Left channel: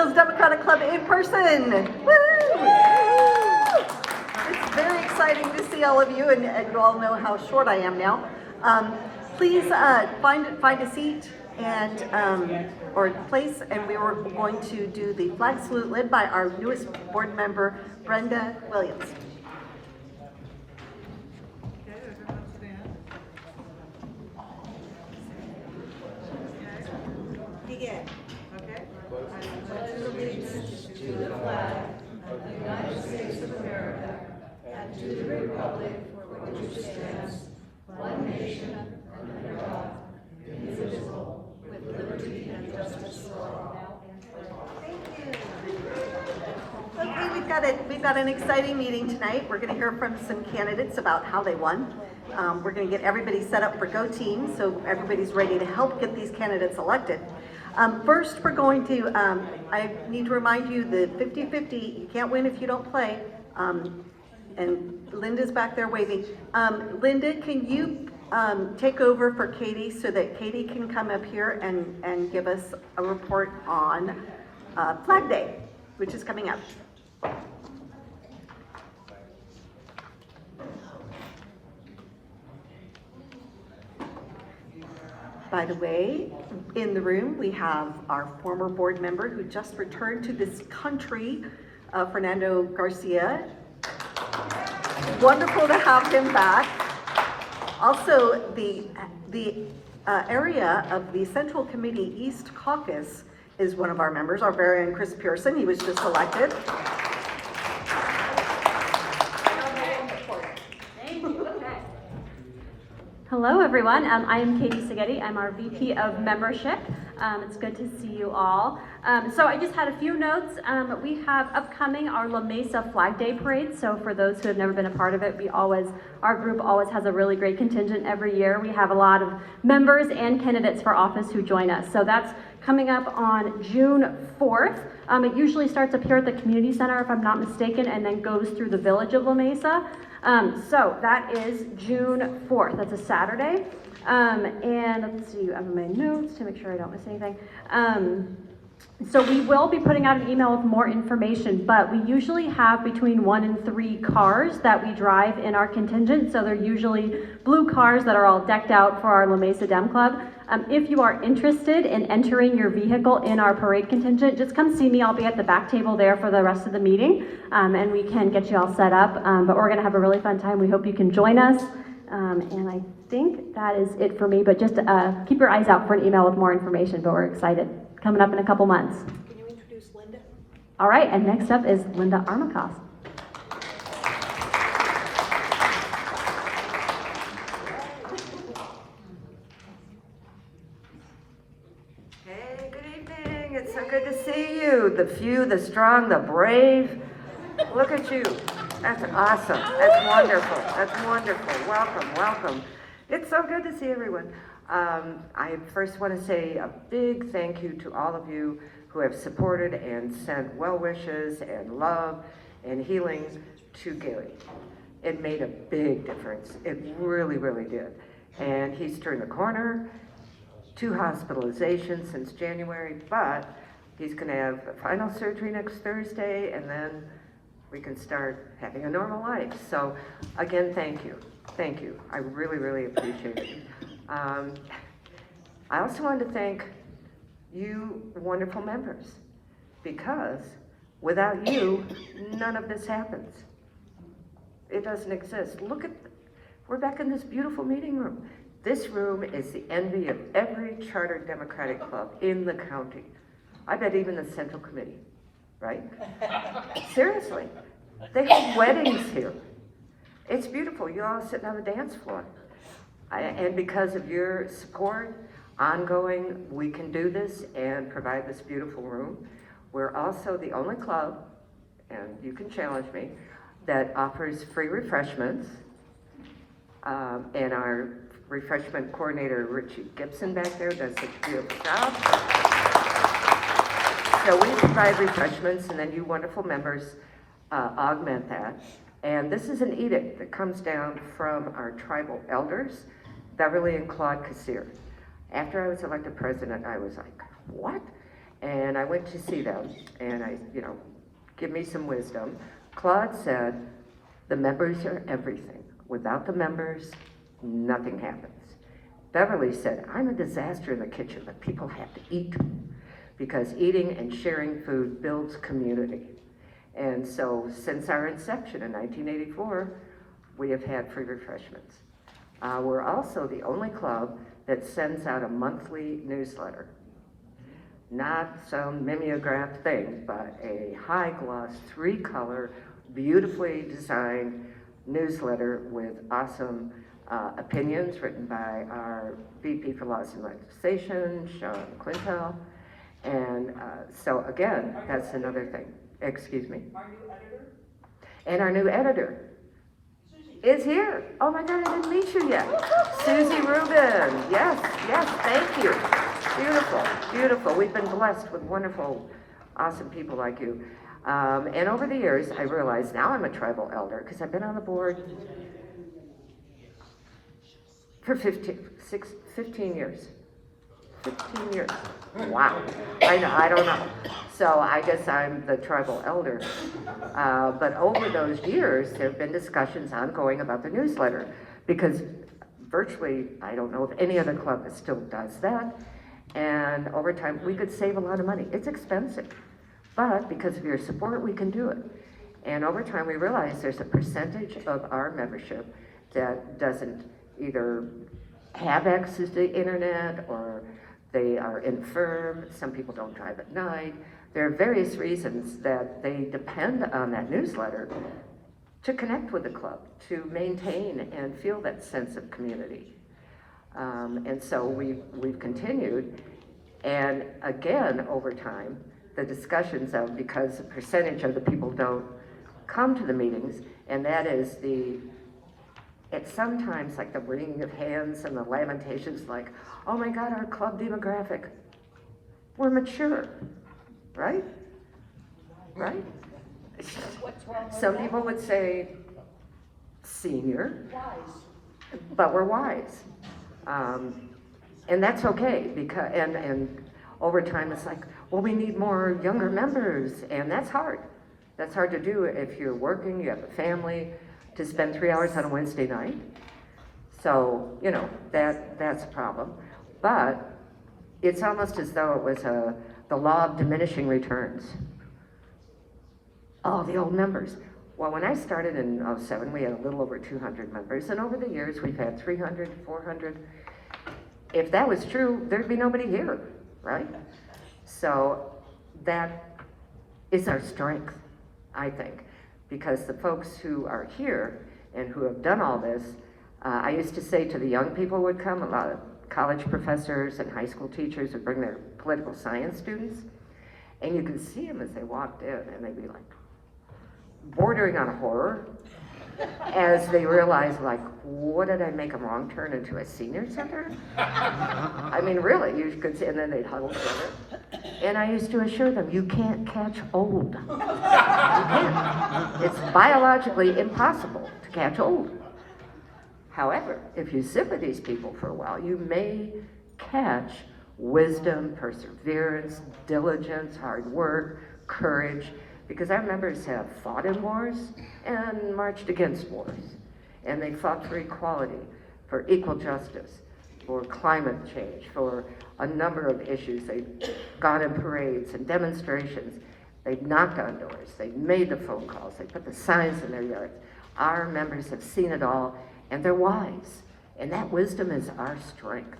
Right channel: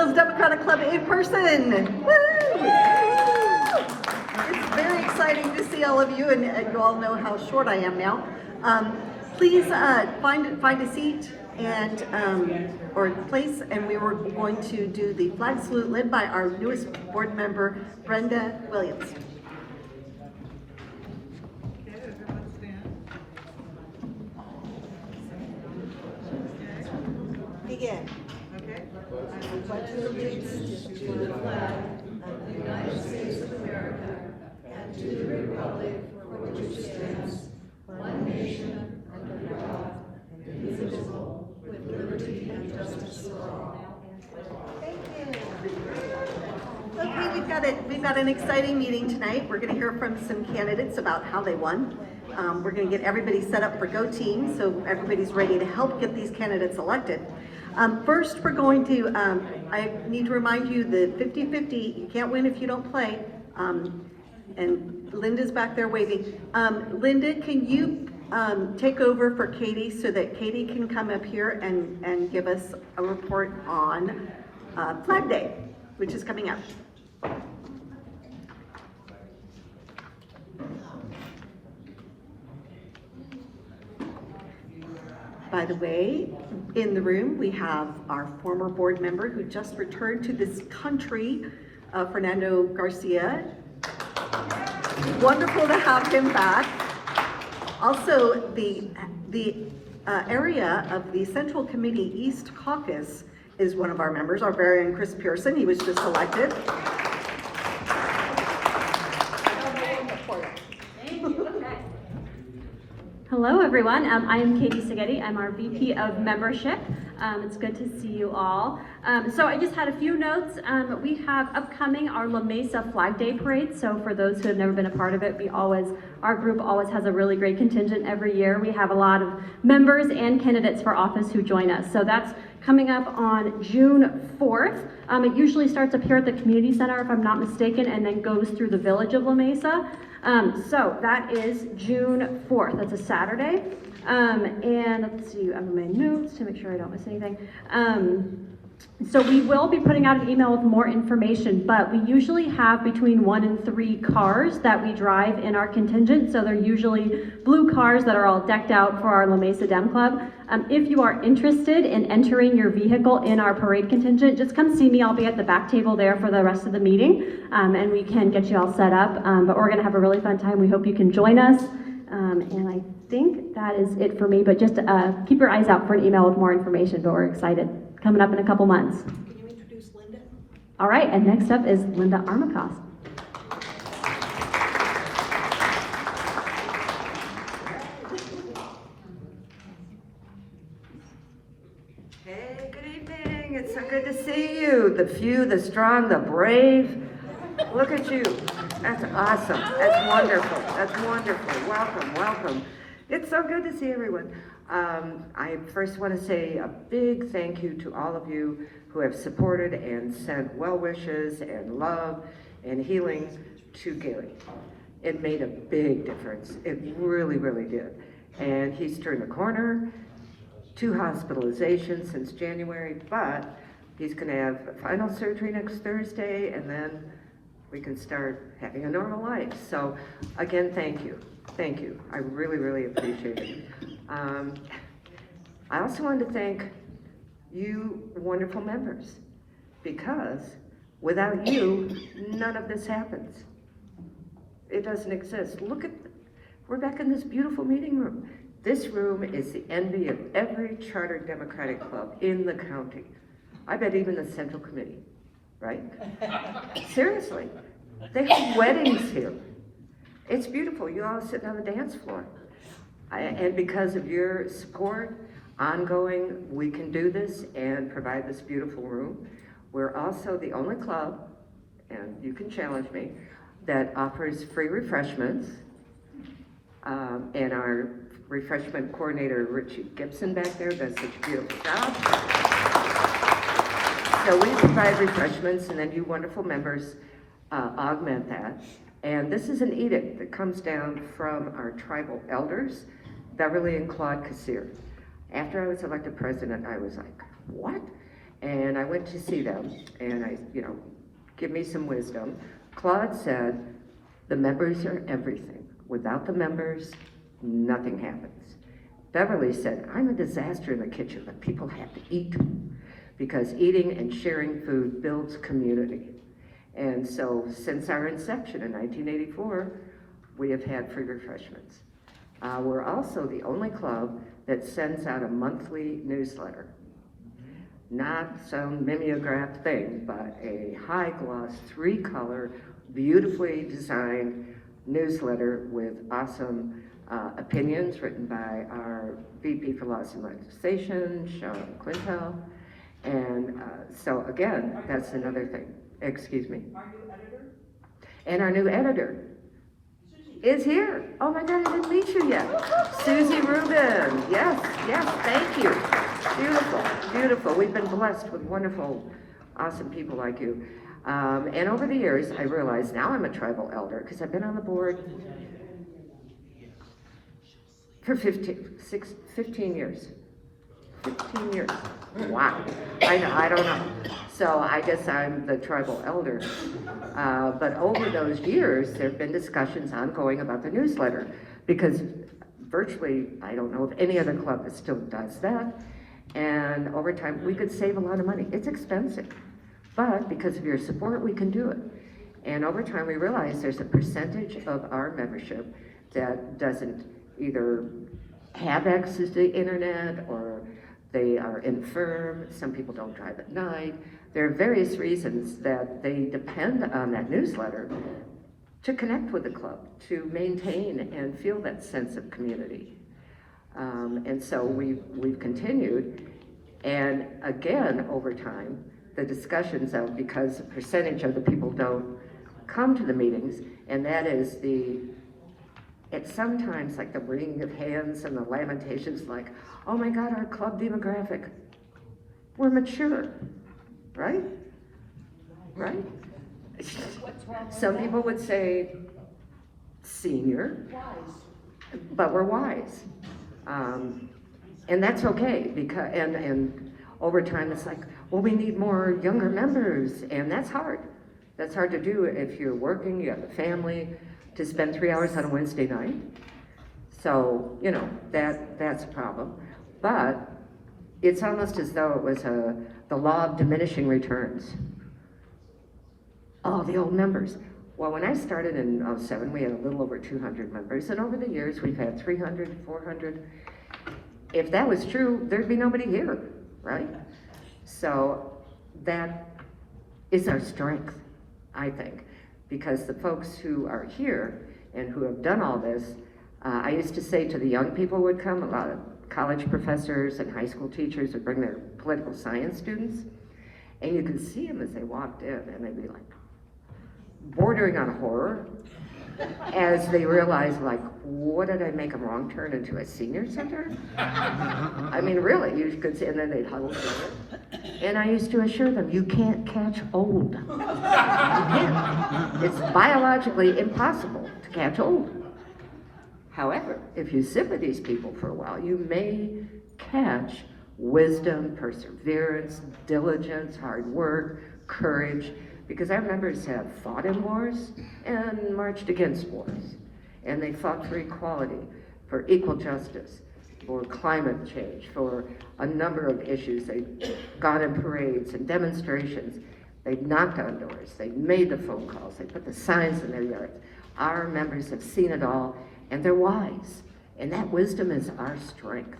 Mesa-Foothills Democratic Club in person. Woo! It's very exciting to see all of you, and you all know how short I am now. Please find a seat and or place, and we were going to do the flag salute led by our newest board member, Brenda Williams. Okay, everyone stand. Begin. Okay. I pledge allegiance to the flag of the United States of America and to the republic for which it stands, one nation, under God, indivisible, with liberty and justice for all. Thank you. Okay, we've got an exciting meeting tonight. We're going to hear from some candidates about how they won. We're going to get everybody set up for Go Team, so everybody's ready to help get these candidates elected. First, we're going to, I need to remind you the 50-50, you can't win if you don't play. And Linda's back there waving. Linda, can you take over for Katie so that Katie can come up here and give us a report on Flag Day, which is coming up. By the way, in the room, we have our former board member who just returned to this country, Fernando Garcia. Wonderful to have him back. Also, the area of the Central Committee East Caucus is one of our members, our very own Chris Pearson. He was just elected. Hello, everyone. I am Katie Seghetti. I'm our VP of Membership. It's good to see you all. So I just had a few notes. We have upcoming our La Mesa Flag Day Parade. So for those who have never been a part of it, our group always has a really great contingent every year. We have a lot of members and candidates for office who join us. So that's coming up on June 4th. It usually starts up here at the community center, if I'm not mistaken, and then goes through the village of La Mesa. So that is June 4th. That's a Saturday. And let's see, I have my notes to make sure I don't miss anything. So we will be putting out an email with more information, but we usually have between 1 and 3 cars that we drive in our contingent. So they're usually blue cars that are all decked out for our La Mesa Dem Club. If you are interested in entering your vehicle in our parade contingent, just come see me. I'll be at the back table there for the rest of the meeting, and we can get you all set up. But we're gonna have a really fun time. We hope you can join us. And I think that is it for me, but just keep your eyes out for an email with more information, but we're excited. Coming up in a couple months. Can you introduce Linda? All right, and next up is Linda Armacost. Hey, good evening. It's so good to see you. The few, the strong, the brave. Look at you. That's awesome. That's wonderful. That's wonderful. Welcome, welcome. It's so good to see everyone. I first want to say a big thank you to all of you who have supported and sent well wishes and love and healing to Gary. It made a big difference. It really, really did. And he's turned the corner. 2 hospitalizations since January, but he's going to have final surgery next Thursday, and then we can start having a normal life. So again, thank you. Thank you. I really, really appreciate it. I also want to thank you wonderful members, because without you, none of this happens. It doesn't exist. We're back in this beautiful meeting room. This room is the envy of every chartered Democratic club in the county. I bet even the Central Committee, right? Seriously, they have weddings here. It's beautiful. You're all sitting on the dance floor. And because of your support, ongoing, we can do this and provide this beautiful room. We're also the only club, and you can challenge me, that offers free refreshments. And our refreshment coordinator, Richie Gibson back there, does such a beautiful job. So we provide refreshments, and then you wonderful members augment that. And this is an edict that comes down from our tribal elders, Beverly and Claude Kassir. After I was elected president, I was like, what? And I went to see them, and give me some wisdom. Claude said, the members are everything. Without the members, nothing happens. Beverly said, I'm a disaster in the kitchen, but people have to eat, because eating and sharing food builds community. And so since our inception in 1984, we have had free refreshments. We're also the only club that sends out a monthly newsletter. Not some mimeographed thing, but a high gloss, 3-color, beautifully designed newsletter with awesome opinions written by our VP for Laws and Legislation, Sean Quintel. And so again, that's another thing. Excuse me. And our new editor is here. Oh my God, I didn't meet you yet. Susie Rubin. Yes, thank you. Beautiful, beautiful. We've been blessed with wonderful, awesome people like you. And over the years, I realized now I'm a tribal elder because I've been on the board for 15 years. 15 years. Wow. I know, I don't know. So I guess I'm the tribal elder. But over those years, there have been discussions ongoing about the newsletter because virtually, I don't know of any other club that still does that. And over time, we could save a lot of money. It's expensive, but because of your support, we can do it. And over time, we realized there's a percentage of our membership that doesn't either have access to the internet or they are infirm. Some people don't drive at night. There are various reasons that they depend on that newsletter to connect with the club, to maintain and feel that sense of community. And so we've continued, and again, over time, the discussions of, because a percentage of the people don't come to the meetings, and that is it's sometimes like the wringing of hands and the lamentations like, oh my God, our club demographic, we're mature, right? Right? Some people would say senior, but we're wise. And that's okay, because and over time it's like, well, we need more younger members, and that's hard. That's hard to do if you're working, you have a family, to spend 3 hours on a Wednesday night. So, that's a problem. But it's almost as though it was the law of diminishing returns. Oh, the old members. Well, when I started in 2007, we had a little over 200 members, and over the years we've had 300, 400. If that was true, there'd be nobody here, right? So that is our strength, I think, because the folks who are here and who have done all this, I used to say to the young people would come, a lot of college professors and high school teachers would bring their political science students, and you could see them as they walked in, and they'd be like, bordering on horror, as they realized, like, what did I make a wrong turn into a senior center? I mean, really, you could see, and then they'd huddle together. And I used to assure them, you can't catch old. You can't. It's biologically impossible to catch old. However, if you sit with these people for a while, you may catch wisdom, perseverance, diligence, hard work, courage, because our members have fought in wars and marched against wars. And they fought for equality, for equal justice, for climate change, for a number of issues. They've gone in parades and demonstrations. They've knocked on doors. They've made the phone calls. They put the signs in their yards. Our members have seen it all, and they're wise. And that wisdom is our strength.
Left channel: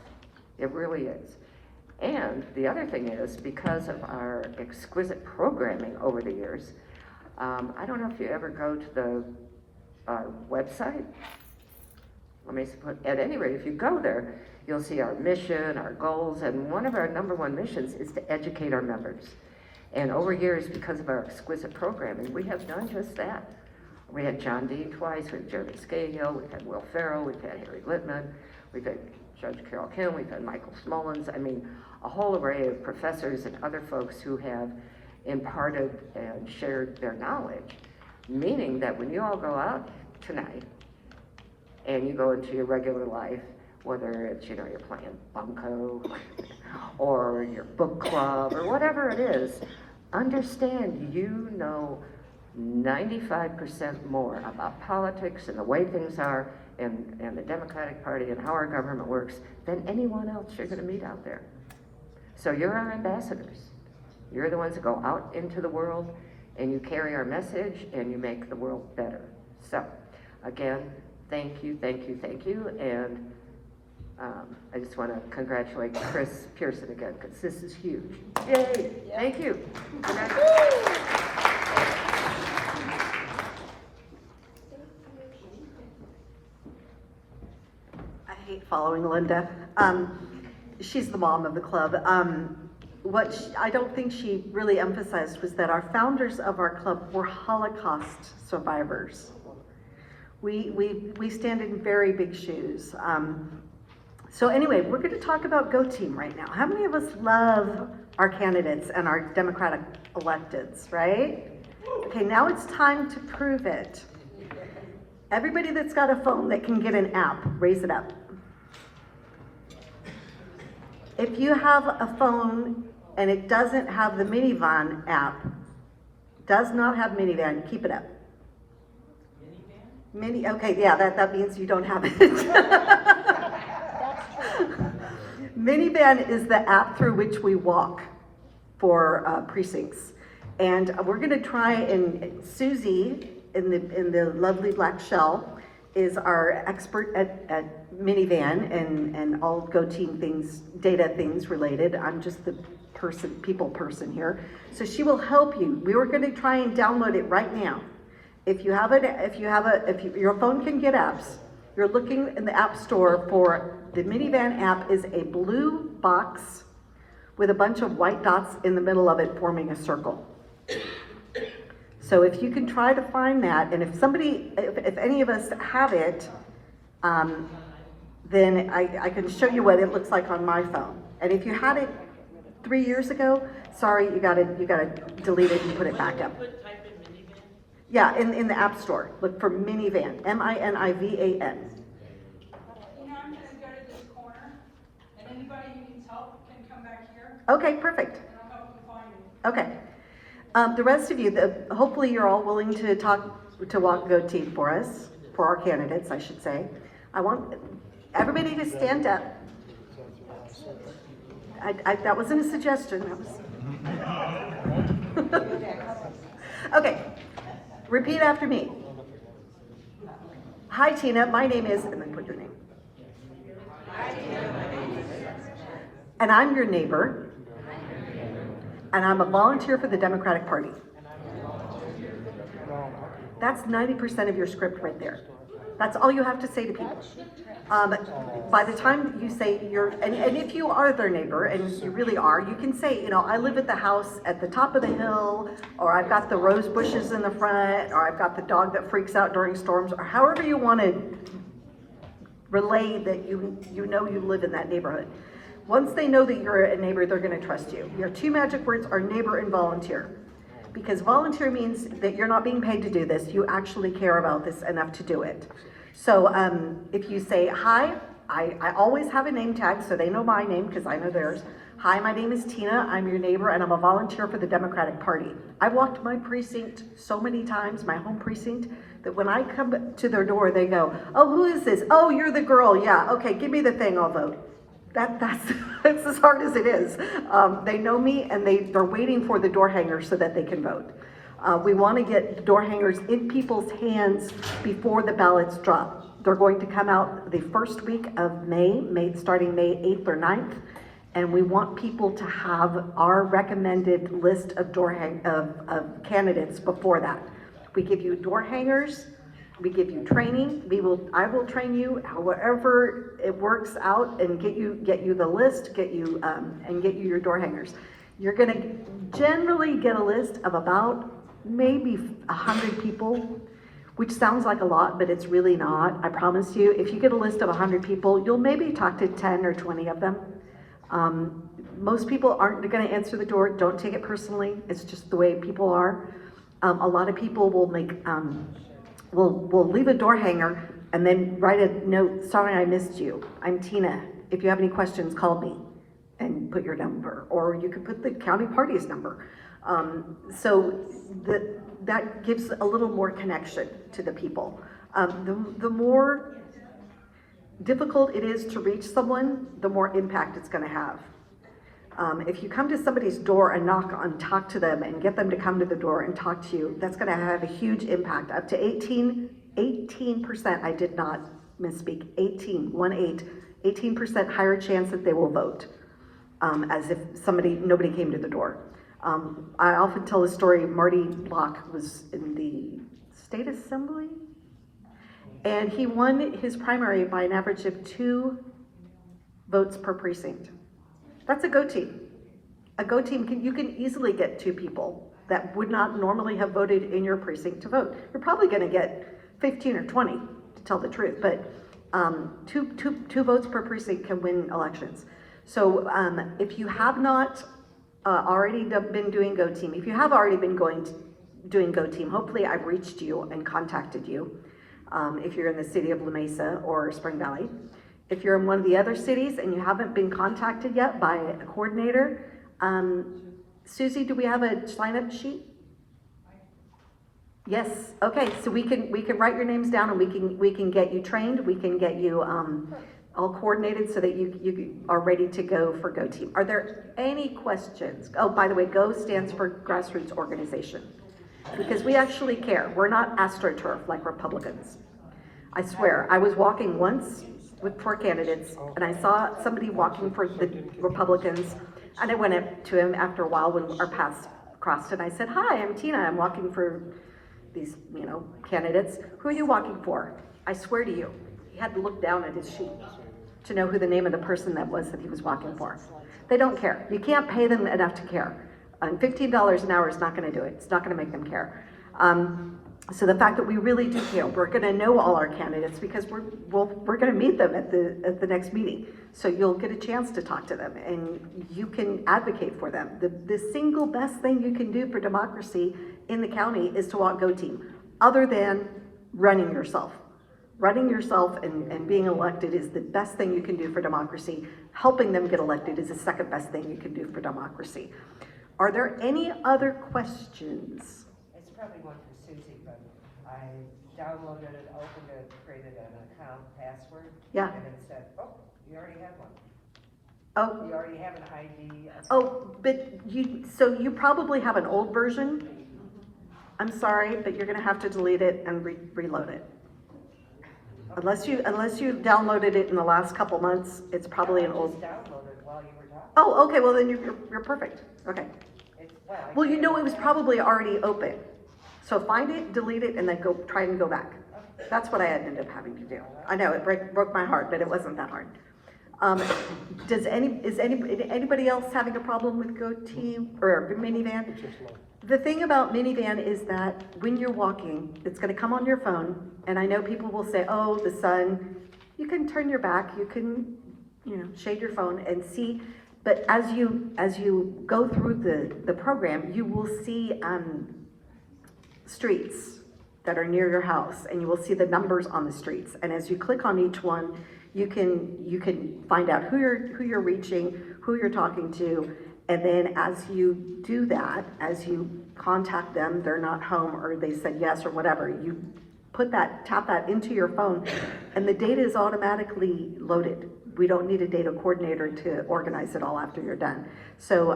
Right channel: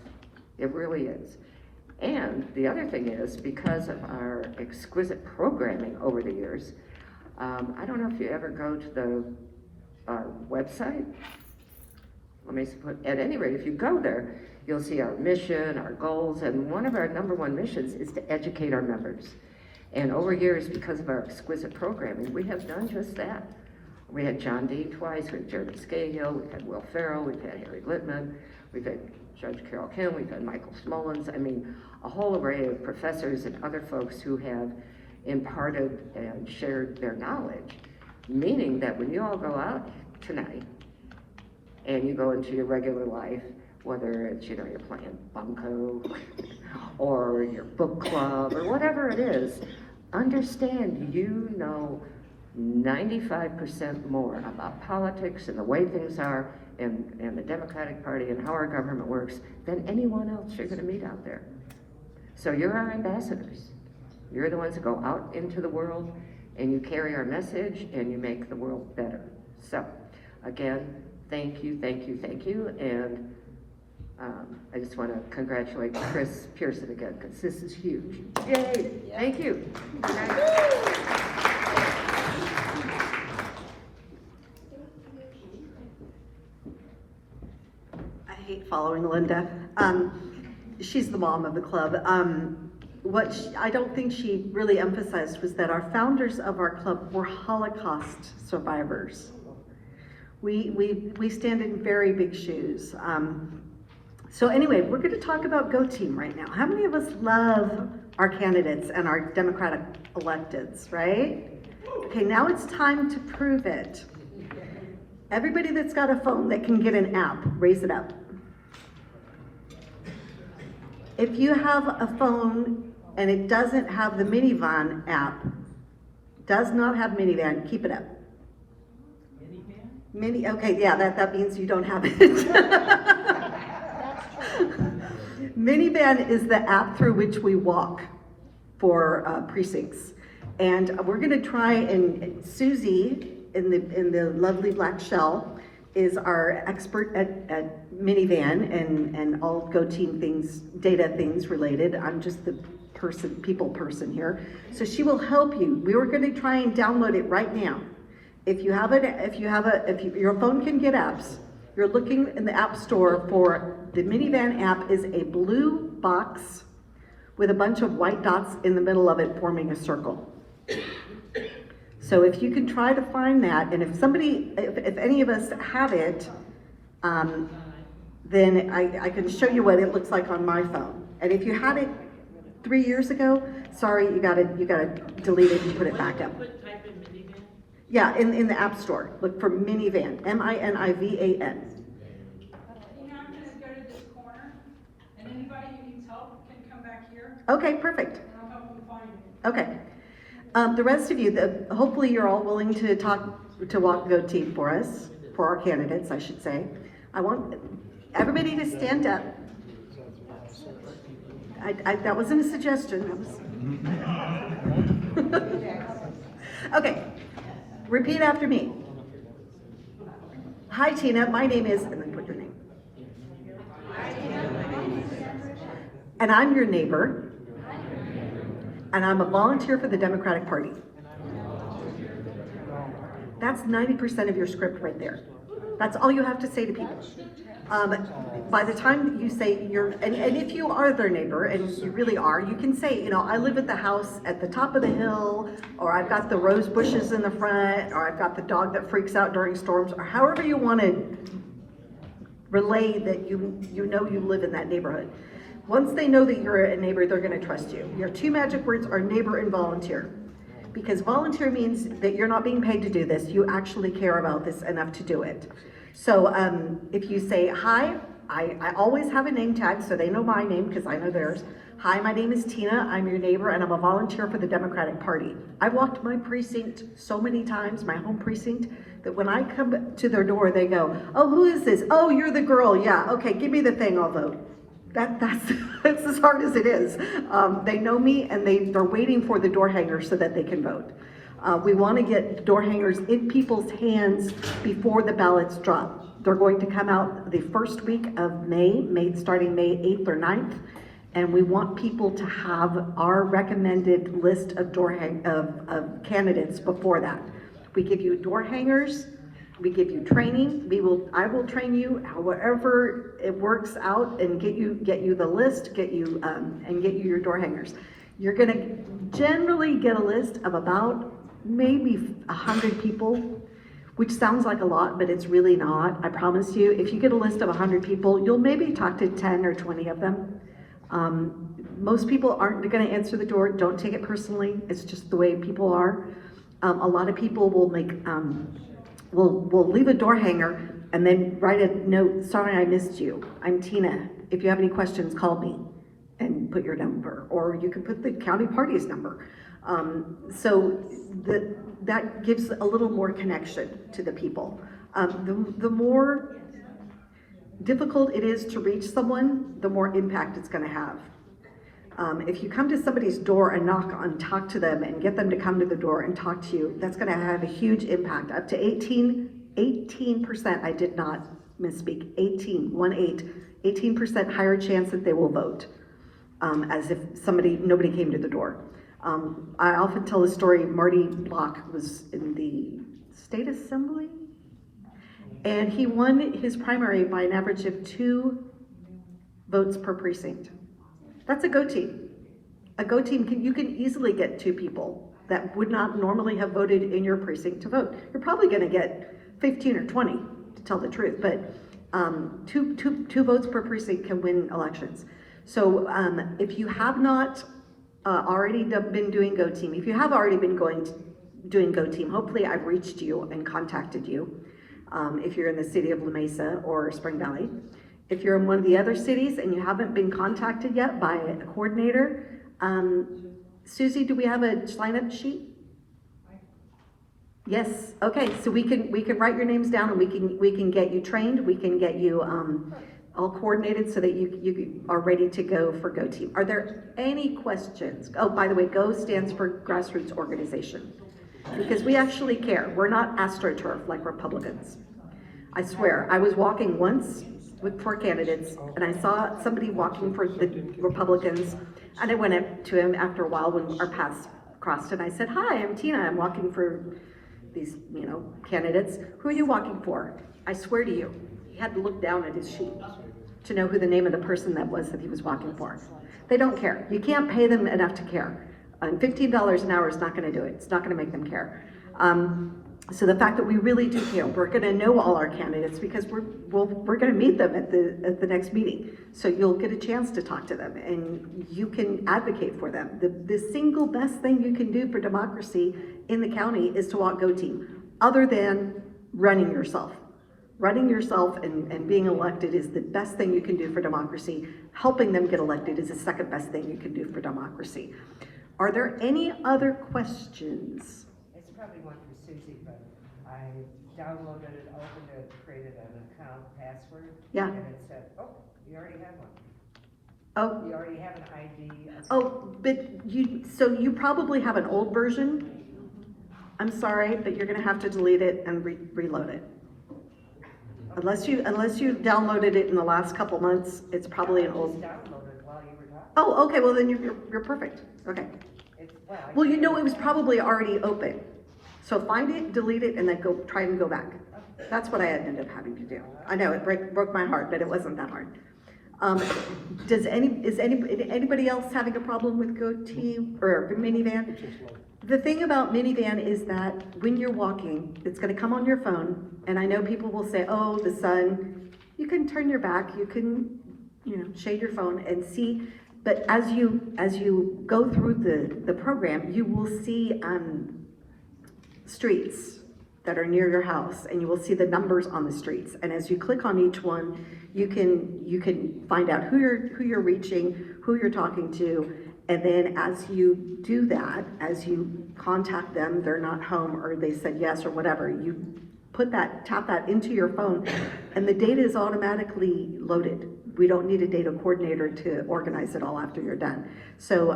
It really is. And the other thing is, because of our exquisite programming over the years, I don't know if you ever go to our website. At any rate, if you go there, you'll see our mission, our goals, and one of our number one missions is to educate our members. And over years, because of our exquisite programming, we have done just that. We had John Dean twice, we had Jeremy Scahill, we've had Will Ferrell, we've had Harry Littman, we've had Judge Carol Kim, we've had Michael Smullins. I mean, a whole array of professors and other folks who have imparted and shared their knowledge, meaning that when you all go out tonight and you go into your regular life, whether it's, you're playing bunco or your book club, or whatever it is, understand you know 95% more about politics and the way things are and the Democratic Party and how our government works than anyone else you're going to meet out there. So you're our ambassadors. You're the ones that go out into the world and you carry our message and you make the world better. So again, thank you, thank you, thank you. And I just want to congratulate Chris Pearson again, because this is huge. Yay! Thank you. Good night. I hate following Linda. She's the mom of the club. I don't think she really emphasized was that our founders of our club were Holocaust survivors. We stand in very big shoes. So anyway, we're going to talk about Go Team right now. How many of us love our candidates and our Democratic electeds, right? Okay, now it's time to prove it. Everybody that's got a phone that can get an app, raise it up. If you have a phone and it doesn't have the minivan app, does not have minivan, keep it up. Okay, yeah, that means you don't have it. Minivan is the app through which we walk for Precincts. And we're gonna try, and Susie in the lovely black shell is our expert at minivan and all Go Team things, data things related. I'm just the people person here. So she will help you. We were gonna try and download it right now. If your phone can get apps, you're looking in the App Store for the minivan app. Is a blue box with a bunch of white dots in the middle of it forming a circle. So if you can try to find that, and if any of us have it, then I can show you what it looks like on my phone. And if you had it 3 years ago, sorry, you gotta delete it and put it back up. Yeah, in the App Store, look for minivan, M-I-N-I-V-A-N. I'm gonna go to this corner, and anybody who needs help can come back here, Okay, perfect. and I'll help them find it. Okay. The rest of you, hopefully you're all willing to walk Go Team for us, for our candidates, I should say. I want everybody to stand up. That wasn't a suggestion, that was. Okay, repeat after me. Hi Tina, my name is, and then put your name. And I'm your neighbor. And I'm a volunteer for the Democratic Party. That's 90% of your script right there. That's all you have to say to people. By the time you say and if you are their neighbor, and you really are, you can say, I live at the house at the top of the hill, or I've got the rose bushes in the front, or I've got the dog that freaks out during storms, or however you want to relay that you know you live in that neighborhood. Once they know that you're a neighbor, they're going to trust you. Your two magic words are neighbor and volunteer. Because volunteer means that you're not being paid to do this. You actually care about this enough to do it. So if you say, hi, I always have a name tag so they know my name because I know theirs. Hi, my name is Tina. I'm your neighbor and I'm a volunteer for the Democratic Party. I've walked my precinct so many times, my home precinct, that when I come to their door, they go, oh, who is this? Oh, you're the girl. Yeah, okay, give me the thing, I'll vote. That's as hard as it is. They know me and they're waiting for the door hangers so that they can vote. We want to get door hangers in people's hands before the ballots drop. They're going to come out the first week of May starting May 8th or 9th, and we want people to have our recommended list of of candidates before that. We give you door hangers. We give you training. I will train you however it works out and get you the list, and get you your door hangers. You're gonna generally get a list of about maybe 100 people, which sounds like a lot, but it's really not. I promise you, if you get a list of 100 people, you'll maybe talk to 10 or 20 of them. Most people aren't gonna answer the door. Don't take it personally. It's just the way people are. A lot of people will make, we'll leave a door hanger and then write a note, sorry I missed you. I'm Tina. If you have any questions, call me. and put your number, or you could put the county party's number. So that gives a little more connection to the people. The more difficult it is to reach someone, the more impact it's going to have. If you come to somebody's door and talk to them and get them to come to the door and talk to you, that's going to have a huge impact. Up to 18%, I did not misspeak, 18% higher chance that they will vote, as if nobody came to the door. I often tell the story, Marty Block was in the state assembly, and he won his primary by an average of 2 votes per precinct. That's a go team. A go team, you can easily get 2 people that would not normally have voted in your precinct to vote. You're probably gonna get 15 or 20, to tell the truth, but two votes per precinct can win elections. So if you have not already been doing Go Team, if you have already been doing Go Team, hopefully I've reached you and contacted you. If you're in the city of La Mesa or Spring Valley. If you're in one of the other cities and you haven't been contacted yet by a coordinator, Susie, do we have a sign-up sheet? Yes. Okay. So we can write your names down, and we can get you trained. We can get you all coordinated so that you are ready to go for Go Team. Are there any questions? Oh, by the way, Go stands for Grassroots Organization, because we actually care. We're not AstroTurf like Republicans. I swear, I was walking once with 4 candidates, and I saw somebody walking for the Republicans, and I went up to him after a while when our paths crossed, and I said, "Hi, I'm Tina. I'm walking for these, candidates. Who are you walking for?" I swear to you, he had to look down at his sheet to know who the name of the person that was that he was walking for. They don't care. You can't pay them enough to care. And $15 an hour is not going to do it. It's not going to make them care. So the fact that we really do care, we're going to know all our candidates because we're going to meet them at the next meeting. So you'll get a chance to talk to them, and you can advocate for them. The single best thing you can do for democracy in the county is to walk Go Team, other than running yourself. Running yourself and being elected is the best thing you can do for democracy. Helping them get elected is the second best thing you can do for democracy. Are there any other questions? It's probably one for Susie, but I downloaded it, opened it, created an account password. Yeah. And it said, oh, you already have one. Oh. You already have an ID. Oh, but you probably have an old version. I'm sorry, but you're gonna have to delete it and reload it. Unless you downloaded it in the last couple months, it's probably an old. Downloaded while you were talking. Oh, okay, well then you're perfect, okay. Well, it was probably already open. So find it, delete it, and then try and go back. That's what I ended up having to do. I know, it broke my heart, but it wasn't that hard. Is anybody else having a problem with Go Team or Minivan? The thing about Minivan is that when you're walking, it's gonna come on your phone, and I know people will say, oh, the sun. You can turn your back, you can, shade your phone and see. But as you go through the program, you will see streets that are near your house, and you will see the numbers on the streets. And as you click on each one, you can find out who you're reaching, who you're talking to, and then as you do that, as you contact them, they're not home or they said yes or whatever, you tap that into your phone, and the data is automatically loaded. We don't need a data coordinator to organize it all after you're done. So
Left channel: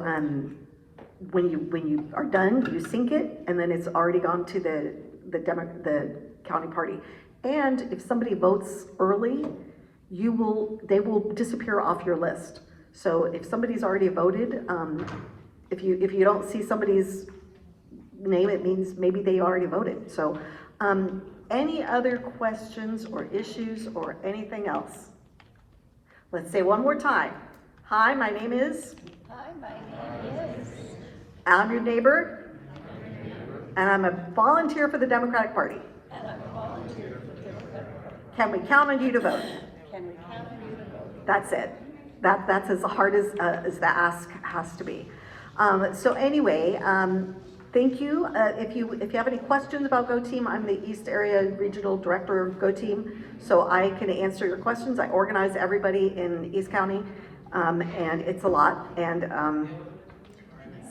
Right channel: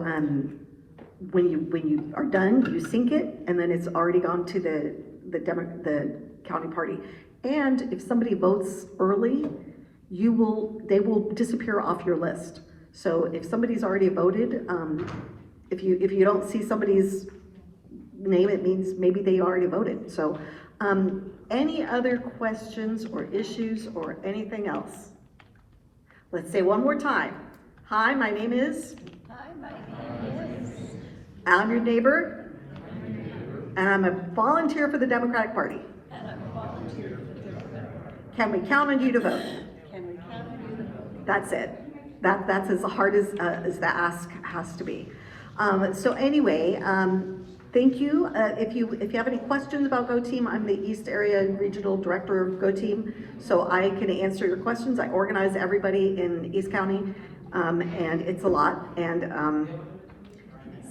when you are done, you sync it, and then it's already gone to the county party. And if somebody votes early, they will disappear off your list. So if somebody's already voted, if you don't see somebody's name, it means maybe they already voted. So any other questions or issues or anything else? Let's say one more time. Hi, my name is? I'm your neighbor, and I'm a volunteer for the Democratic Party. Can we count on you to vote? That's it. That's as hard as the ask has to be. So anyway, thank you. If you have any questions about Go Team, I'm the East Area Regional Director of Go Team, so I can answer your questions. I organize everybody in East County. and it's a lot. And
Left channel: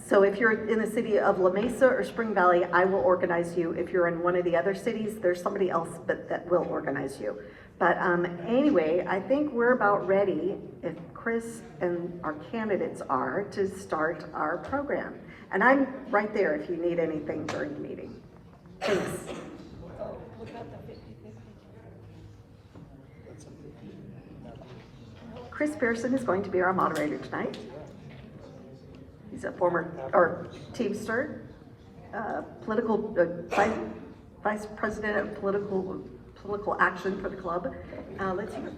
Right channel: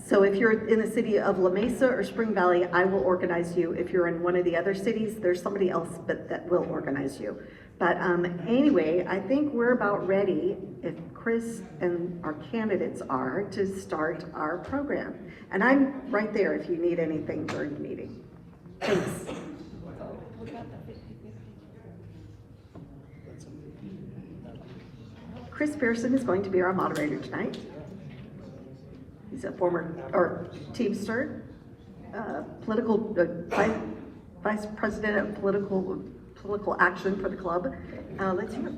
so if you're in the city of La Mesa or Spring Valley, I will organize you. If you're in one of the other cities, there's somebody else that will organize you. But anyway, I think we're about ready, if Chris and our candidates are, to start our program. And I'm right there if you need anything during the meeting. Thanks. Chris Pearson is going to be our moderator tonight. He's a former, or Teamster, vice president of political action for the club. Let's hear it.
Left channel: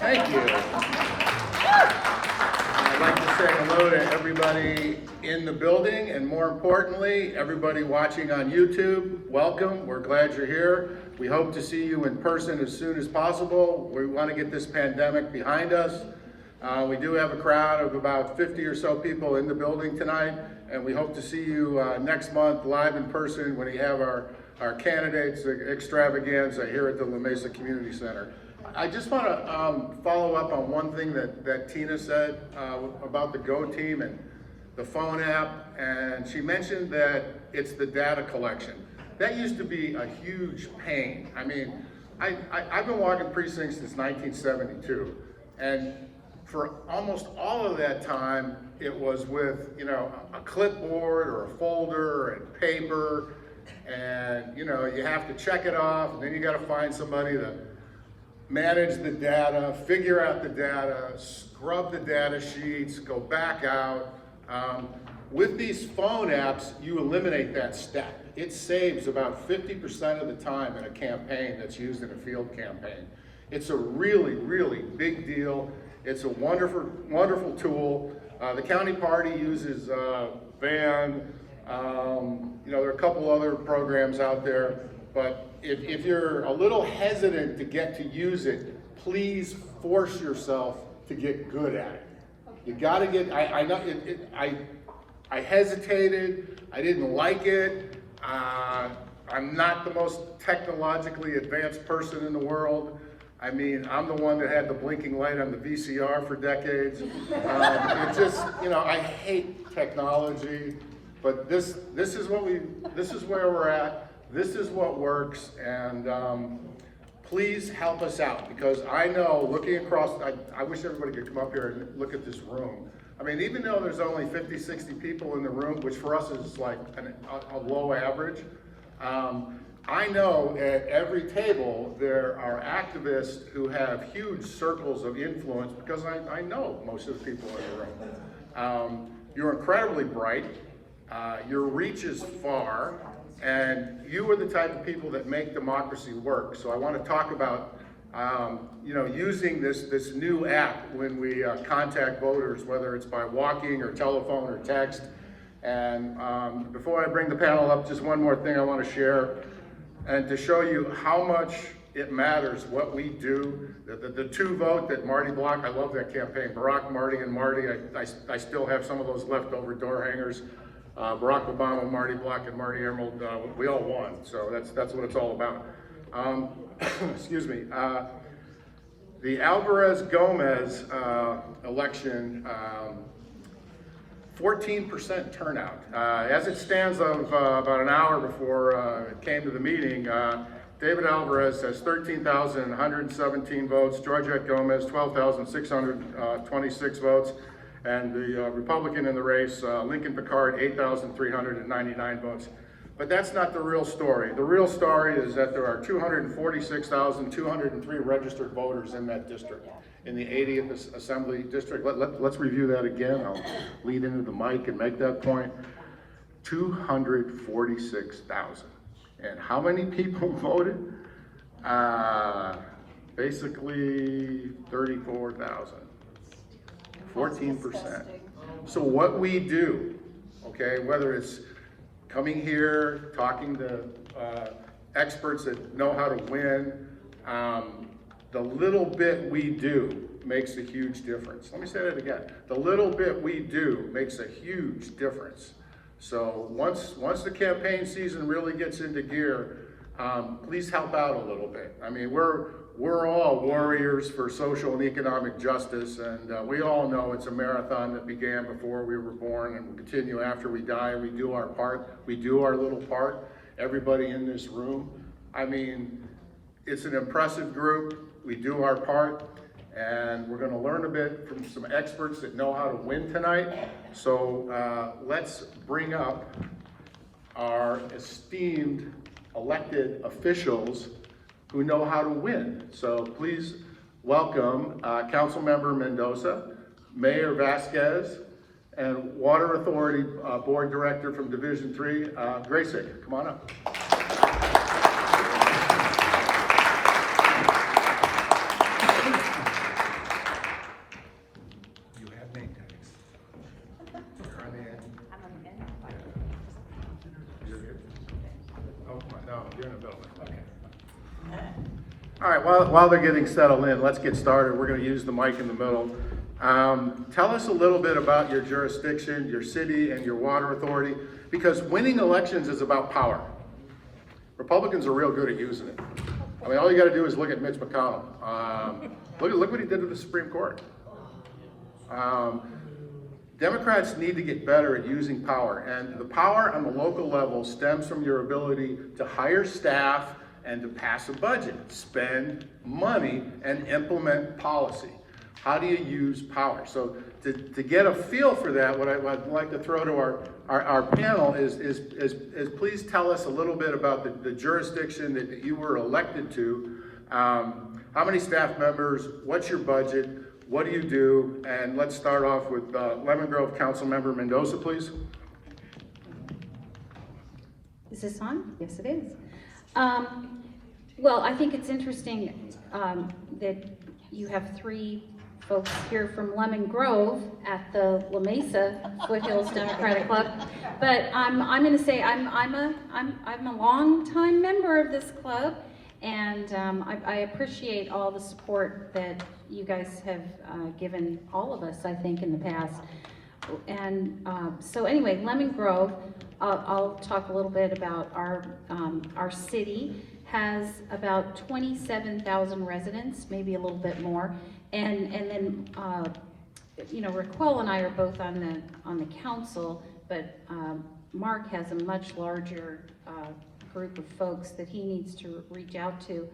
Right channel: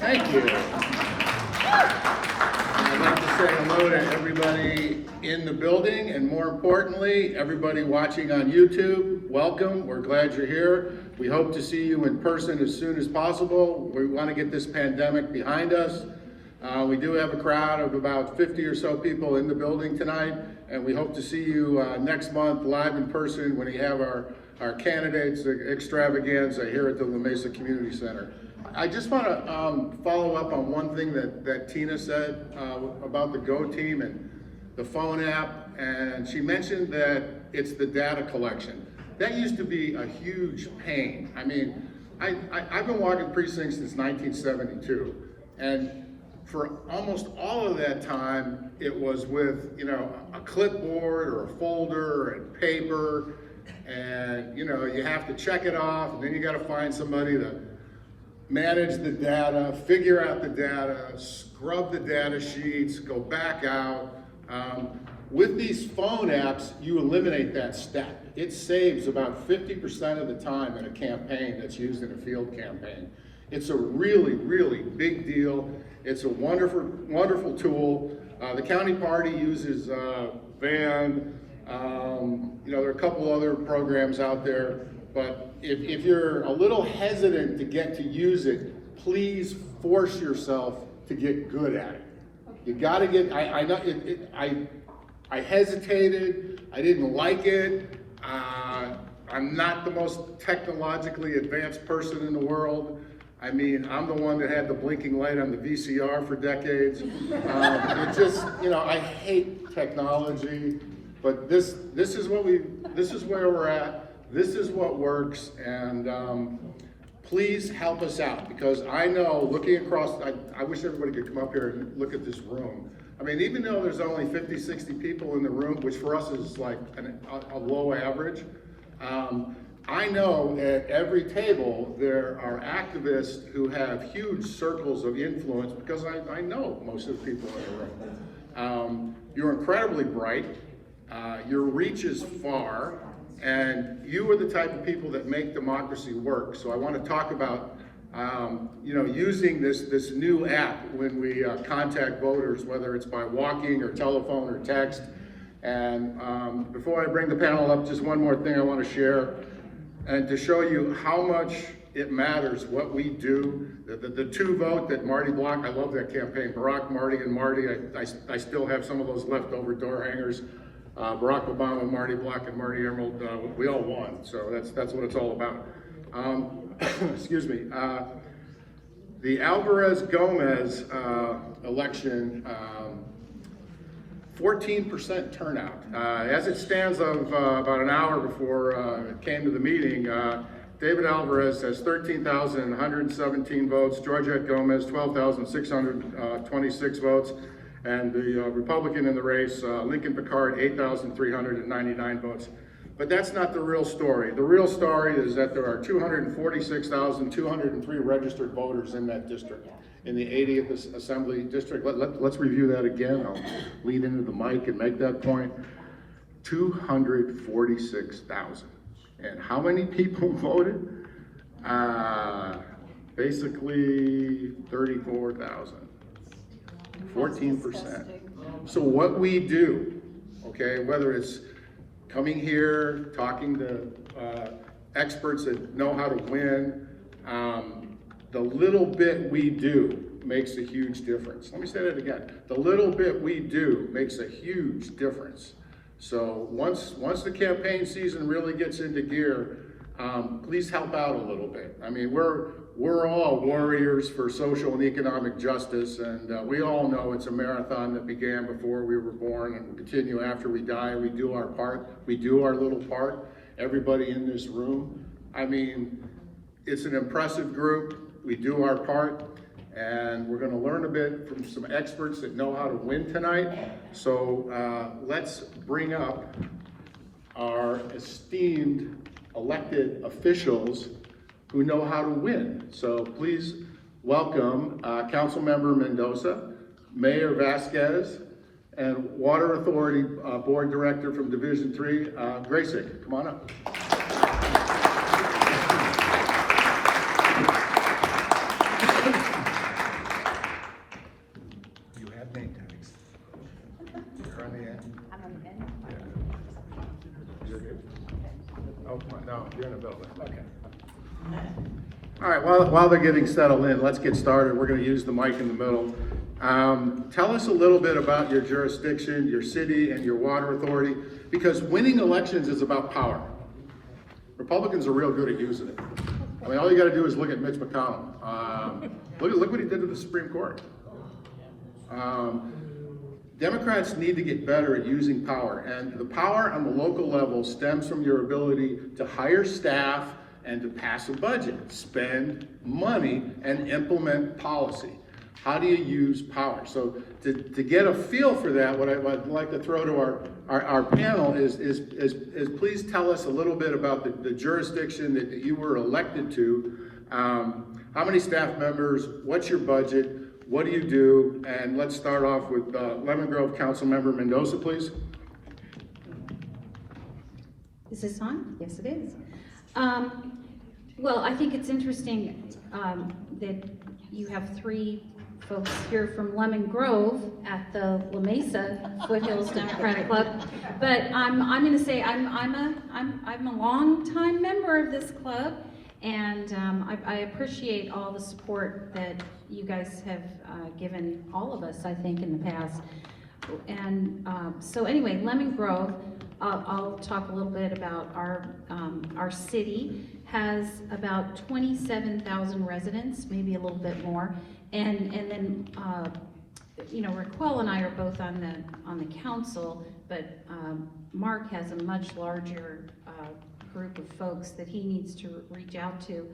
Thank you. I'd like to say hello to everybody in the building, and more importantly, everybody watching on YouTube. Welcome, we're glad you're here. We hope to see you in person as soon as possible. We want to get this pandemic behind us. We do have a crowd of about 50 or so people in the building tonight, and we hope to see you next month live in person when we have our candidates extravaganza here at the La Mesa Community Center. I just want to follow up on one thing that Tina said about the Go team and the phone app, and she mentioned that it's the data collection. That used to be a huge pain. I mean, I've been walking precincts since 1972, and for almost all of that time, it was with, you know, a clipboard or a folder and paper, and, you know, you have to check it off, and then you got to find somebody to manage the data, figure out the data, scrub the data sheets, go back out. With these phone apps, you eliminate that step. It saves about 50% of the time in a campaign that's used in a field campaign. It's a really, really big deal. It's a wonderful, wonderful tool. The county party uses Van. You know, there are a couple other programs out there, but if you're a little hesitant to get to use it, please force yourself to get good at it. You got to get. I hesitated. I didn't like it. I'm not the most technologically advanced person in the world. I mean, I'm the one that had the blinking light on the VCR for decades. It just, you know, I hate technology, but this is where we're at. This is what works, and please help us out, because I know, looking across, I wish everybody could come up here and look at this room. I mean, even though there's only 50, 60 people in the room, which for us is like a low average, I know at every table there are activists who have huge circles of influence, because I know most of the people in the room. You're incredibly bright, your reach is far, and you are the type of people that make democracy work. So I want to talk about you know, using this new app when we contact voters, whether it's by walking or telephone or text. And before I bring the panel up, just one more thing I want to share, and to show you how much it matters what we do. The two vote that Marty Block, I love that campaign, Barack, Marty, and Marty. I still have some of those leftover door hangers. Barack Obama, Marty Block, and Marty Emerald, we all won, so that's what it's all about. Excuse me. The Alvarez-Gomez election, 14% turnout. As it stands of about an hour before it came to the meeting, David Alvarez has 13,117 votes, Georgette Gomez 12,626 votes, and the Republican in the race, Lincoln Picard, 8,399 votes. But that's not the real story. The real story is that there are 246,203 registered voters in that district, in the 80th Assembly District. Let's review that again. I'll lean into the mic and make that point. 246,000. And how many people voted? Basically 34,000. 14%. So what we do, okay, whether it's coming here, talking to experts that know how to win, the little bit we do makes a huge difference. Let me say that again. The little bit we do makes a huge difference. So once the campaign season really gets into gear, please help out a little bit. I mean, we're we're all warriors for social and economic justice, and we all know it's a marathon that began before we were born and will continue after we die. We do our part, we do our little part. Everybody in this room, I mean, it's an impressive group. We do our part, and we're gonna learn a bit from some experts that know how to win tonight. So let's bring up our esteemed elected officials who know how to win. So please welcome Councilmember Mendoza, Mayor Vasquez, and Water Authority Board Director from Division 3, Gracyk. Come on up. You have name tags. You're on the end. I'm on the end. Yeah. You're good? Oh, come on. No, you're in the middle. Okay. All right, while they're getting settled in, let's get started. We're going to use the mic in the middle. Tell us a little bit about your jurisdiction, your city, and your water authority, because winning elections is about power. Republicans are real good at using it. I mean, all you got to do is look at Mitch McConnell. Look what he did to the Supreme Court. Democrats need to get better at using power, and the power on the local level stems from your ability to hire staff and to pass a budget, spend money, and implement policy. How do you use power? So to get a feel for that, what I'd like to throw to our panel is please tell us a little bit about the jurisdiction that you were elected to. How many staff members? What's your budget? What do you do? And let's start off with Lemon Grove Councilmember Mendoza, please. Is this on? Yes, it is. Well, I think it's interesting that you have three folks here from Lemon Grove at the La Mesa-Foothills Democratic Club, but I'm going to say I'm a long-time member of this club, and I appreciate all the support that you guys have given all of us, I think, in the past. And so anyway, Lemon Grove, I'll talk a little bit about our city. Has about 27,000 residents, maybe a little bit more, and then you know, Racquel and I are both on the council, but Mark has a much larger group of folks that he needs to reach out to.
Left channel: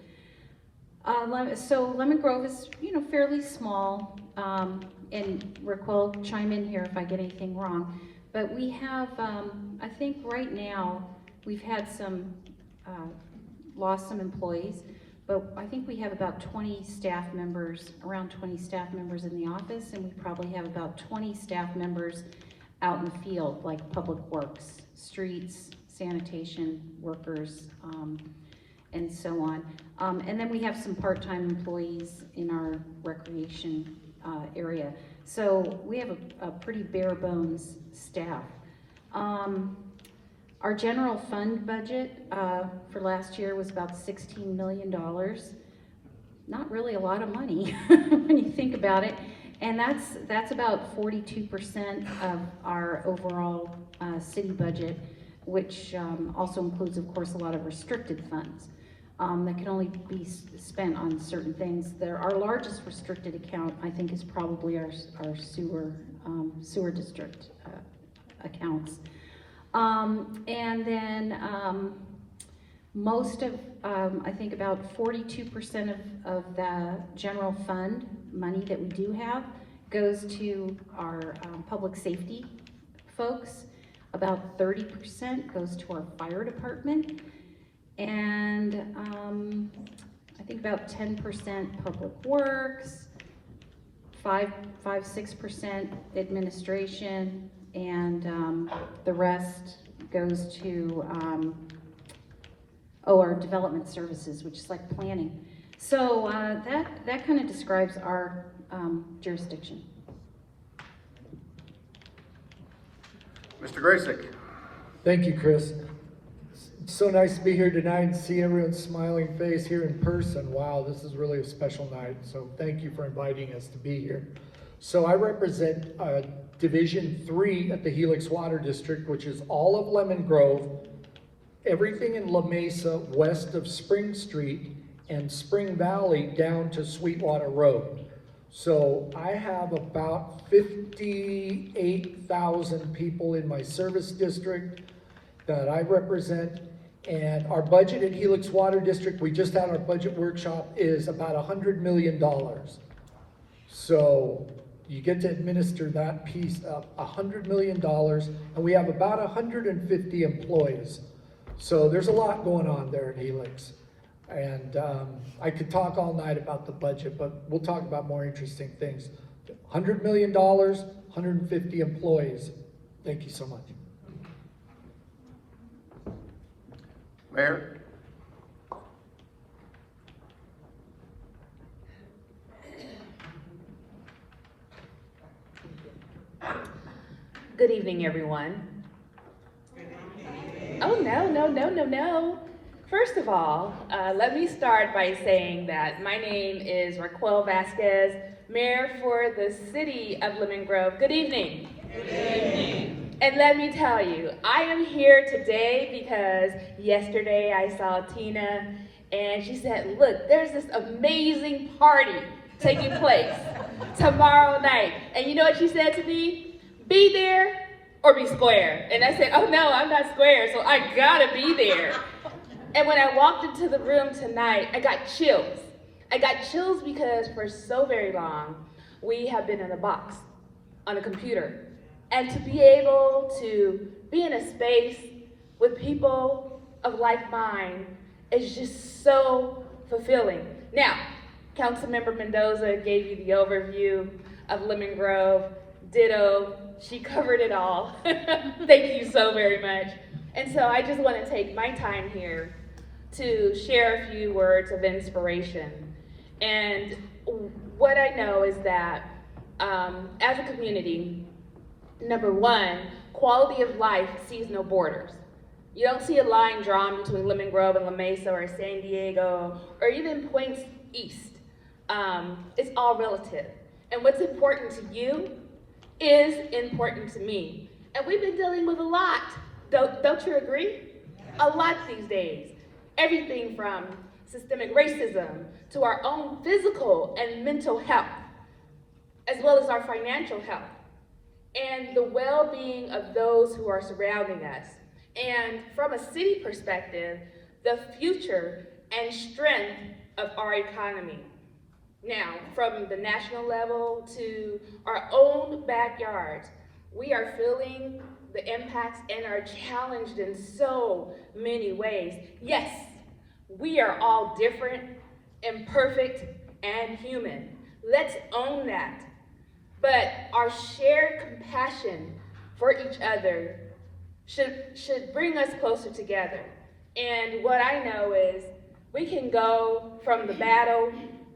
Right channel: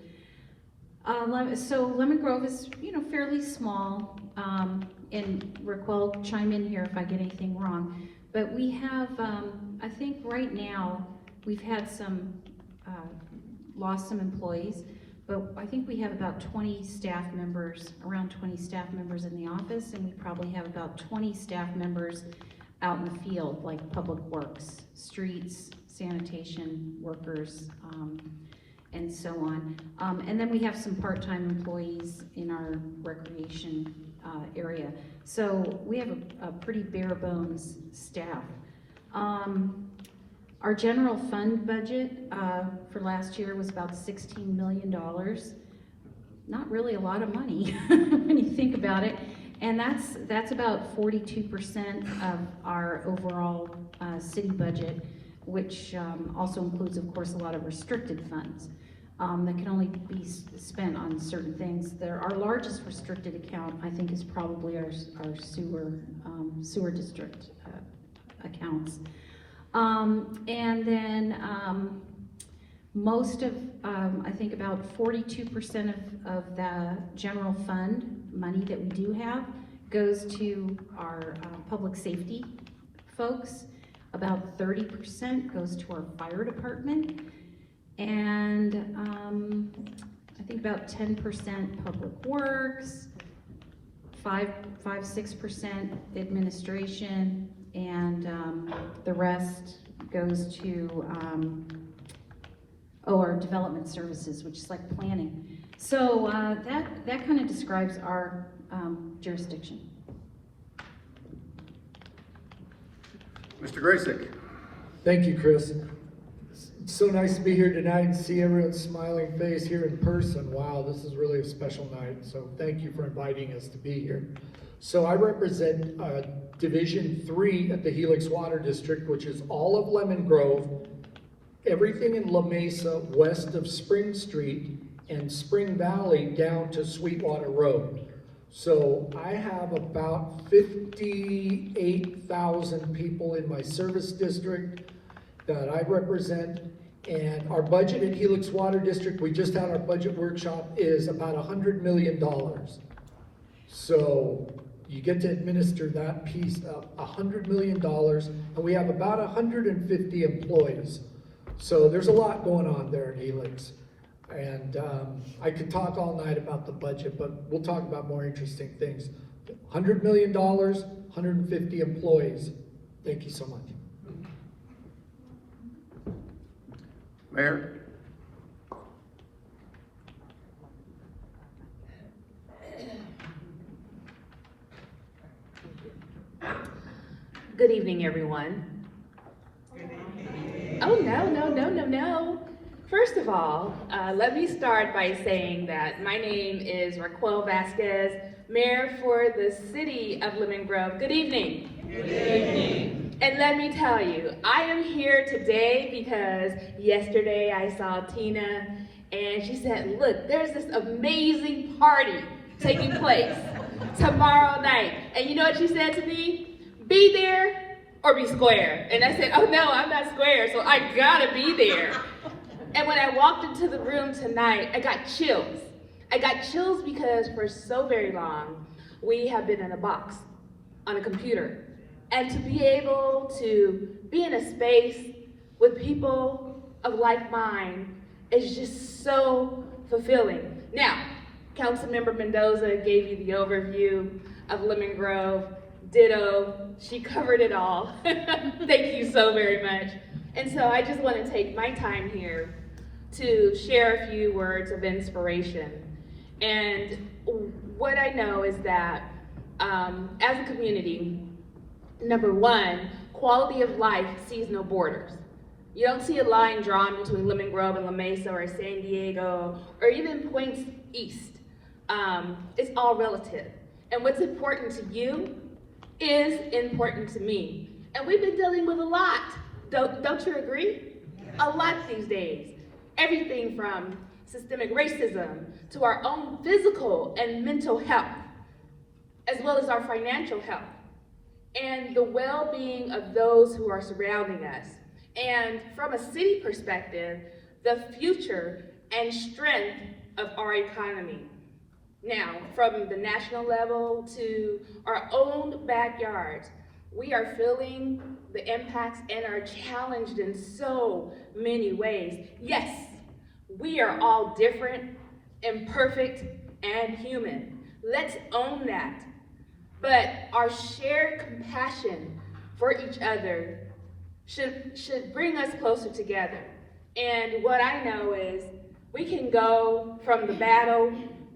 So Lemon Grove is, you know, fairly small, and Racquel, chime in here if I get anything wrong. But we have, I think right now, we've had lost some employees, but I think we have about 20 staff members, around 20 staff members in the office, and we probably have about 20 staff members out in the field, like public works, streets, sanitation workers, and so on. And then we have some part-time employees in our recreation area. So we have a pretty bare bones staff. Our general fund budget for last year was about $16 million. Not really a lot of money when you think about it. And that's about 42% of our overall city budget, which also includes, of course, a lot of restricted funds that can only be spent on certain things. Our largest restricted account, I think, is probably our sewer district accounts. And then most of, I think about 42% of the general fund money that we do have goes to our public safety folks. About 30% goes to our fire department. And I think about 10% public works, 6% administration, and the rest goes to our development services, which is like planning. So that kind of describes our jurisdiction. Mr. Gracyk. Thank you, Chris. It's so nice to be here tonight and see everyone's smiling face here in person. Wow, this is really a special night. So thank you for inviting us to be here. So I represent Division 3 at the Helix Water District, which is all of Lemon Grove, everything in La Mesa west of Spring Street, and Spring Valley down to Sweetwater Road. So I have about 58,000 people in my service district that I represent. And our budget in Helix Water District, we just had our budget workshop, is about $100 million. So you get to administer that piece of $100 million, and we have about 150 employees. So there's a lot going on there in Helix. And I could talk all night about the budget, but we'll talk about more interesting things. $100 million, 150 employees. Thank you so much. Mayor? Good evening, everyone. Oh, no. First of all, let me start by saying that my name is Racquel Vasquez, Mayor for the City of Lemon Grove. Good evening. Good evening. And let me tell you, I am here today because yesterday I saw Tina and she said, look, there's this amazing party taking place tomorrow night. And you know what she said to me? Be there or be square. And I said, oh no, I'm not square, so I gotta be there. And when I walked into the room tonight, I got chills. I got chills because for so very long, we have been in a box on a computer. And to be able to be in a space with people of like mind is just so fulfilling. Now, Councilmember Mendoza gave you the overview of Lemon Grove. Ditto, she covered it all. Thank you so very much. And so I just want to take my time here to share a few words of inspiration. And what I know is that as a community, number one, quality of life sees no borders. You don't see a line drawn between Lemon Grove and La Mesa or San Diego or even points east. It's all relative. And what's important to you is important to me. And we've been dealing with a lot. Don't you agree? A lot these days. Everything from systemic racism to our own physical and mental health, as well as our financial health, and the well-being of those who are surrounding us. And from a city perspective, the future and strength of our economy. Now, from the national level to our own backyards, we are feeling the impacts and are challenged in so many ways. Yes, we are all different, imperfect, and human. Let's own that. But our shared compassion for each other should bring us closer together. And what I know is we can go from the battle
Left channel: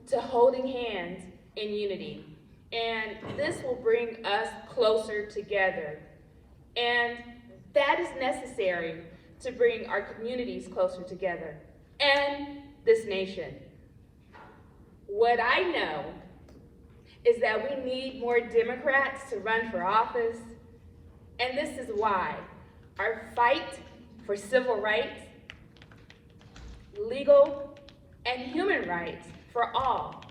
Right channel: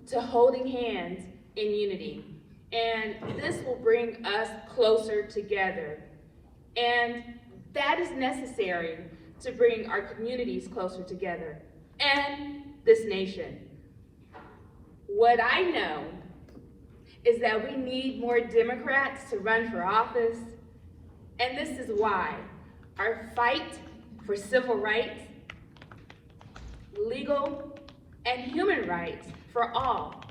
to holding hands in unity. And this will bring us closer together. And that is necessary to bring our communities closer together and this nation. What I know is that we need more Democrats to run for office, and this is why our fight for civil rights, legal, and human rights for all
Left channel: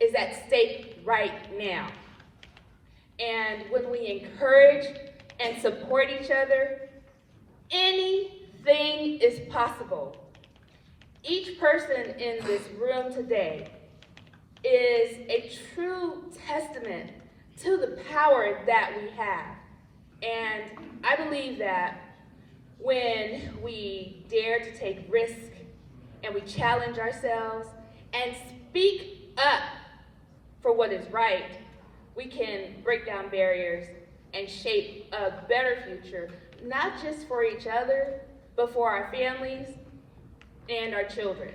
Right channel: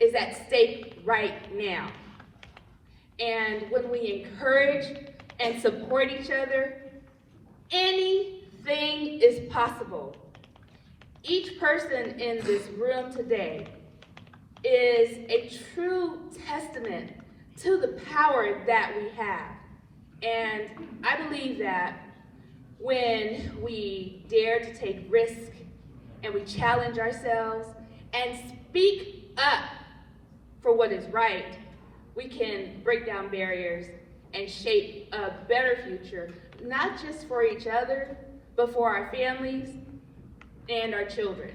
is at stake right now. And when we encourage and support each other, anything is possible. Each person in this room today is a true testament to the power that we have. And I believe that when we dare to take risk and we challenge ourselves and speak up for what is right, we can break down barriers and shape a better future, not just for each other, but for our families and our children.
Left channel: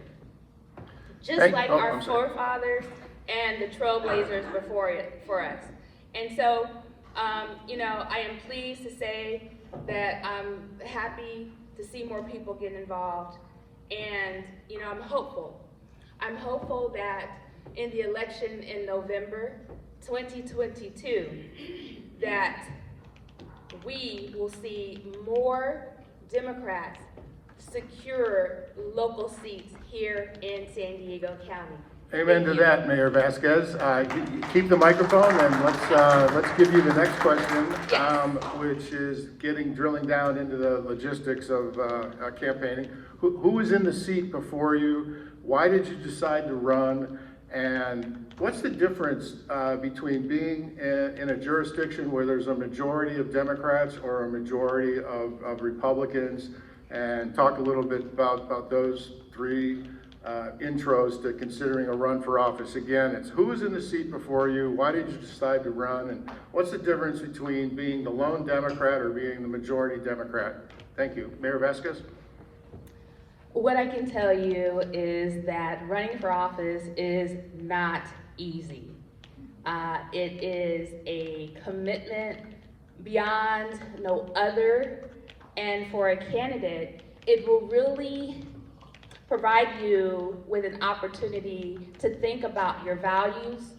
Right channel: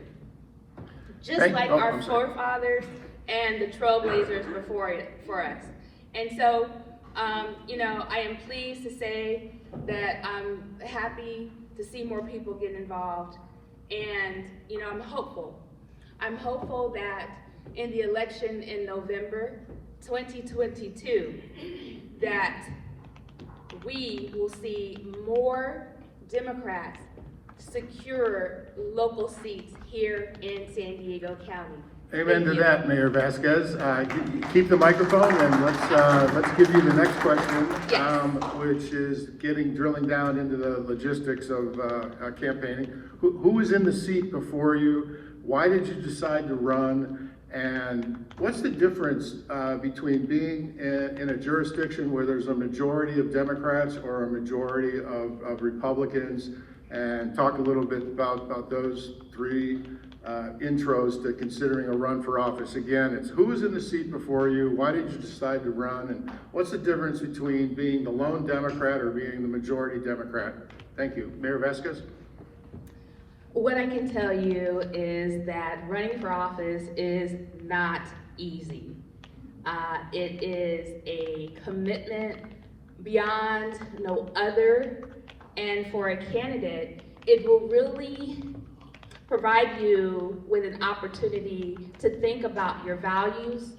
Just like our forefathers and the trailblazers before for us. And so, I am pleased to say that I'm happy to see more people get involved. And, I'm hopeful. I'm hopeful that in the election in November 2022, that we will see more Democrats secure local seats here in San Diego County. Amen to that, Mayor Vasquez. Keep the microphone and let's give you the next question, Yes. which is drilling down into the logistics of campaigning. Who was in the seat before you? Why did you decide to run? And what's the difference between being in a jurisdiction where there's a majority of Democrats or a majority of Republicans? And talk a little bit about those three intros to considering a run for office. Again, it's who was in the seat before you, why did you decide to run, and what's the difference between being the lone Democrat or being the majority Democrat? Thank you. Mayor Vasquez? What I can tell you is that running for office is not easy. It is a commitment beyond no other, and for a candidate, it will really provide you with an opportunity to think about your values,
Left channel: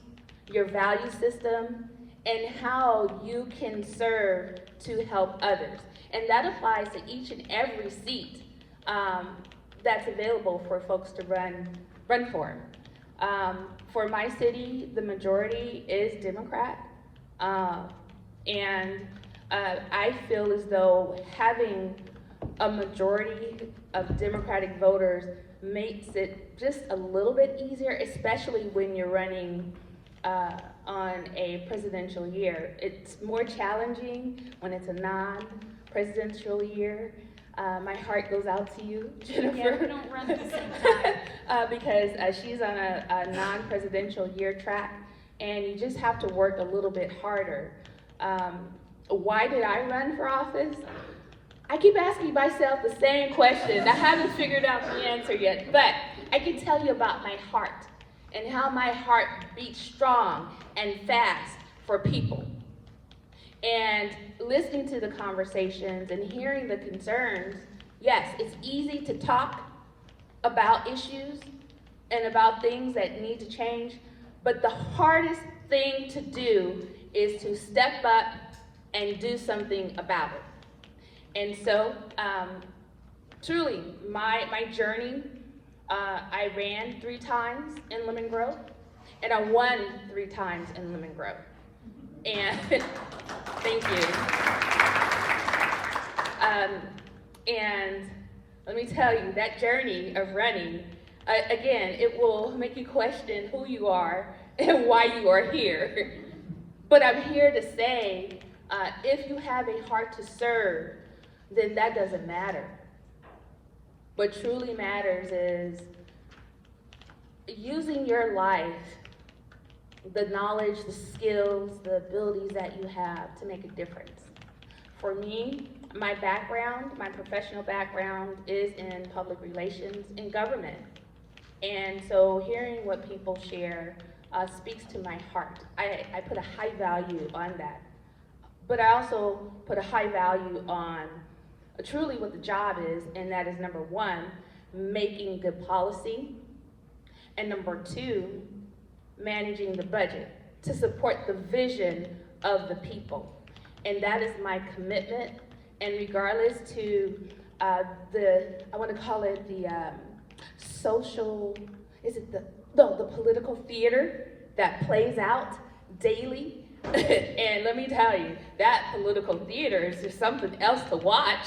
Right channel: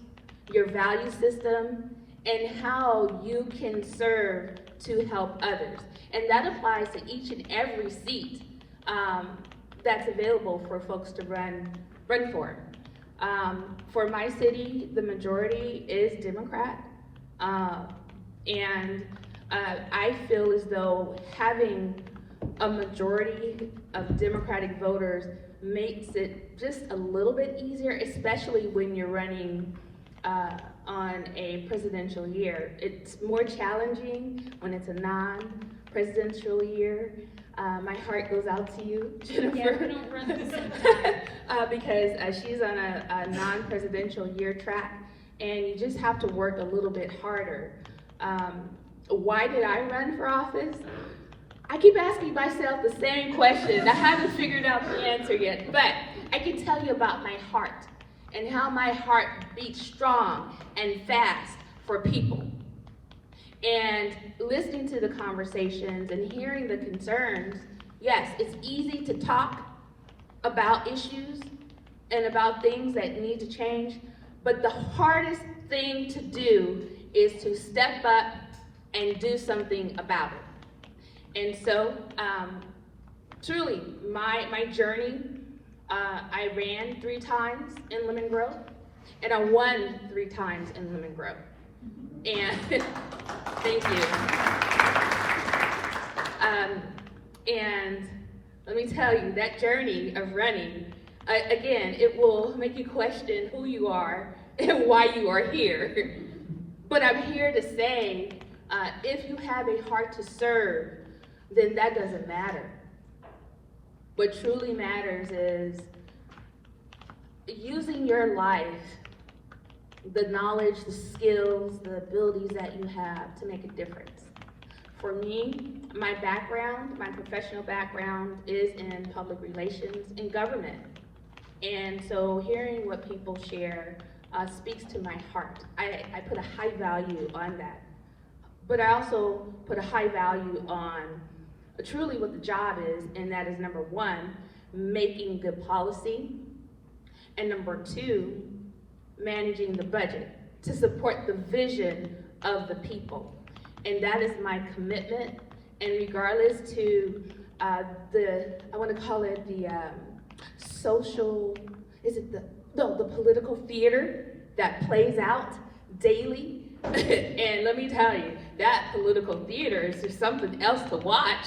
your value system, and how you can serve to help others. And that applies to each and every seat that's available for folks to run for. For my city, the majority is Democrat, and I feel as though having a majority of Democratic voters makes it just a little bit easier, especially when you're running on a presidential year. It's more challenging when it's a non-presidential year. My heart goes out to you, Jennifer. Yeah, we don't run at the same time. Because she's on a non-presidential year track, and you just have to work a little bit harder. Why did I run for office? I keep asking myself the same question. I haven't figured out the answer yet, but I can tell you about my heart and how my heart beats strong and fast for people. And listening to the conversations and hearing the concerns, yes, it's easy to talk about issues and about things that need to change, but the hardest thing to do is to step up and do something about it. And so, truly, my journey, I ran 3 times in Lemon Grove, and I won 3 times in Lemon Grove. And thank you. And let me tell you, that journey of running, again, it will make you question who you are and why you are here. But I'm here to say, if you have a heart to serve, then that doesn't matter. What truly matters is using your life, the knowledge, the skills, the abilities that you have to make a difference. For me, my background, my professional background is in public relations and government. And so hearing what people share speaks to my heart. I put a high value on that. But I also put a high value on truly what the job is, and that is number 1, making good policy, and number 2, managing the budget to support the vision of the people. And that is my commitment, and regardless to I want to call it the social, the political theater that plays out daily. And let me tell you, that political theater is just something else to watch.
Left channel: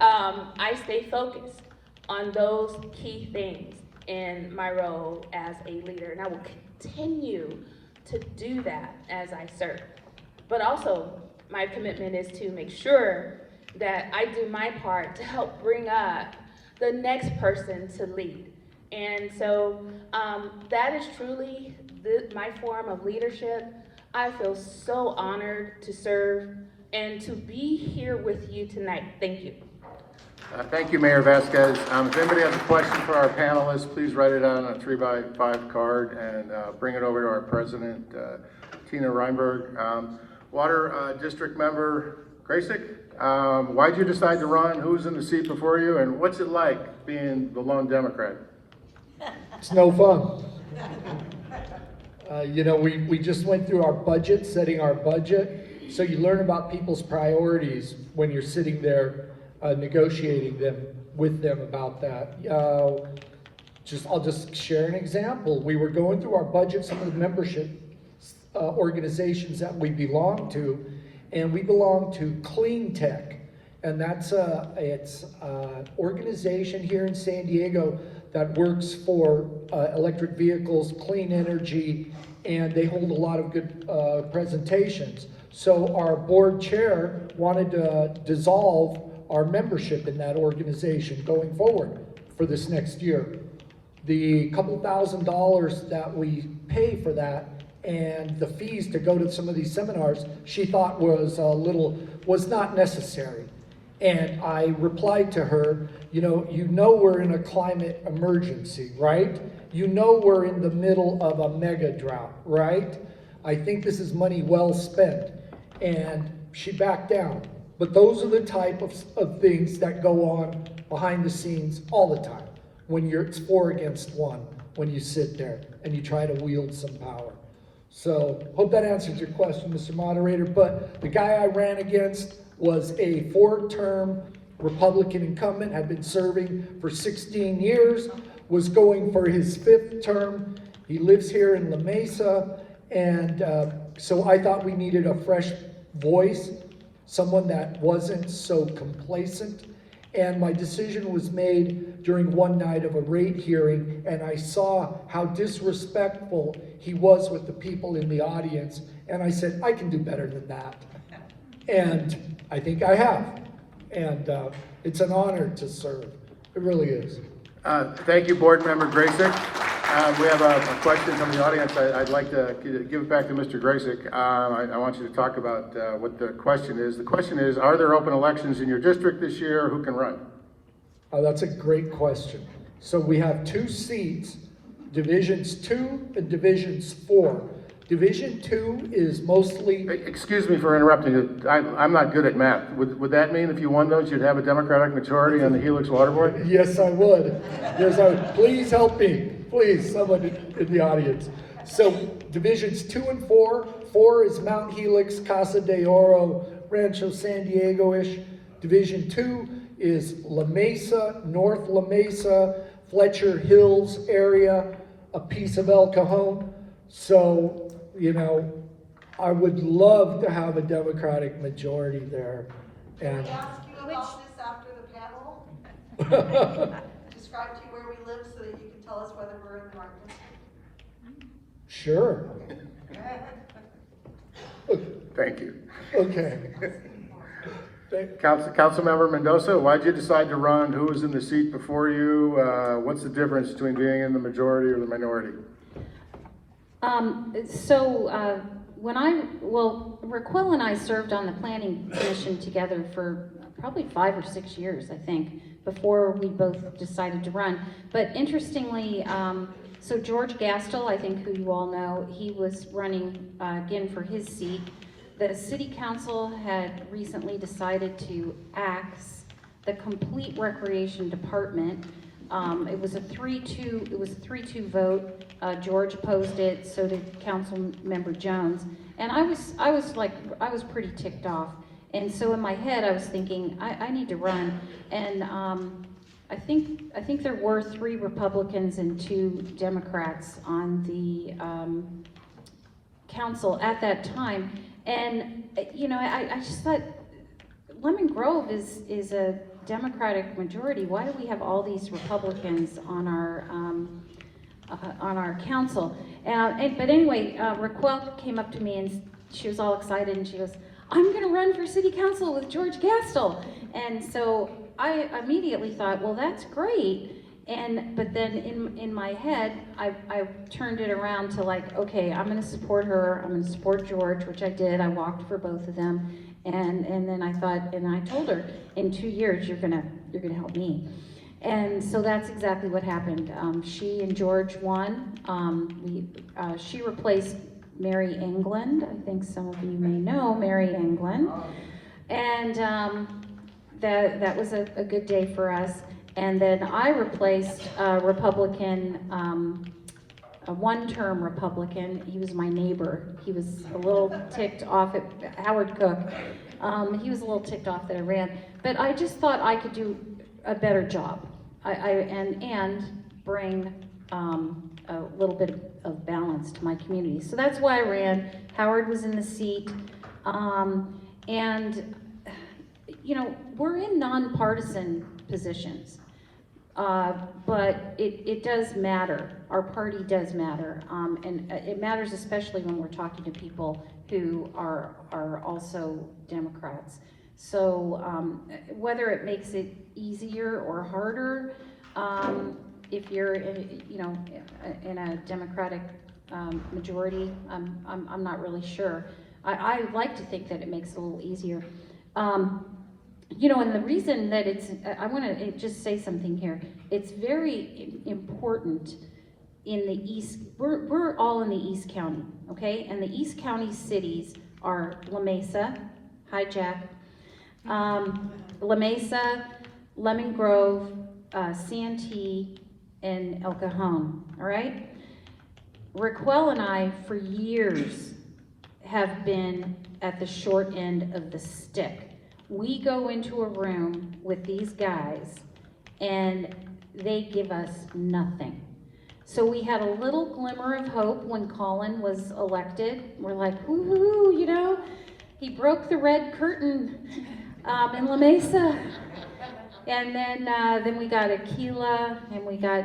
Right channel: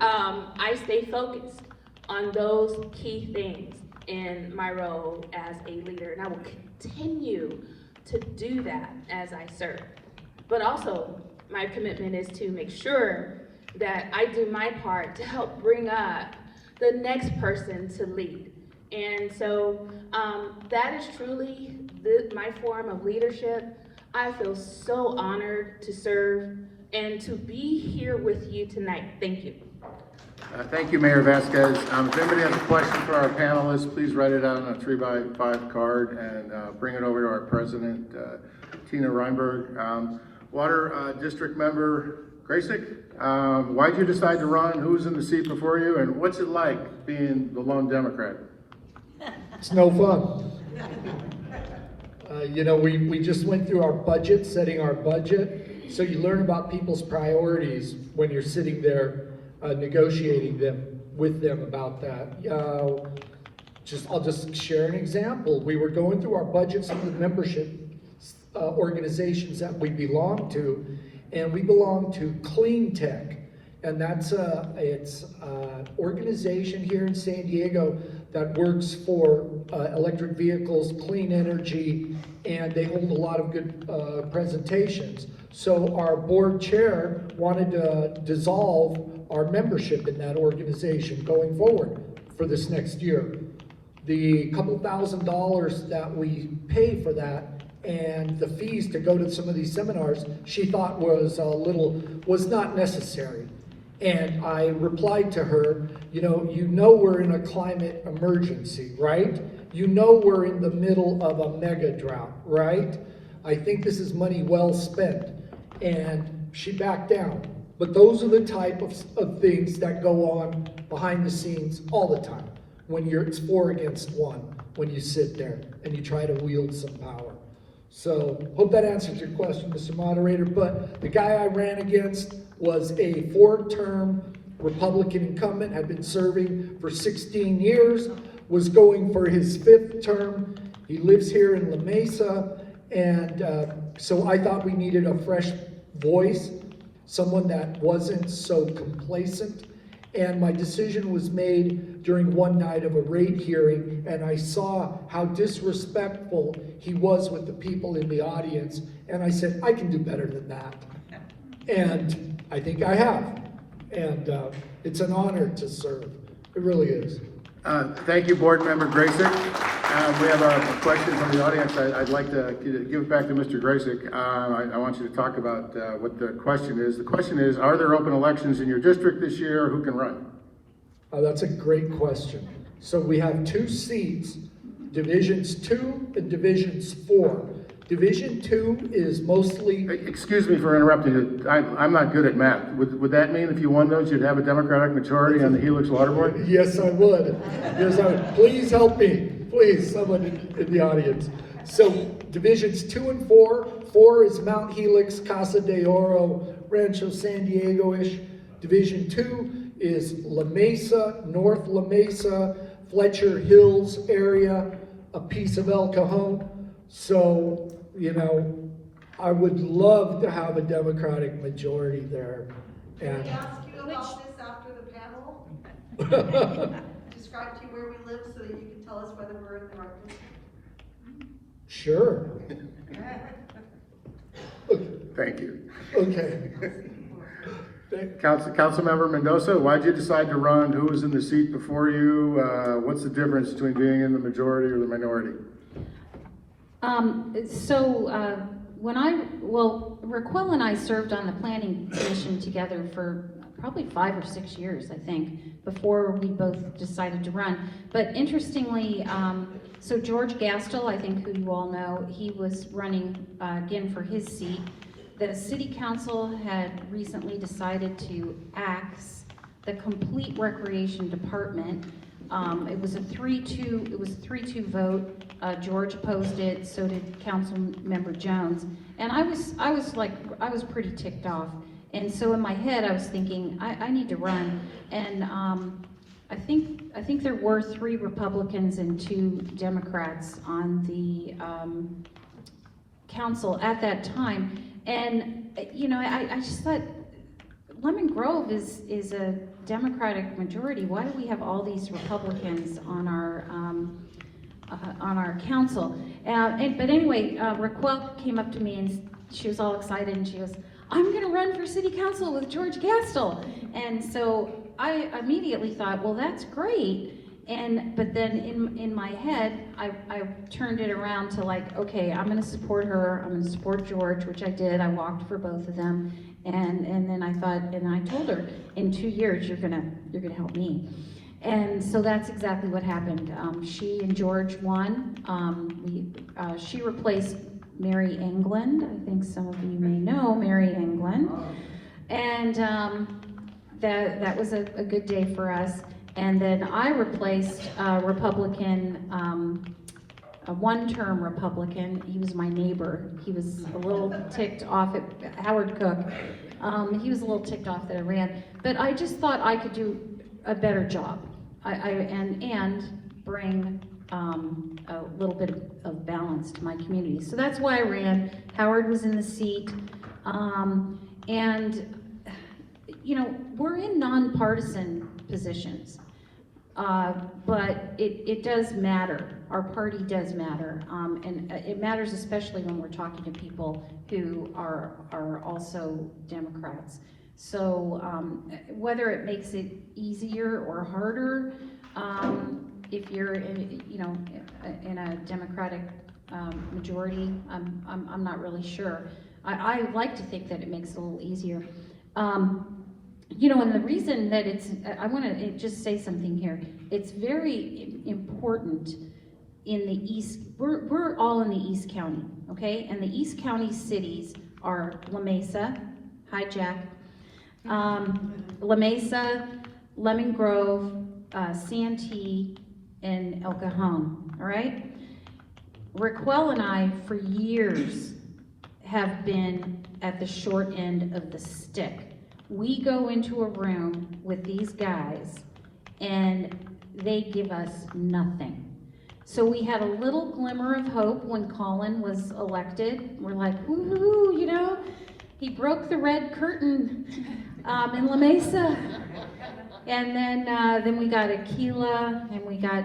I stay focused on those key things in my role as a leader, and I will continue to do that as I serve. But also, my commitment is to make sure that I do my part to help bring up the next person to lead. And so that is truly my form of leadership. I feel so honored to serve and to be here with you tonight. Thank you. Thank you, Mayor Vasquez. If anybody has a question for our panelists, please write it on a 3x5 card and bring it over to our president, Tina Reinberg. Water District Member Gracyk, why'd you decide to run? Who's in the seat before you? And what's it like being the lone Democrat? It's no fun. We just went through our budget, setting our budget, so you learn about people's priorities when you're sitting there negotiating them. with them about that. I'll just share an example. We were going through our budgets of the membership organizations that we belong to, and we belong to Clean Tech, and it's an organization here in San Diego that works for electric vehicles, clean energy, and they hold a lot of good presentations. So our board chair wanted to dissolve our membership in that organization going forward for this next year. The couple $1,000s that we pay for that and the fees to go to some of these seminars, she thought was not necessary. And I replied to her, you know we're in a climate emergency, right? You know we're in the middle of a mega drought, right? I think this is money well spent. And she backed down. But those are the type of things that go on behind the scenes all the time when it's 4 against 1, when you sit there and you try to wield some power. So, hope that answers your question, Mr. Moderator. But the guy I ran against was a 4-term Republican incumbent, had been serving for 16 years, was going for his 5th term. He lives here in La Mesa, and so I thought we needed a fresh voice, someone that wasn't so complacent. And my decision was made during one night of a rate hearing, and I saw how disrespectful he was with the people in the audience, and I said, I can do better than that. And I think I have. And it's an honor to serve. It really is. Thank you, Board Member Gracyk. We have a question from the audience. I'd like to give it back to Mr. Gracyk. I want you to talk about what the question is. The question is, are there open elections in your district this year? Who can run? That's a great question. So we have 2 seats, Divisions 2 and Divisions 4. Division 2 is mostly... Excuse me for interrupting you. I'm not good at math. Would that mean if you won those, you'd have a Democratic majority on the Helix Water Board? Yes, I would. Yes, I would. Please help me. Please, someone in the audience. So Divisions 2 and 4. 4 is Mount Helix, Casa de Oro, Rancho San Diego-ish. Division 2 is La Mesa, North La Mesa, Fletcher Hills area, a piece of El Cajon. So, I would love to have a Democratic majority there. And Can I ask you about this after the panel? Describe to you where we live so that you can tell us whether we're in the right district. Sure. Thank you. Okay. Councilmember Mendoza, why'd you decide to run? Who was in the seat before you? What's the difference between being in the majority or the minority? Racquel and I served on the planning commission together for probably 5 or 6 years, I think, before we both decided to run. But interestingly, so George Gastel, I think who you all know, he was running again for his seat. The city council had recently decided to axe the complete recreation department. It was a 3-2 vote. George opposed it, so did Council Member Jones. And I was pretty ticked off. And so in my head, I was thinking, I need to run. And I think there were 3 Republicans and 2 Democrats on the council at that time. And I just thought, Lemon Grove is a Democratic majority. Why do we have all these Republicans on our council? But anyway, Racquel came up to me and she was all excited and she goes, I'm going to run for city council with George Gastel. And so I immediately thought, well, that's great. But then in my head, I turned it around to like, okay, I'm going to support her. I'm going to support George, which I did. I walked for both of them. And then I thought, and I told her, in 2 years, you're gonna help me. And so that's exactly what happened. She and George won. She replaced Mary England. I think some of you may know Mary England. And that was a good day for us. And then I replaced a Republican, a 1-term Republican. He was my neighbor. He was a little ticked off at Howard Cook. He was a little ticked off that I ran. But I just thought I could do a better job. And bring a little bit of balance to my community. So that's why I ran. Howard was in the seat. And, you know, we're in nonpartisan positions, but it does matter. Our party does matter, and it matters especially when we're talking to people who are also Democrats. So whether it makes it easier or harder, if you're in a Democratic majority, I'm not really sure. I like to think that it makes it a little easier. You know, and the reason that I want to just say something here. It's very important in the East. We're all in the East County, okay? And the East County cities are La Mesa, hi Jack, La Mesa, Lemon Grove, Santee, and El Cajon, all right? Racquel and I, for years, have been at the short end of the stick. We go into a room with these guys, and they give us nothing. So we had a little glimmer of hope when Colin was elected. We're like, woo-hoo, you know, he broke the red curtain in La Mesa. And then we got Aquila and we got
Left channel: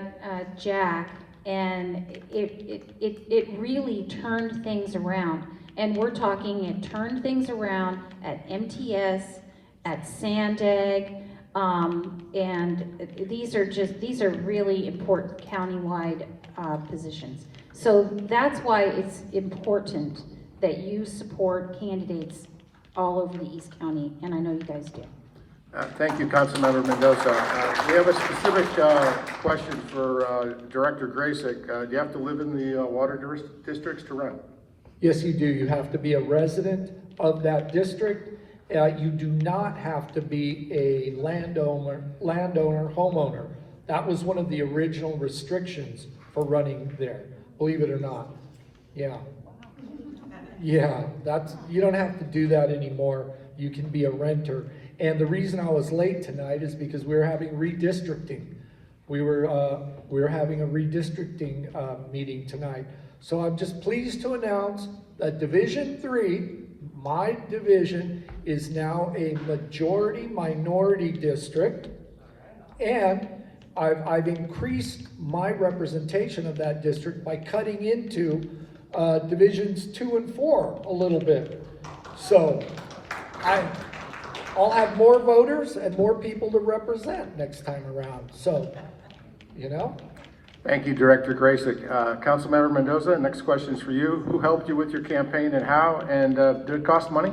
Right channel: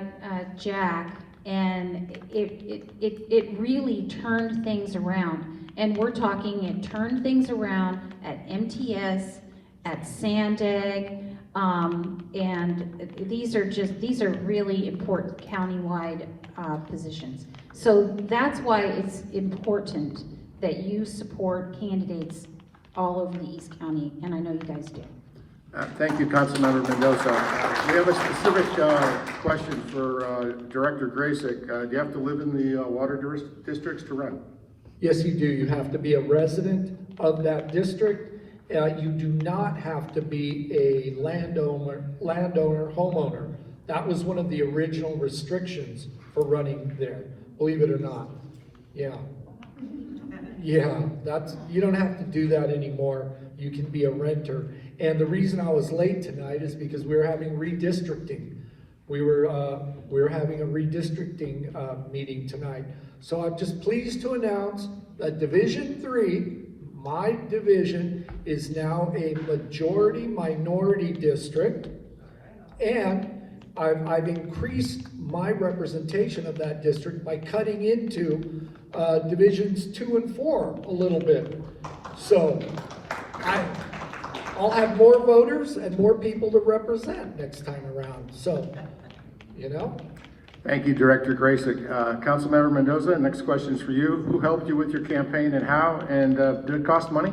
Jack, and it really turned things around. And we're talking, it turned things around at MTS, at Sandag, and these are really important countywide positions. So that's why it's important that you support candidates all over the East County, and I know you guys do. Thank you, Councilmember Mendoza. We have a specific question for Director Gracyk. Do you have to live in the water districts to run? Yes, you do. You have to be a resident of that district. You do not have to be a landowner, homeowner. That was one of the original restrictions for running there, believe it or not. Yeah. Yeah, you don't have to do that anymore. You can be a renter. And the reason I was late tonight is because we were having redistricting. We were having a redistricting meeting tonight. So I'm just pleased to announce that Division 3, my division, is now a majority minority district, and I've increased my representation of that district by cutting into divisions 2 and 4 a little bit. So I'll have more voters and more people to represent next time around. So, you know. Thank you, Director Gracyk. Councilmember Mendoza, next question is for you. Who helped you with your campaign and how? And did it cost money?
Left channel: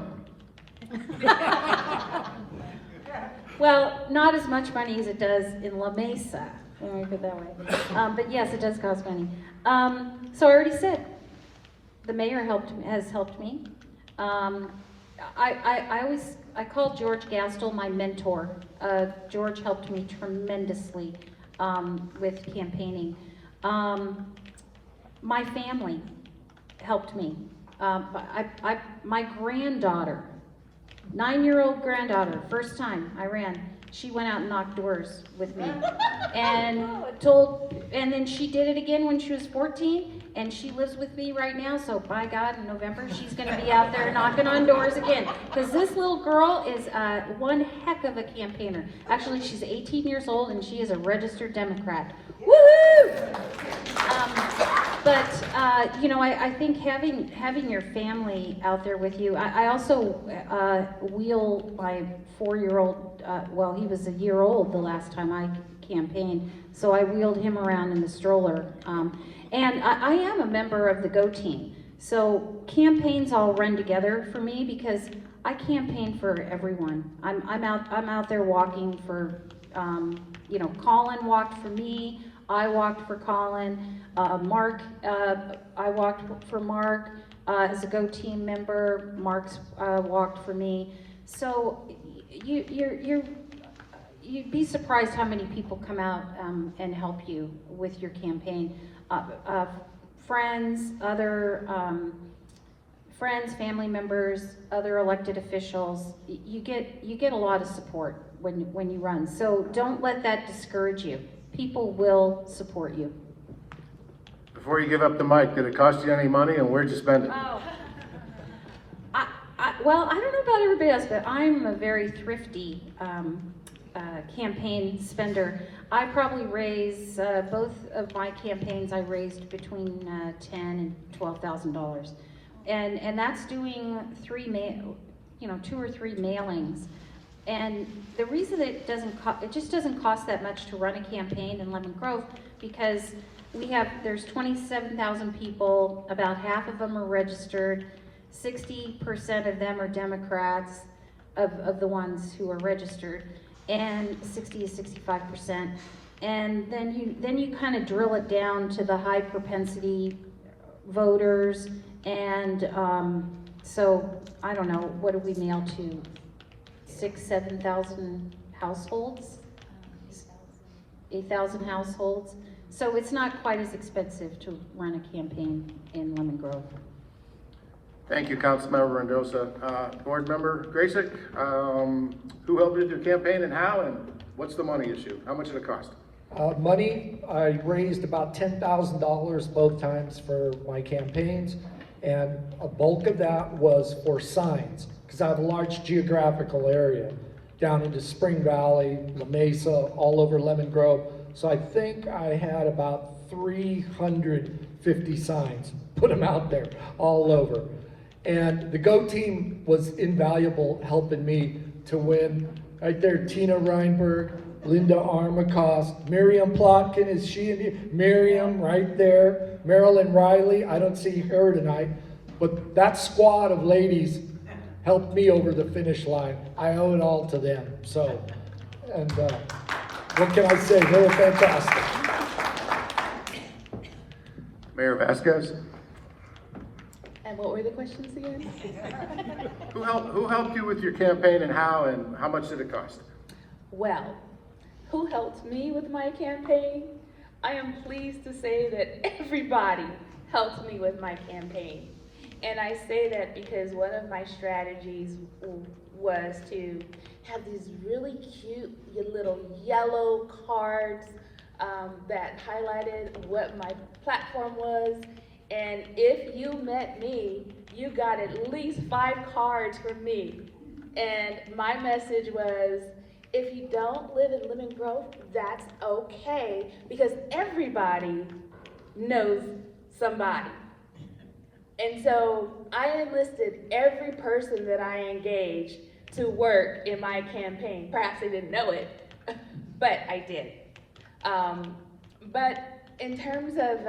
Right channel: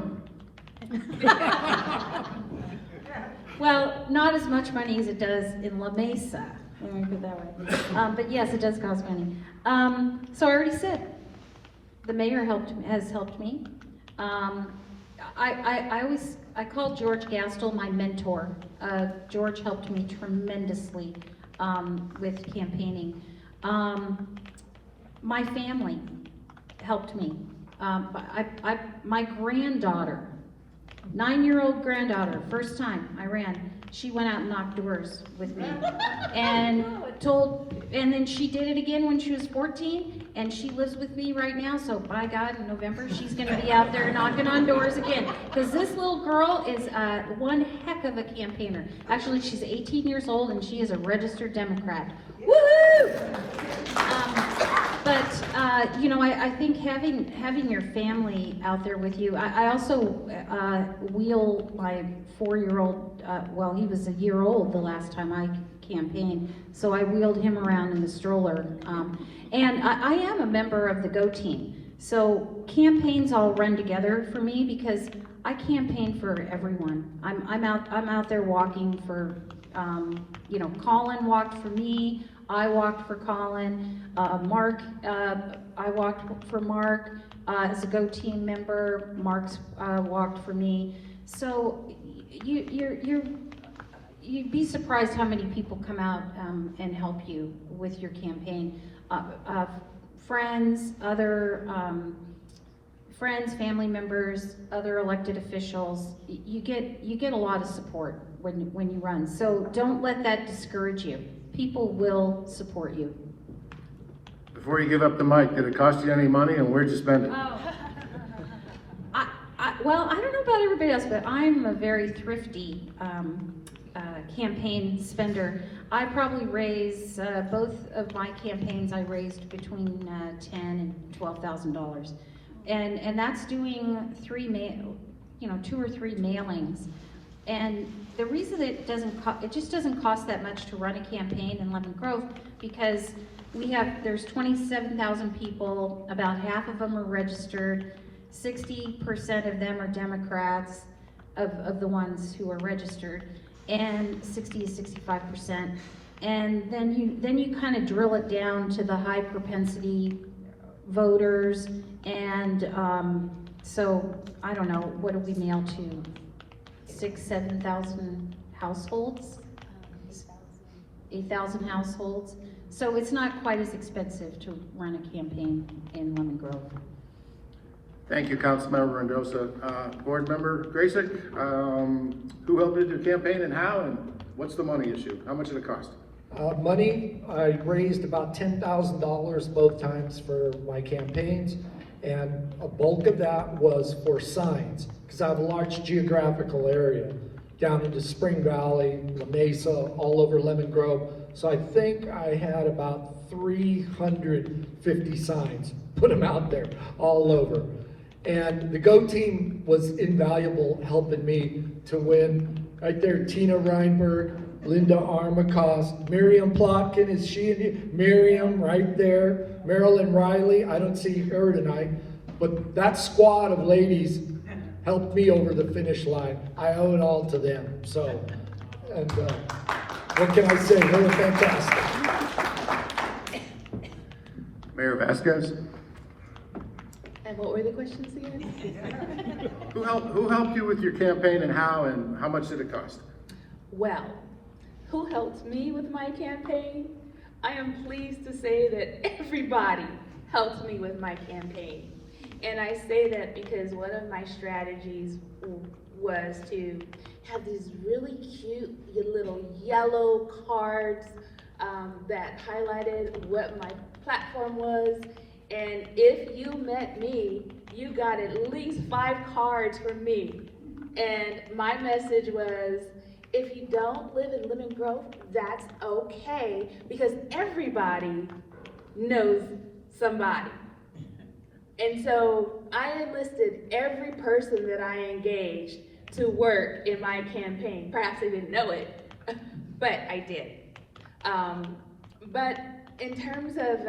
Well, not as much money as it does in La Mesa, let me put it that way. But yes, it does cost money. So I already said, the mayor has helped me. I call George Gastel my mentor. George helped me tremendously with campaigning. My family helped me. My granddaughter, 9-year-old granddaughter, first time I ran, she went out and knocked doors with me, and then she did it again when she was 14, and she lives with me right now, so by God, in November, she's gonna be out there knocking on doors again, because this little girl is one heck of a campaigner. Actually, she's 18 years old, and she is a registered Democrat. Woohoo! You know, I think having your family out there with you. I also wheel my 4-year-old. Well, he was a year old the last time I campaigned, so I wheeled him around in the stroller. And I am a member of the Go Team, so campaigns all run together for me because I campaign for everyone. I'm out there walking for. You know, Colin walked for me. I walked for Colin. Mark, I walked for Mark as a Go Team member. Mark's walked for me. So you'd be surprised how many people come out and help you with your campaign. Friends, other friends, family members, other elected officials, you get a lot of support when you run. So don't let that discourage you. People will support you. Before you give up the mic, did it cost you any money and where'd you spend it? Oh. Well, I don't know about everybody else, but I'm a very thrifty campaign spender. I probably raise, both of my campaigns, I raised between $10,000 and $12,000. And that's doing 2 or 3 mailings. And the reason it just doesn't cost that much to run a campaign in Lemon Grove, because there's 27,000 people, about half of them are registered, 60% of them are Democrats of the ones who are registered, and 60 to 65%. And then you kind of drill it down to the high propensity voters, and so I don't know, what do we mail to? 7,000 households? 8,000 households. So it's not quite as expensive to run a campaign in Lemon Grove. Thank you, Councilmember Mendoza. Board Member Gracyk, who helped with your campaign and how, and what's the money issue? How much did it cost? Money, I raised about $10,000 both times for my campaigns, and a bulk of that was for signs, because I have a large geographical area down into Spring Valley, La Mesa, all over Lemon Grove. So I think I had about 350 signs, put them out there all over. And the Go team was invaluable helping me to win. Right there, Tina Reinberg, Linda Armacost, Miriam Plotkin, is she in here? Miriam, right there. Marilyn Riley, I don't see her tonight, but that squad of ladies helped me over the finish line. I owe it all to them. So, and what can I say? They were fantastic. Mayor Vasquez? And what were the questions again? Who helped you with your campaign and how much did it cost? Well, who helped me with my campaign? I am pleased to say that everybody helped me with my campaign. And I say that because one of my strategies was to have these really cute little yellow cards that highlighted what my platform was. And if you met me, you got at least 5 cards from me. And my message was, if you don't live in Lemon Grove, that's okay, because everybody knows somebody. And so I enlisted every person that I engaged to work in my campaign. Perhaps they didn't know it, but I did. But in terms of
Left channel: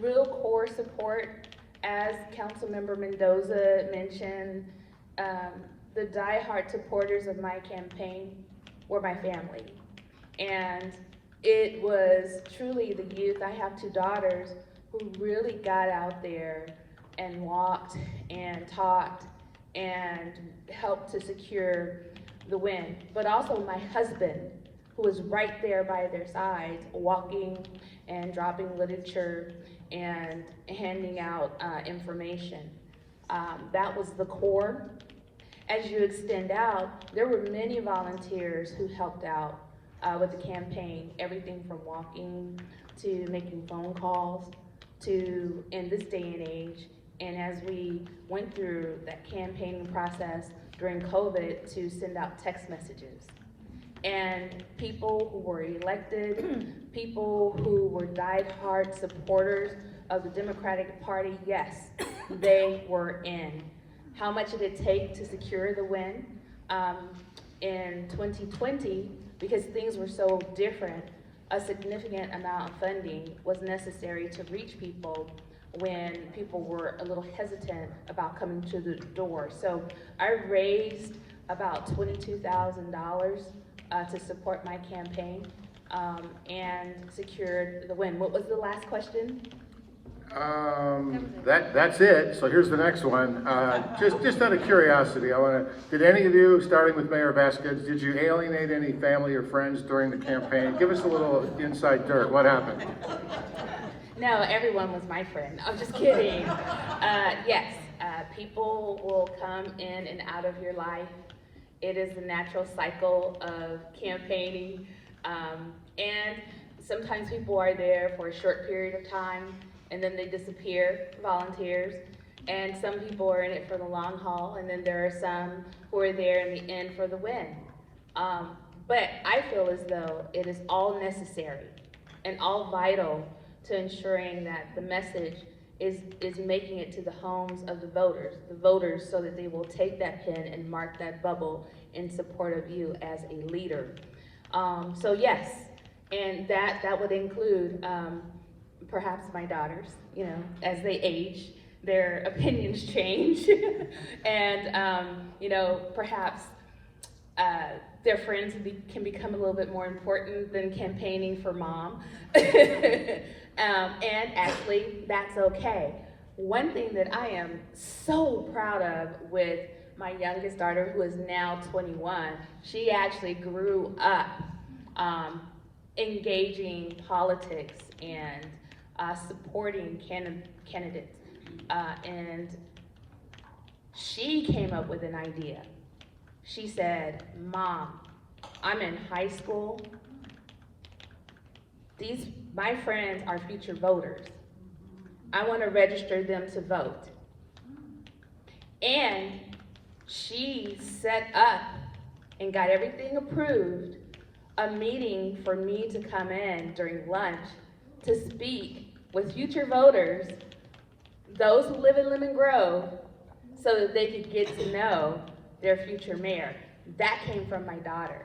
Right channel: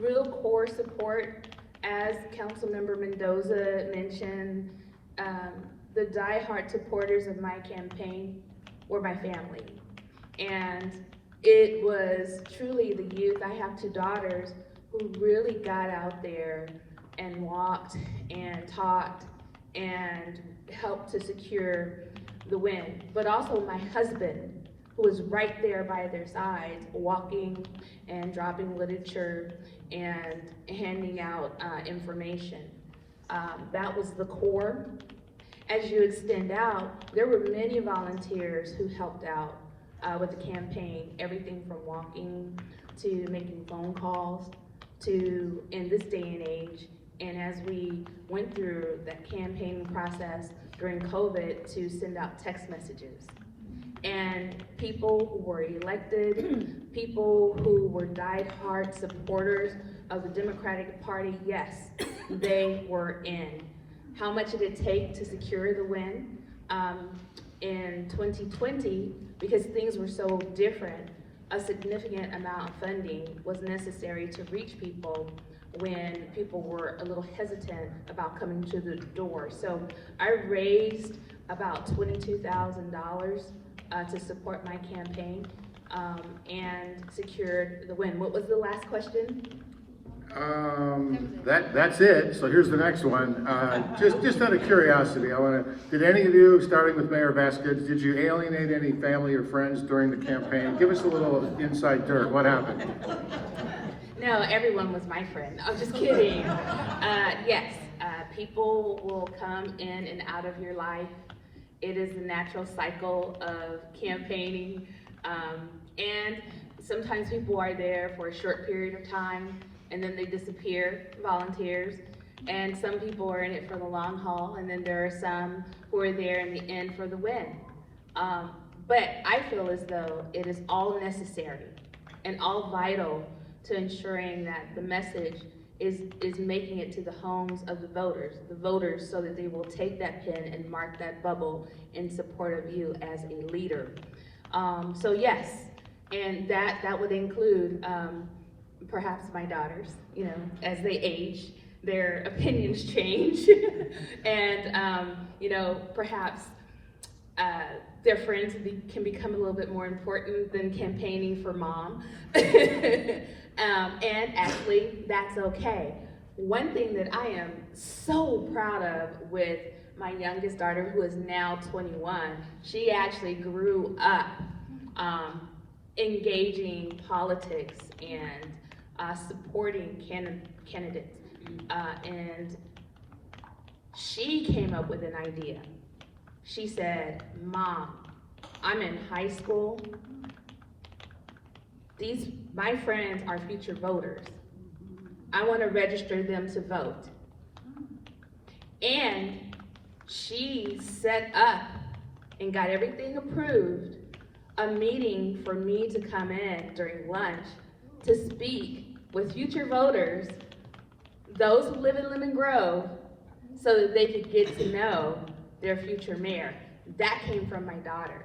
real core support, as Councilmember Mendoza mentioned, the diehard supporters of my campaign were my family. And it was truly the youth. I have 2 daughters who really got out there and walked and talked and helped to secure the win. But also my husband, who was right there by their sides, walking and dropping literature and handing out information. That was the core. As you extend out, there were many volunteers who helped out with the campaign, everything from walking to making phone calls to, in this day and age, and as we went through that campaigning process during COVID, to send out text messages. And people who were elected, people who were diehard supporters of the Democratic Party, yes, they were in. How much did it take to secure the win? In 2020, because things were so different, a significant amount of funding was necessary to reach people when people were a little hesitant about coming to the door. So I raised about $22,000 to support my campaign and secured the win. What was the last question? That's it. So here's the next one. Just out of curiosity, did any of you, starting with Mayor Vasquez, did you alienate any family or friends during the campaign? Give us a little inside dirt. What happened? No, everyone was my friend. I'm just kidding. Yes, People will come in and out of your life. It is the natural cycle of campaigning. And sometimes people are there for a short period of time and then they disappear, volunteers. And some people are in it for the long haul, and then there are some who are there in the end for the win. But I feel as though it is all necessary and all vital to ensuring that the message is making it to the homes of the voters, so that they will take that pen and mark that bubble in support of you as a leader. So yes, and that would include perhaps my daughters, you know, as they age, their opinions change, and you know, perhaps their friends can become a little bit more important than campaigning for mom. And actually, that's okay. One thing that I am so proud of with my youngest daughter, who is now 21, she actually grew up engaging politics and supporting candidates. And she came up with an idea. She said, "Mom, I'm in high school. My friends are future voters. I want to register them to vote." And she set up and got everything approved, a meeting for me to come in during lunch to speak with future voters, those who live in Lemon Grove, so that they could get to know their future mayor. That came from my daughter.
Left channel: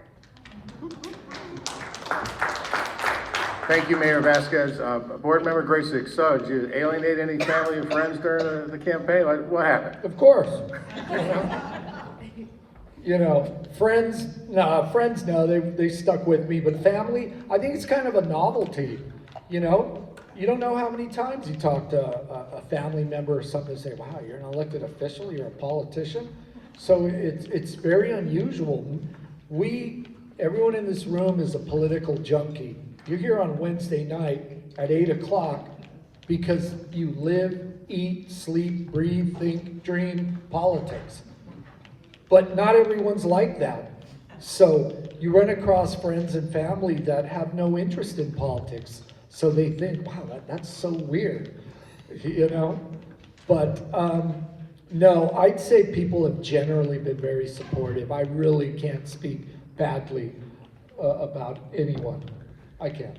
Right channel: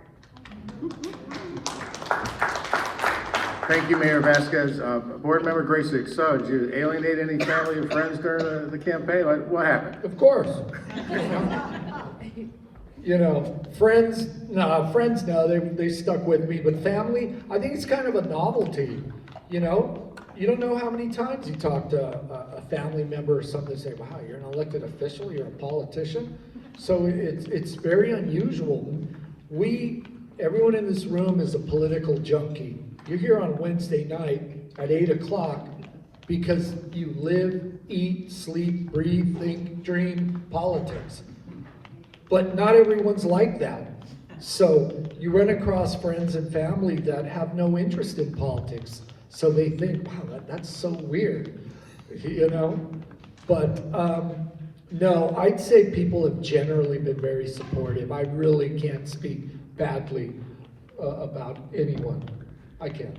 Thank you, Mayor Vasquez. Board Member Gracyk, so did you alienate any family or friends during the campaign? What happened? Of course. You know, friends now, they stuck with me, but family, I think it's kind of a novelty, you know? You don't know how many times you talk to a family member or something, say, wow, you're an elected official, you're a politician. So it's very unusual. Everyone in this room is a political junkie. You're here on Wednesday night at 8 o'clock because you live, eat, sleep, breathe, think, dream politics. But not everyone's like that. So you run across friends and family that have no interest in politics. So they think, wow, that's so weird, you know? But no, I'd say people have generally been very supportive. I really can't speak badly about anyone. I can't.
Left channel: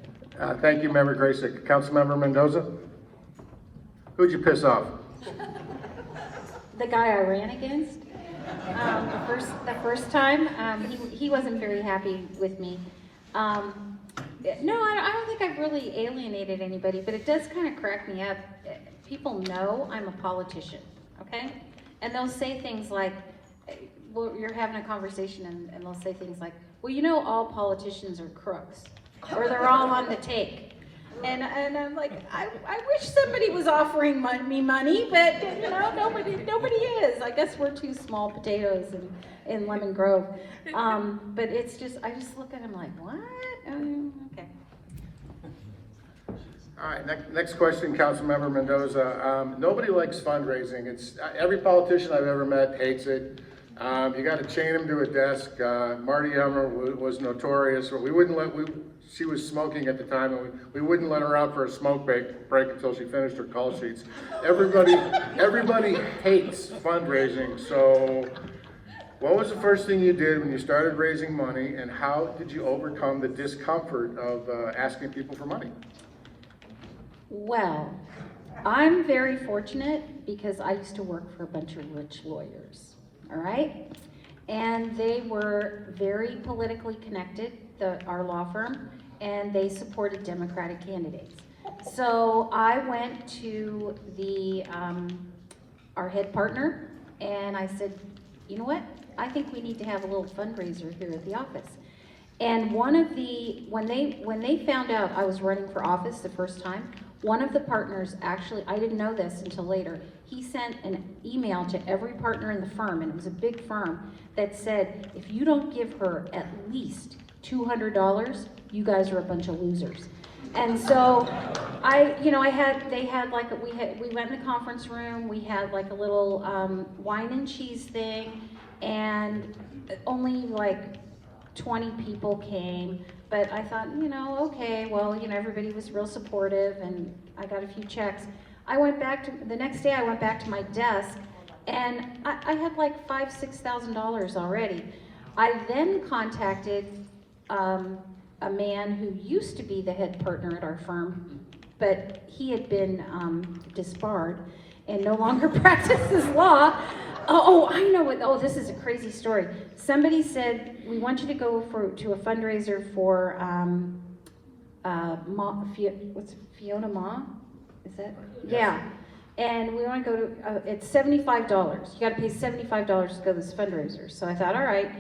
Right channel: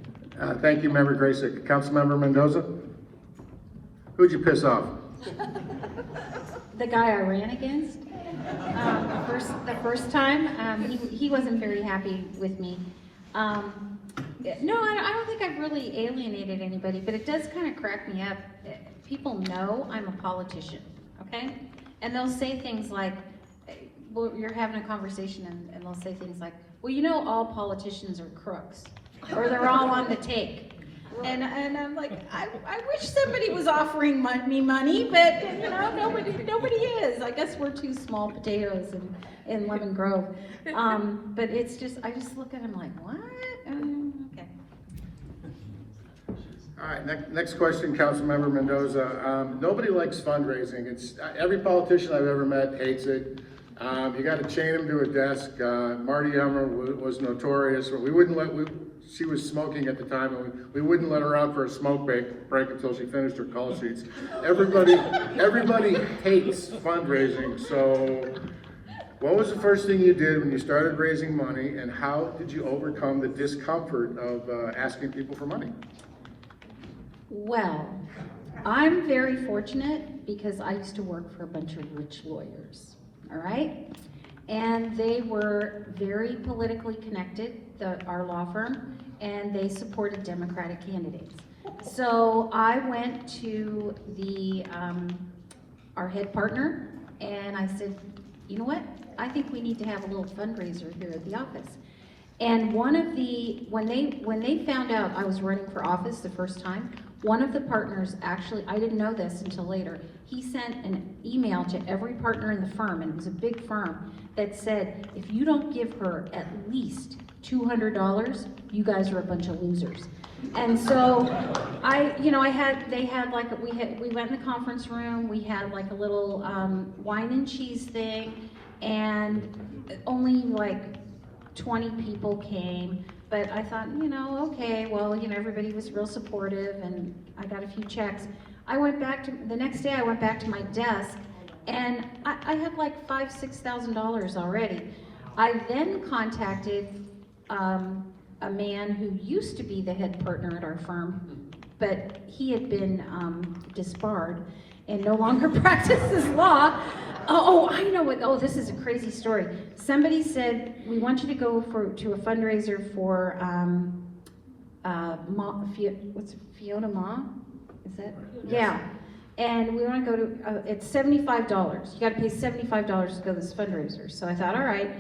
Thank you, Member Gracyk. Councilmember Mendoza? Who'd you piss off? The guy I ran against, the first time, he wasn't very happy with me. No, I don't think I've really alienated anybody, but it does kind of crack me up. People know I'm a politician, okay? And they'll say things like, well, you're having a conversation and they'll say things like, well, you know, all politicians are crooks, or they're all on the take. And I'm like, I wish somebody was offering me money, but you know, nobody is. I guess we're two small potatoes in Lemon Grove. But it's just, I just look at him like, what? Okay. All right, next question, Councilmember Mendoza. Nobody likes fundraising. Every politician I've ever met hates it. You got to chain them to a desk. Marty Emmer was notorious. She was smoking at the time, and we wouldn't let her out for a smoke break until she finished her call sheets. Everybody hates fundraising. So, what was the first thing you did when you started raising money, and how did you overcome the discomfort of asking people for money? Well, I'm very fortunate because I used to work for a bunch of rich lawyers, all right? And they were very politically connected, our law firm, and they supported Democratic candidates. So I went to our head partner, and I said, you know what? I think we need to have a little fundraiser here at the office. And when they found out I was running for office the first time, one of the partners actually, I didn't know this until later, he sent an email to every partner in the firm, and it was a big firm, that said, if you don't give her at least $200, you guys are a bunch of losers. And so they had like, we went in the conference room, we had like a little wine and cheese thing, and only like 20 people came. But I thought, okay, well, everybody was real supportive, and I got a few checks. The next day I went back to my desk, and I had like $5,000–6,000 already. I then contacted a man who used to be the head partner at our firm, but he had been disbarred and no longer practices law. I know what, this is a crazy story. Somebody said, we want you to go to a fundraiser for, what's Fiona Ma? Is that? Yeah. And we want to go to, it's $75. You got to pay $75 to go to this fundraiser. So I thought, all right.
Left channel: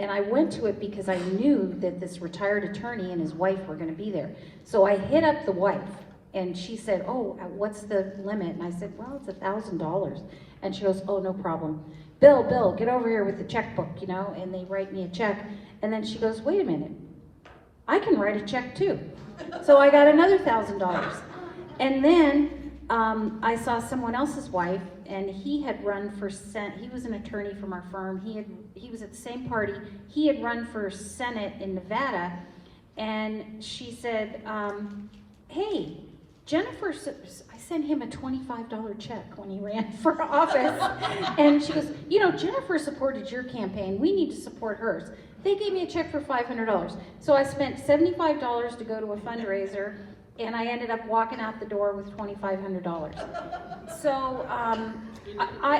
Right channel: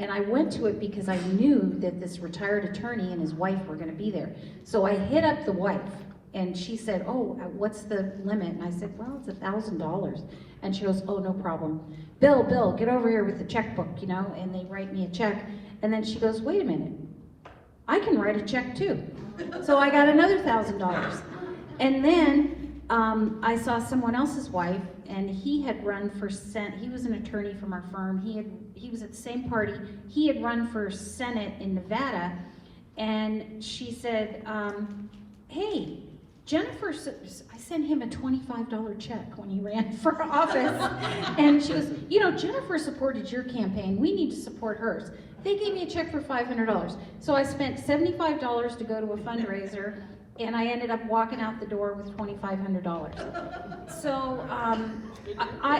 And I went to it because I knew that this retired attorney and his wife were going to be there. So I hit up the wife, and she said, oh, what's the limit? And I said, well, it's $1,000. And she goes, oh, no problem. Bill, get over here with the checkbook, and they write me a check. And then she goes, wait a minute, I can write a check too. So I got another $1,000. And then I saw someone else's wife, and he had run for Senate. He was an attorney from our firm. He was at the same party. He had run for Senate in Nevada, and she said, hey, Jennifer, I sent him a $25 check when he ran for office. And she goes, Jennifer supported your campaign. We need to support hers. They gave me a check for $500. So I spent $75 to go to a fundraiser, and I ended up walking out the door with $2,500. So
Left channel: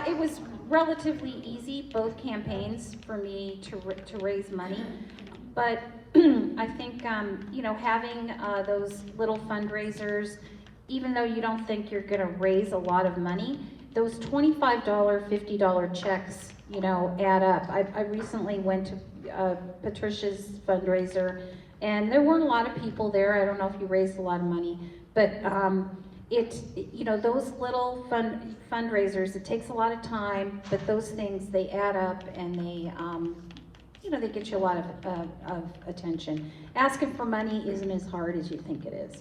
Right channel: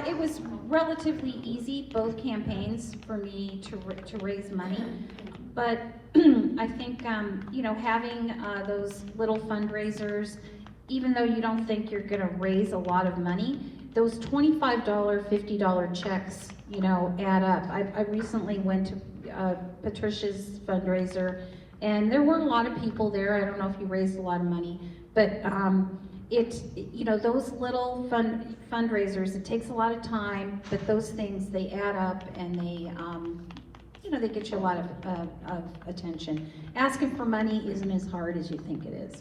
it was relatively easy, both campaigns, for me to raise money. But I think, having those little fundraisers, even though you don't think you're gonna raise a lot of money, those $25, $50 checks, add up. I recently went to Patricia's fundraiser, and there weren't a lot of people there. I don't know if you raised a lot of money, but those little fundraisers, it takes a lot of time, but those things, they add up, and they get you a lot of attention. Asking for money isn't as hard as you think it is.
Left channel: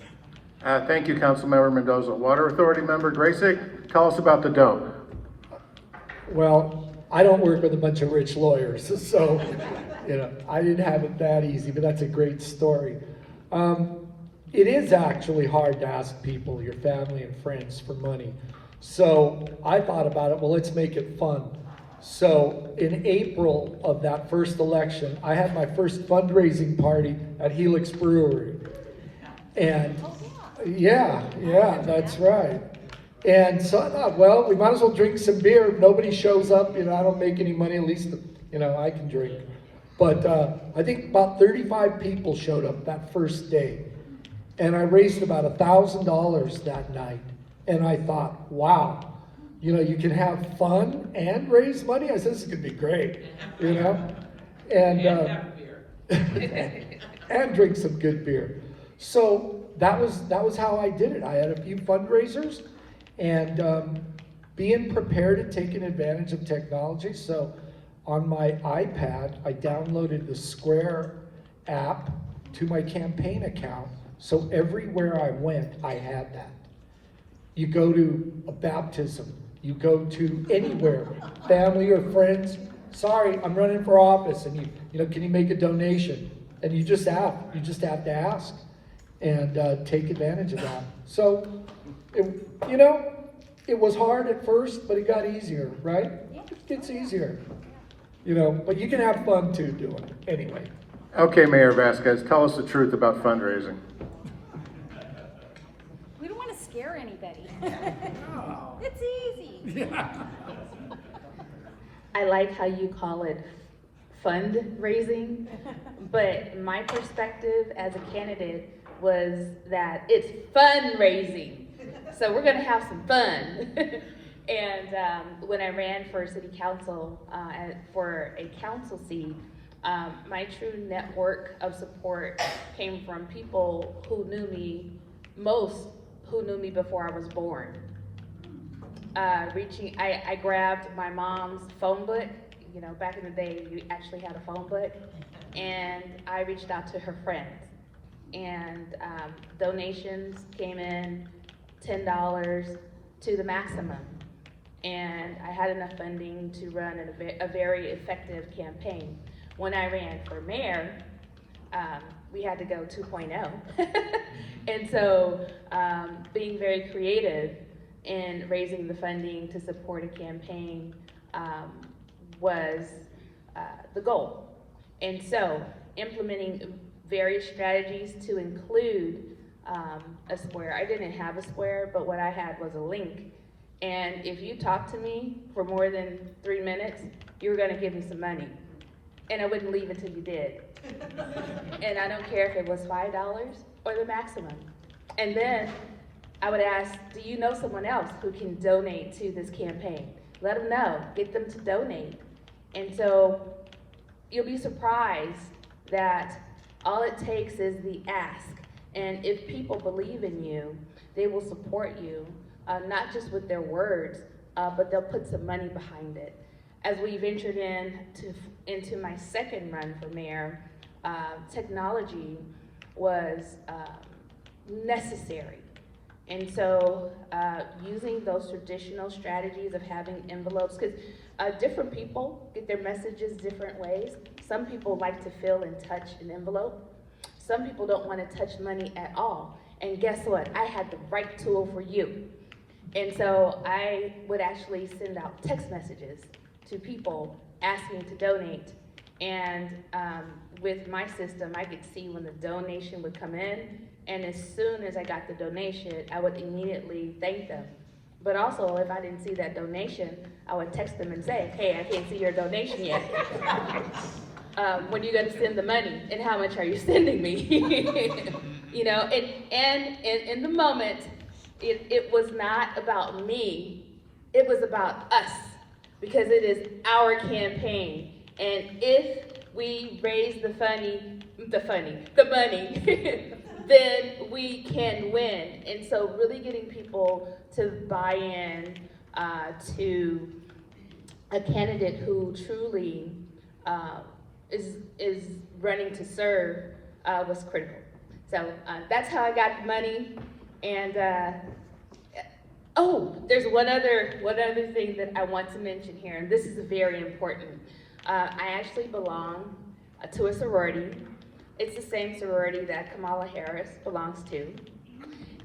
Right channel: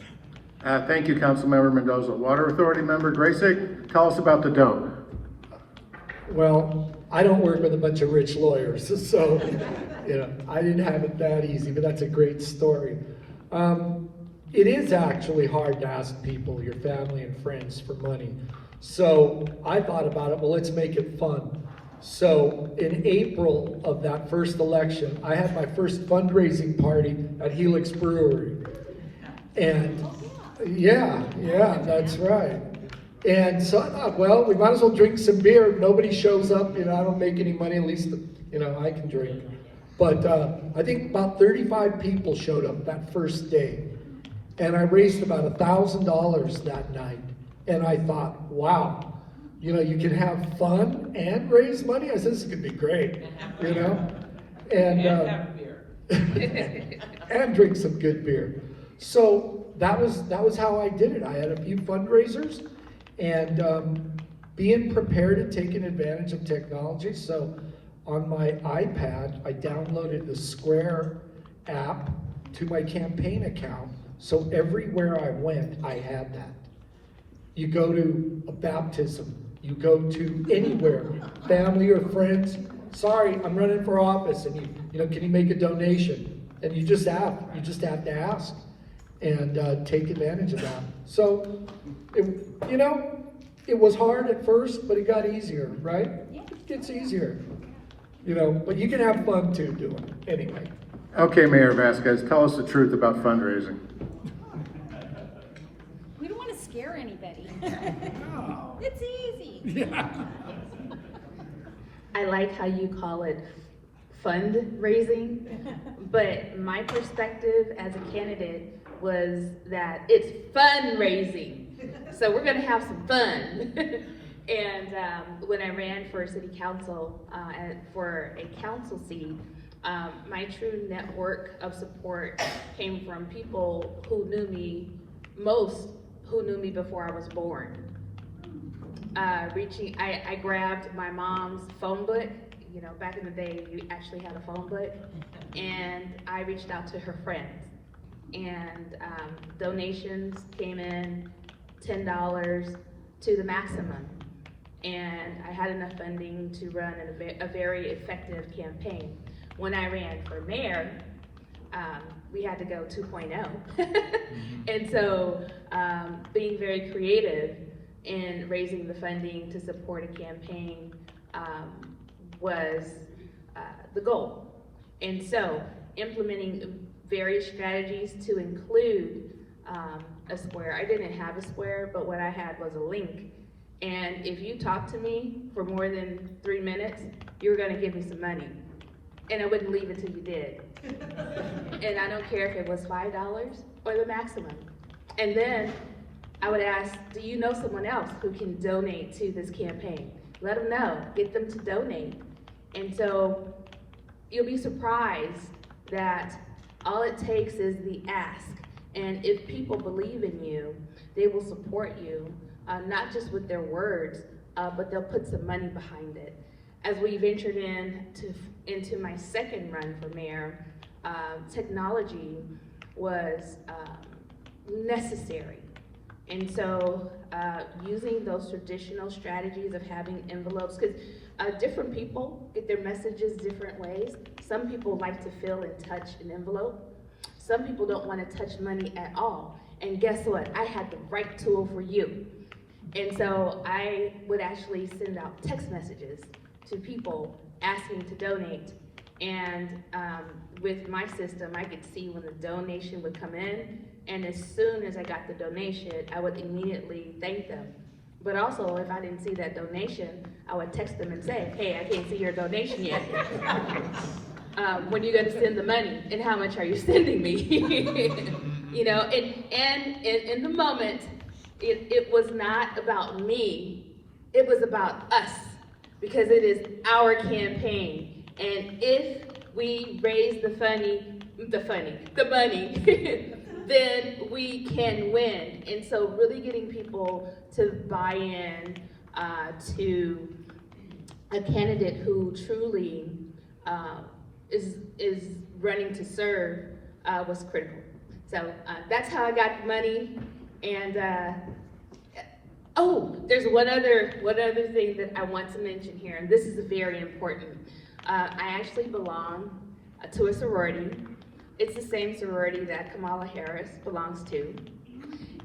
Thank you, Councilmember Mendoza. Water Authority member Gracyk, tell us about the dough. Well, I don't work with a bunch of rich lawyers, so I didn't have it that easy, but that's a great story. It is actually hard to ask people, your family and friends, for money. So I thought about it, well, let's make it fun. So in April of that first election, I had my first fundraising party at Helix Brewery. And yeah, that's right. And so I thought, well, we might as well drink some beer. Nobody shows up, I don't make any money, at least, I can drink. But I think about 35 people showed up that first day. And I raised about $1,000 that night. And I thought, wow, you can have fun and raise money? I said, this is gonna be great, And and drink some good beer. So that was how I did it. I had a few fundraisers, and being prepared and taking advantage of technology. So on my iPad, I downloaded the Square app to my campaign account. So everywhere I went, I had that. You go to a baptism, you go to anywhere, family or friends, sorry, I'm running for office, and can you make a donation? And you just have to ask and take advantage of that. So, it was hard at first, but it got easier, right? It gets easier, but you can have fun too doing it, anyway. Okay, Mayor Vasquez, tell us the truth about fundraising. We don't want to scare anybody. No. It's easy. Yeah. I like how you call it fundraising, but my perspective as a candidate was that it's fundraising. So we're gonna have some fun. And when I ran for city council and for a council seat, my true network of support came from people who knew me, who knew me before I was born. I grabbed my mom's phone book. Back in the day, you actually had a phone book, and I reached out to her friends. and donations came in $10 to the maximum. And I had enough funding to run a very effective campaign. When I ran for mayor, we had to go 2.0. And so being very creative in raising the funding to support a campaign was the goal. And so implementing various strategies to include a square. I didn't have a square, but what I had was a link. And if you talked to me for more than 3 minutes, you were gonna give me some money. And I wouldn't leave until you did. And I don't care if it was $5 or the maximum. And then I would ask, do you know someone else who can donate to this campaign? Let them know, get them to donate. And so you'll be surprised that all it takes is the ask. And if people believe in you, they will support you, not just with their words, but they'll put some money behind it. As we ventured into my second run for mayor, technology was necessary. And so using those traditional strategies of having envelopes, because different people get their messages different ways. Some people like to feel and touch an envelope. Some people don't want to touch money at all. And guess what? I had the right tool for you. And so I would actually send out text messages to people asking to donate. And with my system, I could see when the donation would come in. And as soon as I got the donation, I would immediately thank them. But also, if I didn't see that donation, I would text them and say, hey, I can't see your donation yet. When are you gonna send the money? And how much are you sending me? You know, and in the moment, it was not about me, it was about us, because it is our campaign. And if we raise the money, then we can win. And so really getting people to buy in to a candidate who truly is running to serve was critical. So that's how I got the money. And oh, there's one other thing that I want to mention here, and this is very important. I actually belong to a sorority. It's the same sorority that Kamala Harris belongs to.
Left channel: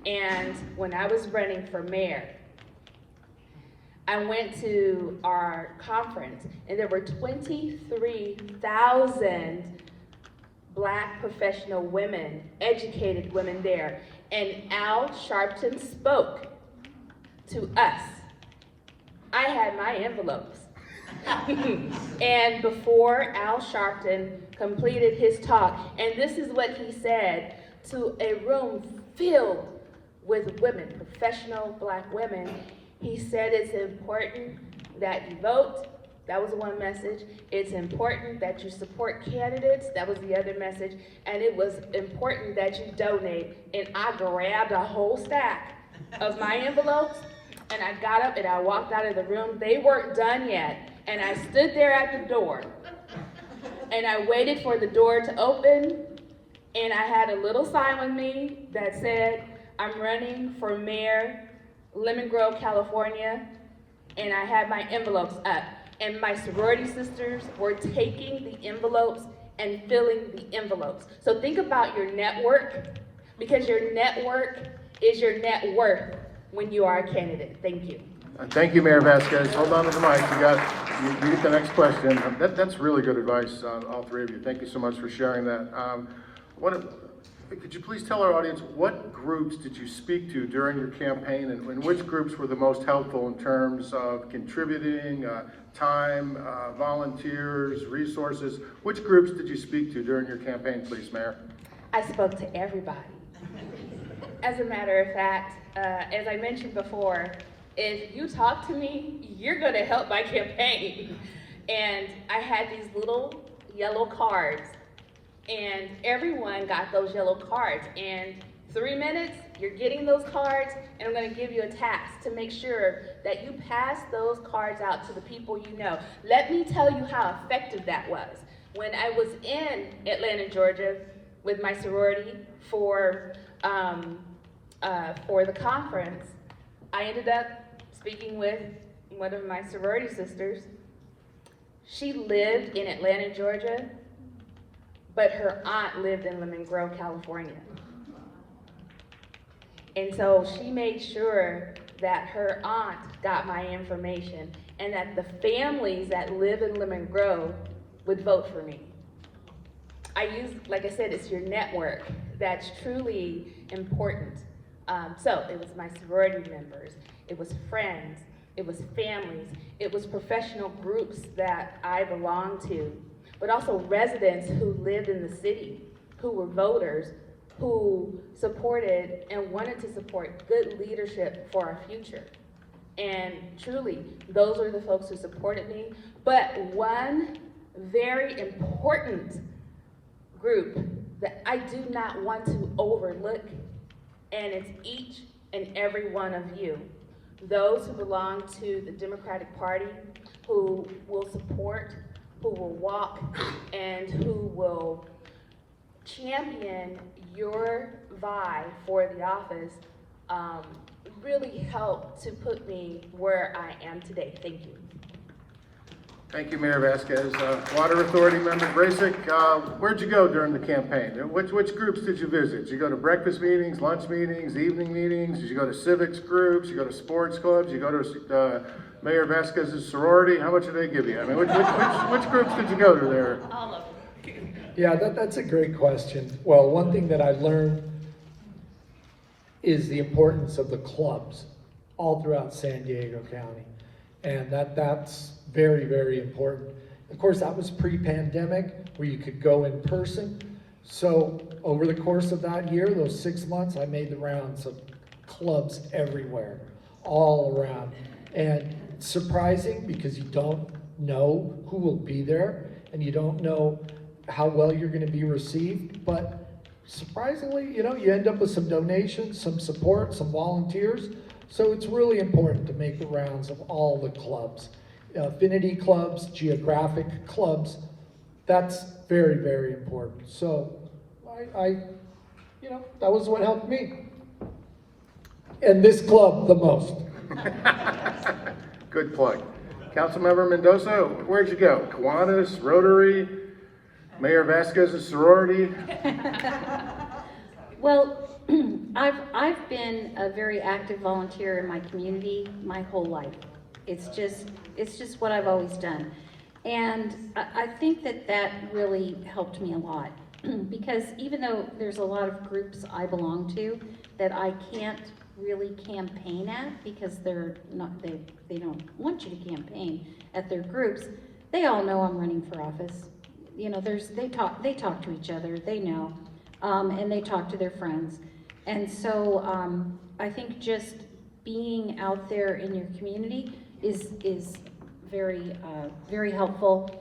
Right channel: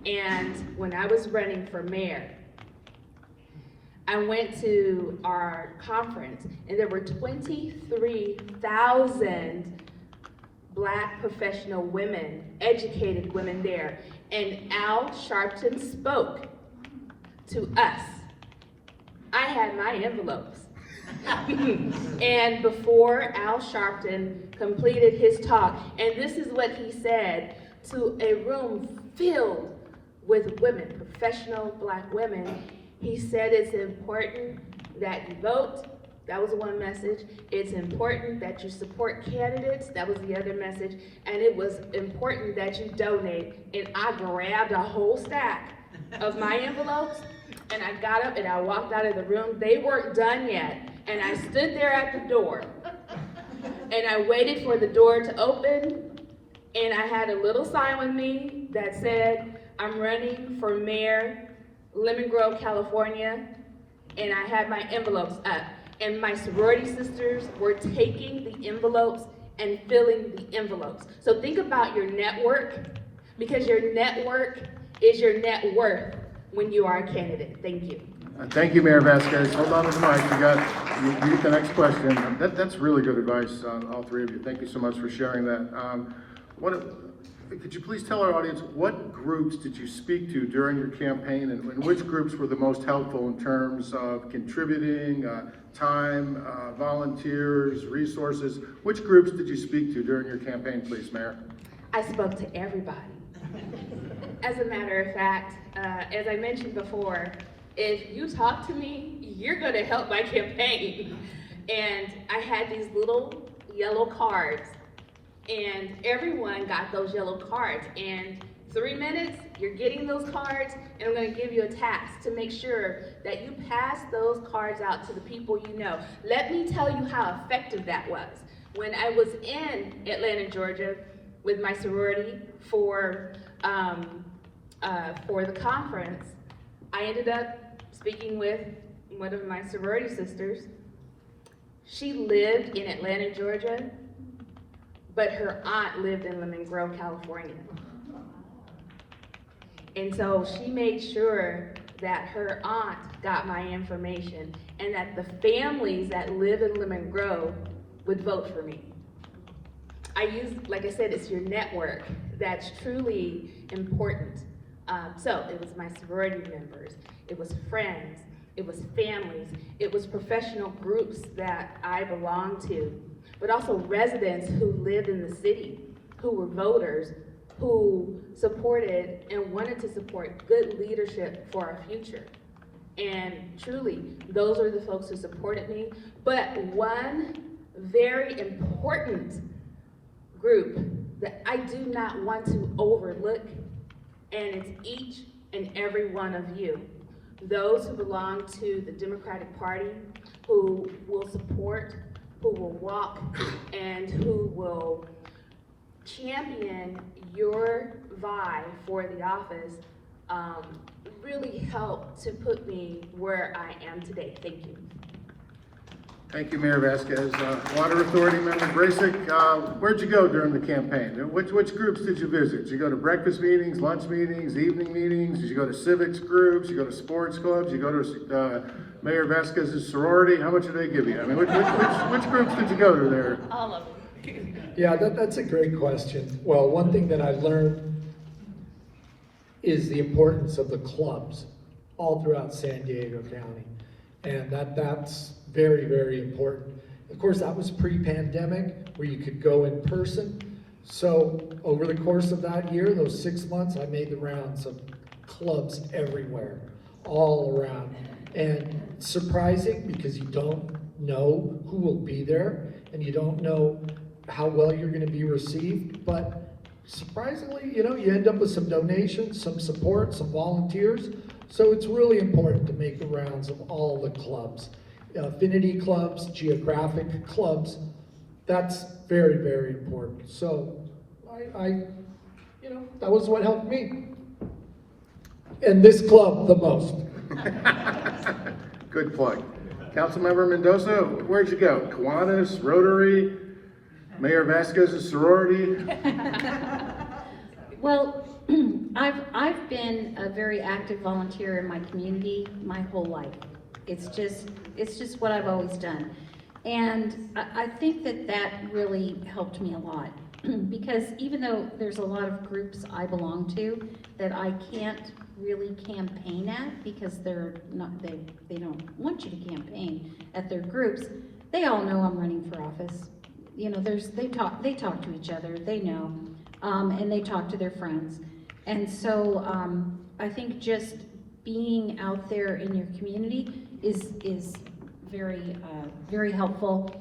And when I was running for mayor, I went to our conference, and there were 23,000 Black professional women, educated women there. And Al Sharpton spoke to us. I had my envelopes. And before Al Sharpton completed his talk, and this is what he said to a room filled with women, professional Black women, he said it's important that you vote. That was one message. It's important that you support candidates. That was the other message. And it was important that you donate. And I grabbed a whole stack of my envelopes, and I got up and I walked out of the room. They weren't done yet. And I stood there at the door, and I waited for the door to open, and I had a little sign with me that said, I'm running for mayor, Lemon Grove, California, and I had my envelopes up. And my sorority sisters were taking the envelopes and filling the envelopes. So think about your network, because your network is your net worth when you are a candidate. Thank you. Thank you, Mayor Vasquez. Hold on to the mic. You get the next question. That's really good advice, all three of you. Thank you so much for sharing that. Could you please tell our audience, what groups did you speak to during your campaign, and which groups were the most helpful in terms of contributing, time, volunteers, resources? Which groups did you speak to during your campaign, please, Mayor? I spoke to everybody. As a matter of fact, as I mentioned before, if you talk to me, you're gonna help my campaign. And I had these little yellow cards, and everyone got those yellow cards. And 3 minutes, you're getting those cards, and I'm gonna give you a task to make sure that you pass those cards out to the people you know. Let me tell you how effective that was. When I was in Atlanta, Georgia, with my sorority for the conference, I ended up speaking with one of my sorority sisters. She lived in Atlanta, Georgia, but her aunt lived in Lemon Grove, California. And so she made sure that her aunt got my information and that the families that live in Lemon Grove would vote for me. I use, like I said, it's your network that's truly important. So it was my sorority members, it was friends, it was families, it was professional groups that I belonged to, but also residents who lived in the city, who were voters, who supported and wanted to support good leadership for our future. And truly, those are the folks who supported me. But one very important group that I do not want to overlook, and it's each and every one of you. Those who belong to the Democratic Party, who will support, who will walk, and who will champion your vie for the office, really helped to put me where I am today. Thank you. Thank you, Mayor Vasquez. Water Authority member Gracyk, where'd you go during the campaign? Which groups did you visit? Did you go to breakfast meetings, lunch meetings, evening meetings? Did you go to civics groups? You go to sports clubs? You go to Mayor Vasquez's sorority? How much did they give you? I mean, which groups did you go to there? All of them. Yeah, that's a great question. Well, one thing that I learned is the importance of the clubs all throughout San Diego County. And that's very, very important. Of course, that was pre-pandemic where you could go in person. So over the course of that year, those 6 months, I made the rounds of clubs everywhere, all around. And surprising because you don't know who will be there and you don't know how well you're going to be received. But surprisingly, you end up with some donations, some support, some volunteers. So it's really important to make the rounds of all the clubs. Affinity clubs, geographic clubs, that's very, very important. So that was what helped me. And this club the most. Good plug. Councilmember Mendoza, where'd you go? Kiwanis, Rotary, Mayor Vasquez's sorority? Well, I've been a very active volunteer in my community my whole life. It's just what I've always done. And I think that really helped me a lot because even though there's a lot of groups I belong to that I can't really campaign at because they don't want you to campaign at their groups, they all know I'm running for office. They talk to each other, they know, and they talk to their friends. And so I think just being out there in your community is very, very helpful.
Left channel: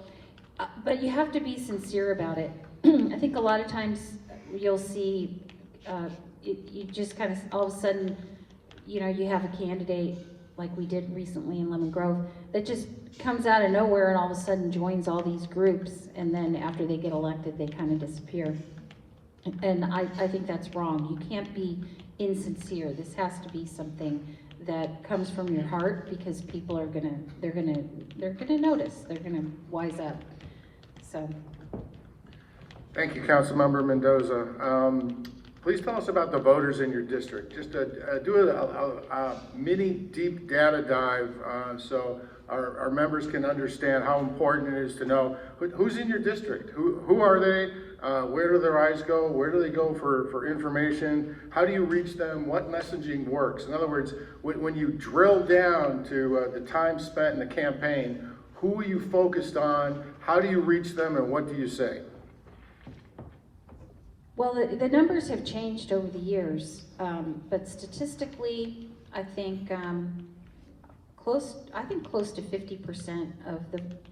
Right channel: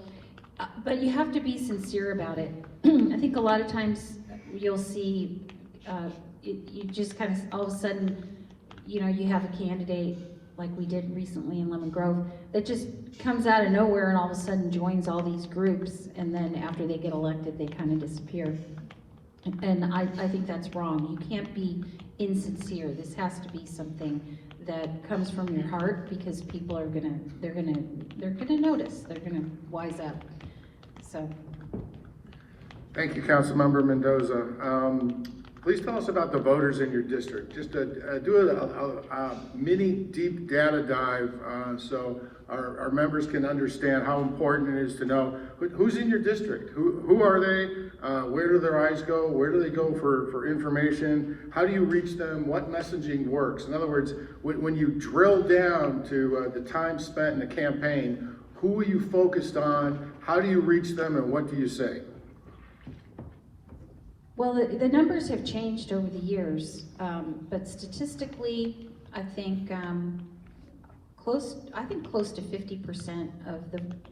But you have to be sincere about it. I think a lot of times you'll see, you just kind of all of a sudden, you have a candidate like we did recently in Lemon Grove that just comes out of nowhere and all of a sudden joins all these groups, and then after they get elected, they kind of disappear. And I think that's wrong. You can't be insincere. This has to be something that comes from your heart because people are gonna notice. They're gonna wise up. So. Thank you, Councilmember Mendoza. Please tell us about the voters in your district. Just do a mini deep data dive so our members can understand how important it is to know who's in your district. Who are they? Where do their eyes go? Where do they go for information? How do you reach them? What messaging works? In other words, when you drill down to the time spent in the campaign, who are you focused on? How do you reach them and what do you say? Well, the numbers have changed over the years, but statistically, I think close to 50%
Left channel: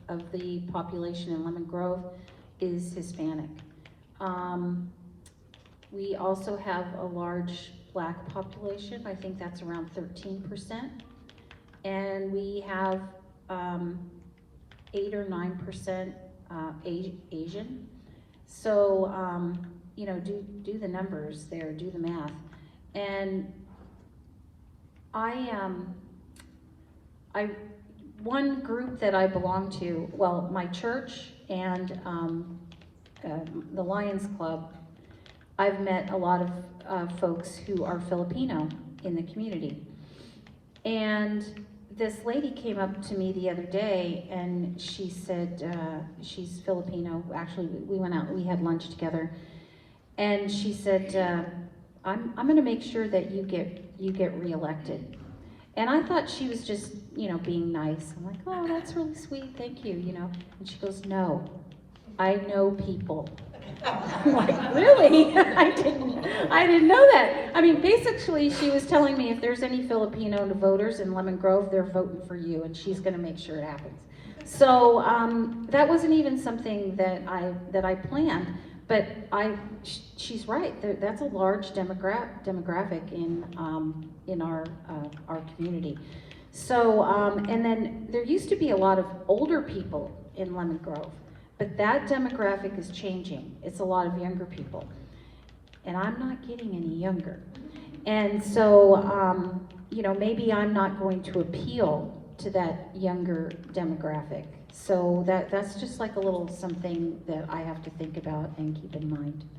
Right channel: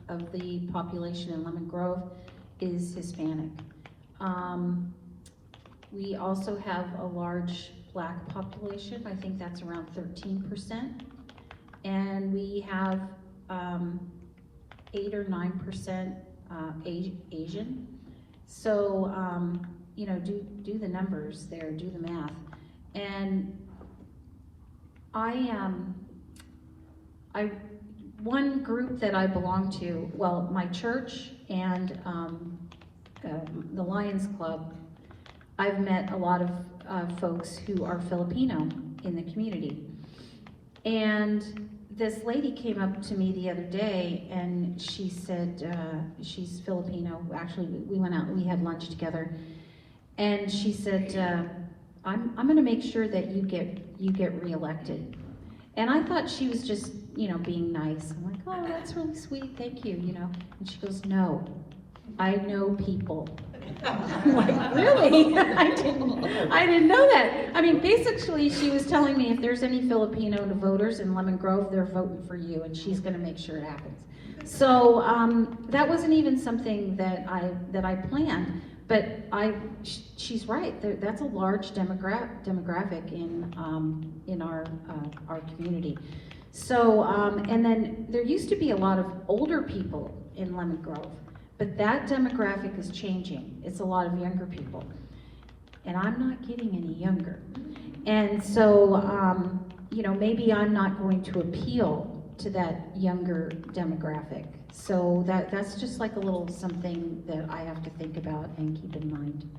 of the population in Lemon Grove is Hispanic. We also have a large Black population. I think that's around 13%, and we have 8 or 9% Asian. So you know, do the numbers there, do the math. And one group that I belong to, well, my church and the Lions Club, I've met a lot of folks who are Filipino in the community. And this lady came up to me the other day and she said, she's Filipino, actually we went out and we had lunch together. And she said, I'm gonna make sure that you get reelected. And I thought she was just, you know, being nice. I'm like, oh, that's really sweet, thank you, you know. And she goes, no, I know people. I'm like, really? I didn't know that. I mean, basically, she was telling me if there's any Filipino voters in Lemon Grove, they're voting for you, and she's going to make sure it happens. So that wasn't even something that I planned, but she's right. That's a large demographic in our community. So and then there used to be a lot of older people in Lemon Grove. But that demographic is changing. It's a lot of younger people. And I'm not getting any younger. And so, you know, maybe I'm not going to appeal to that younger demographic. So that's just like a little something that I have to think about and keep in mind.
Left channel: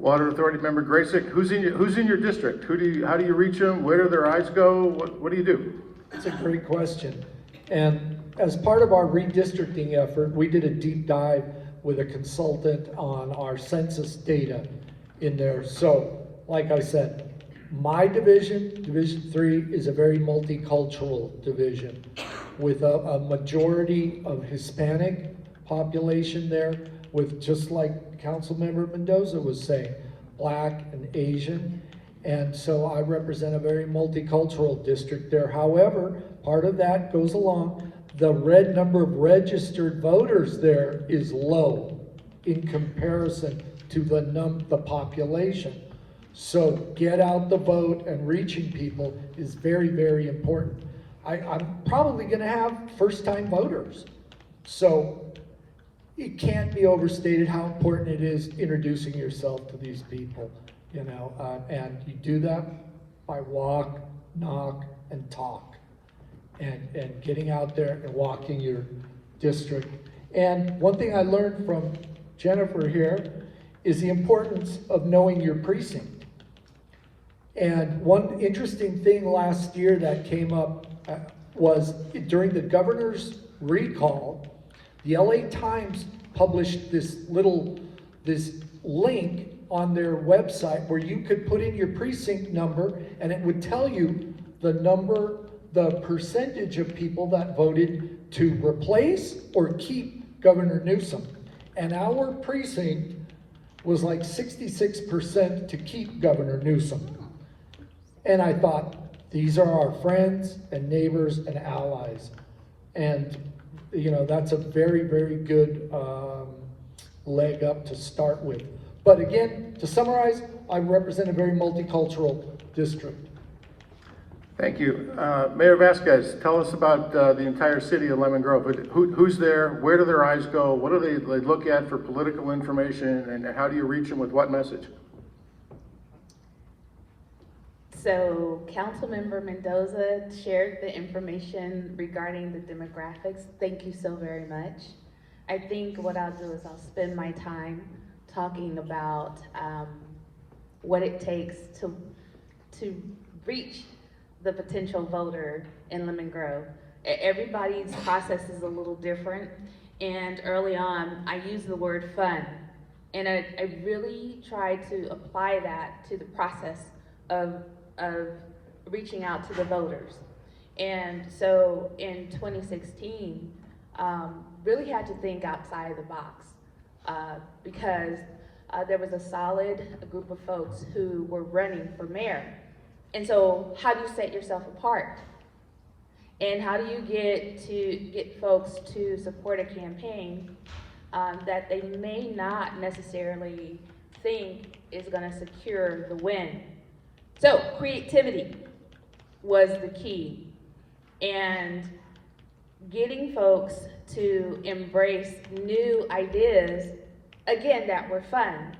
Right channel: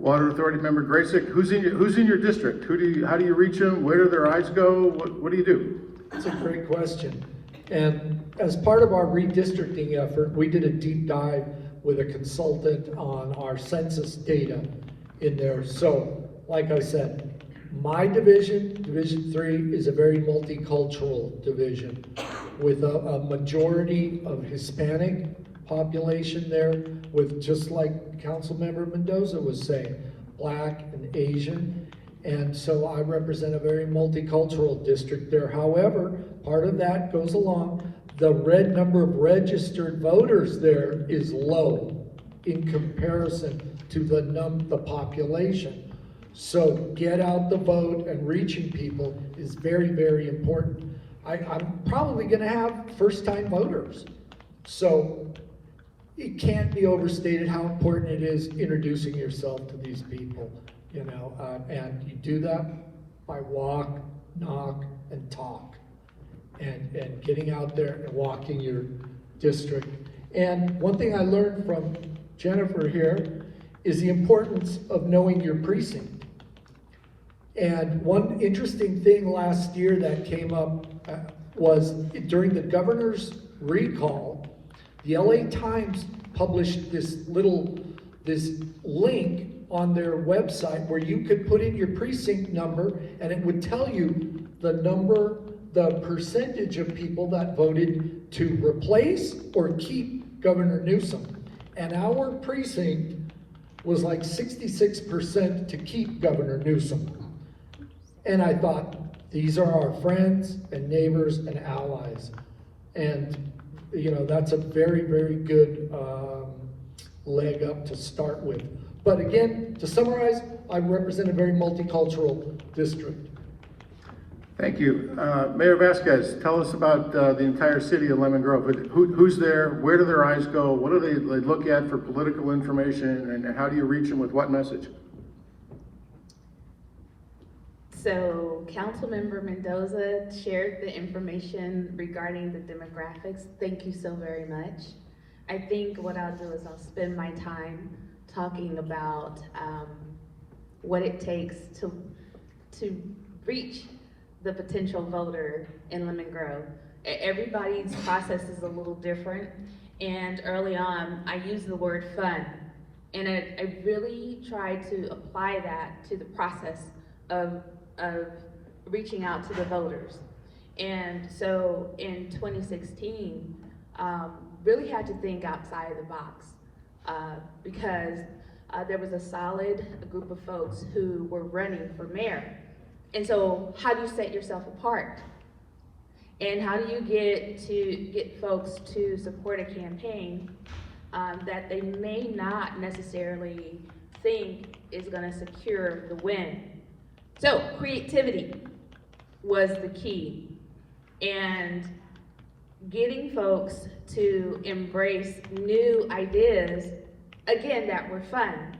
Water Authority member Gracyk, who's in your district? How do you reach them? Where do their eyes go? What do you do? That's a great question. And as part of our redistricting effort, we did a deep dive with a consultant on our census data in there. So, like I said, my division, Division 3, is a very multicultural division with a majority of Hispanic population there, with, just like Councilmember Mendoza was saying, Black and Asian. And so I represent a very multicultural district there. However, part of that goes along, the number of registered voters there is low in comparison to the population. So get out the vote and reaching people is very, very important. I'm probably gonna have first-time voters. So it can't be overstated how important it is introducing yourself to these people, you know, and you do that by walk, knock, and talk. And getting out there and walking your district. And one thing I learned from Jennifer here is the importance of knowing your precinct. And one interesting thing last year that came up was during the governor's recall, the LA Times published this link on their website where you could put in your precinct number and it would tell you the percentage of people that voted to replace or keep Governor Newsom. And our precinct was like 66% to keep Governor Newsom. And I thought, these are our friends and neighbors and allies. And, you know, that's a very, very good leg up to start with. But again, to summarize, I represent a very multicultural district. Thank you. Mayor Vasquez, tell us about the entire city of Lemon Grove. Who's there? Where do their eyes go? What do they look at for political information? And how do you reach them with what message? So Councilmember Mendoza shared the information regarding the demographics. Thank you so very much. I think what I'll do is I'll spend my time talking about what it takes to reach the potential voter in Lemon Grove. Everybody's process is a little different, and early on I used the word fun, and I really tried to apply that to the process of reaching out to the voters. And so in 2016, really had to think outside of the box because there was a solid group of folks who were running for mayor. And so how do you set yourself apart? And how do you get folks to support a campaign that they may not necessarily think is gonna secure the win? So creativity was the key. And getting folks to embrace new ideas, again, that were fun.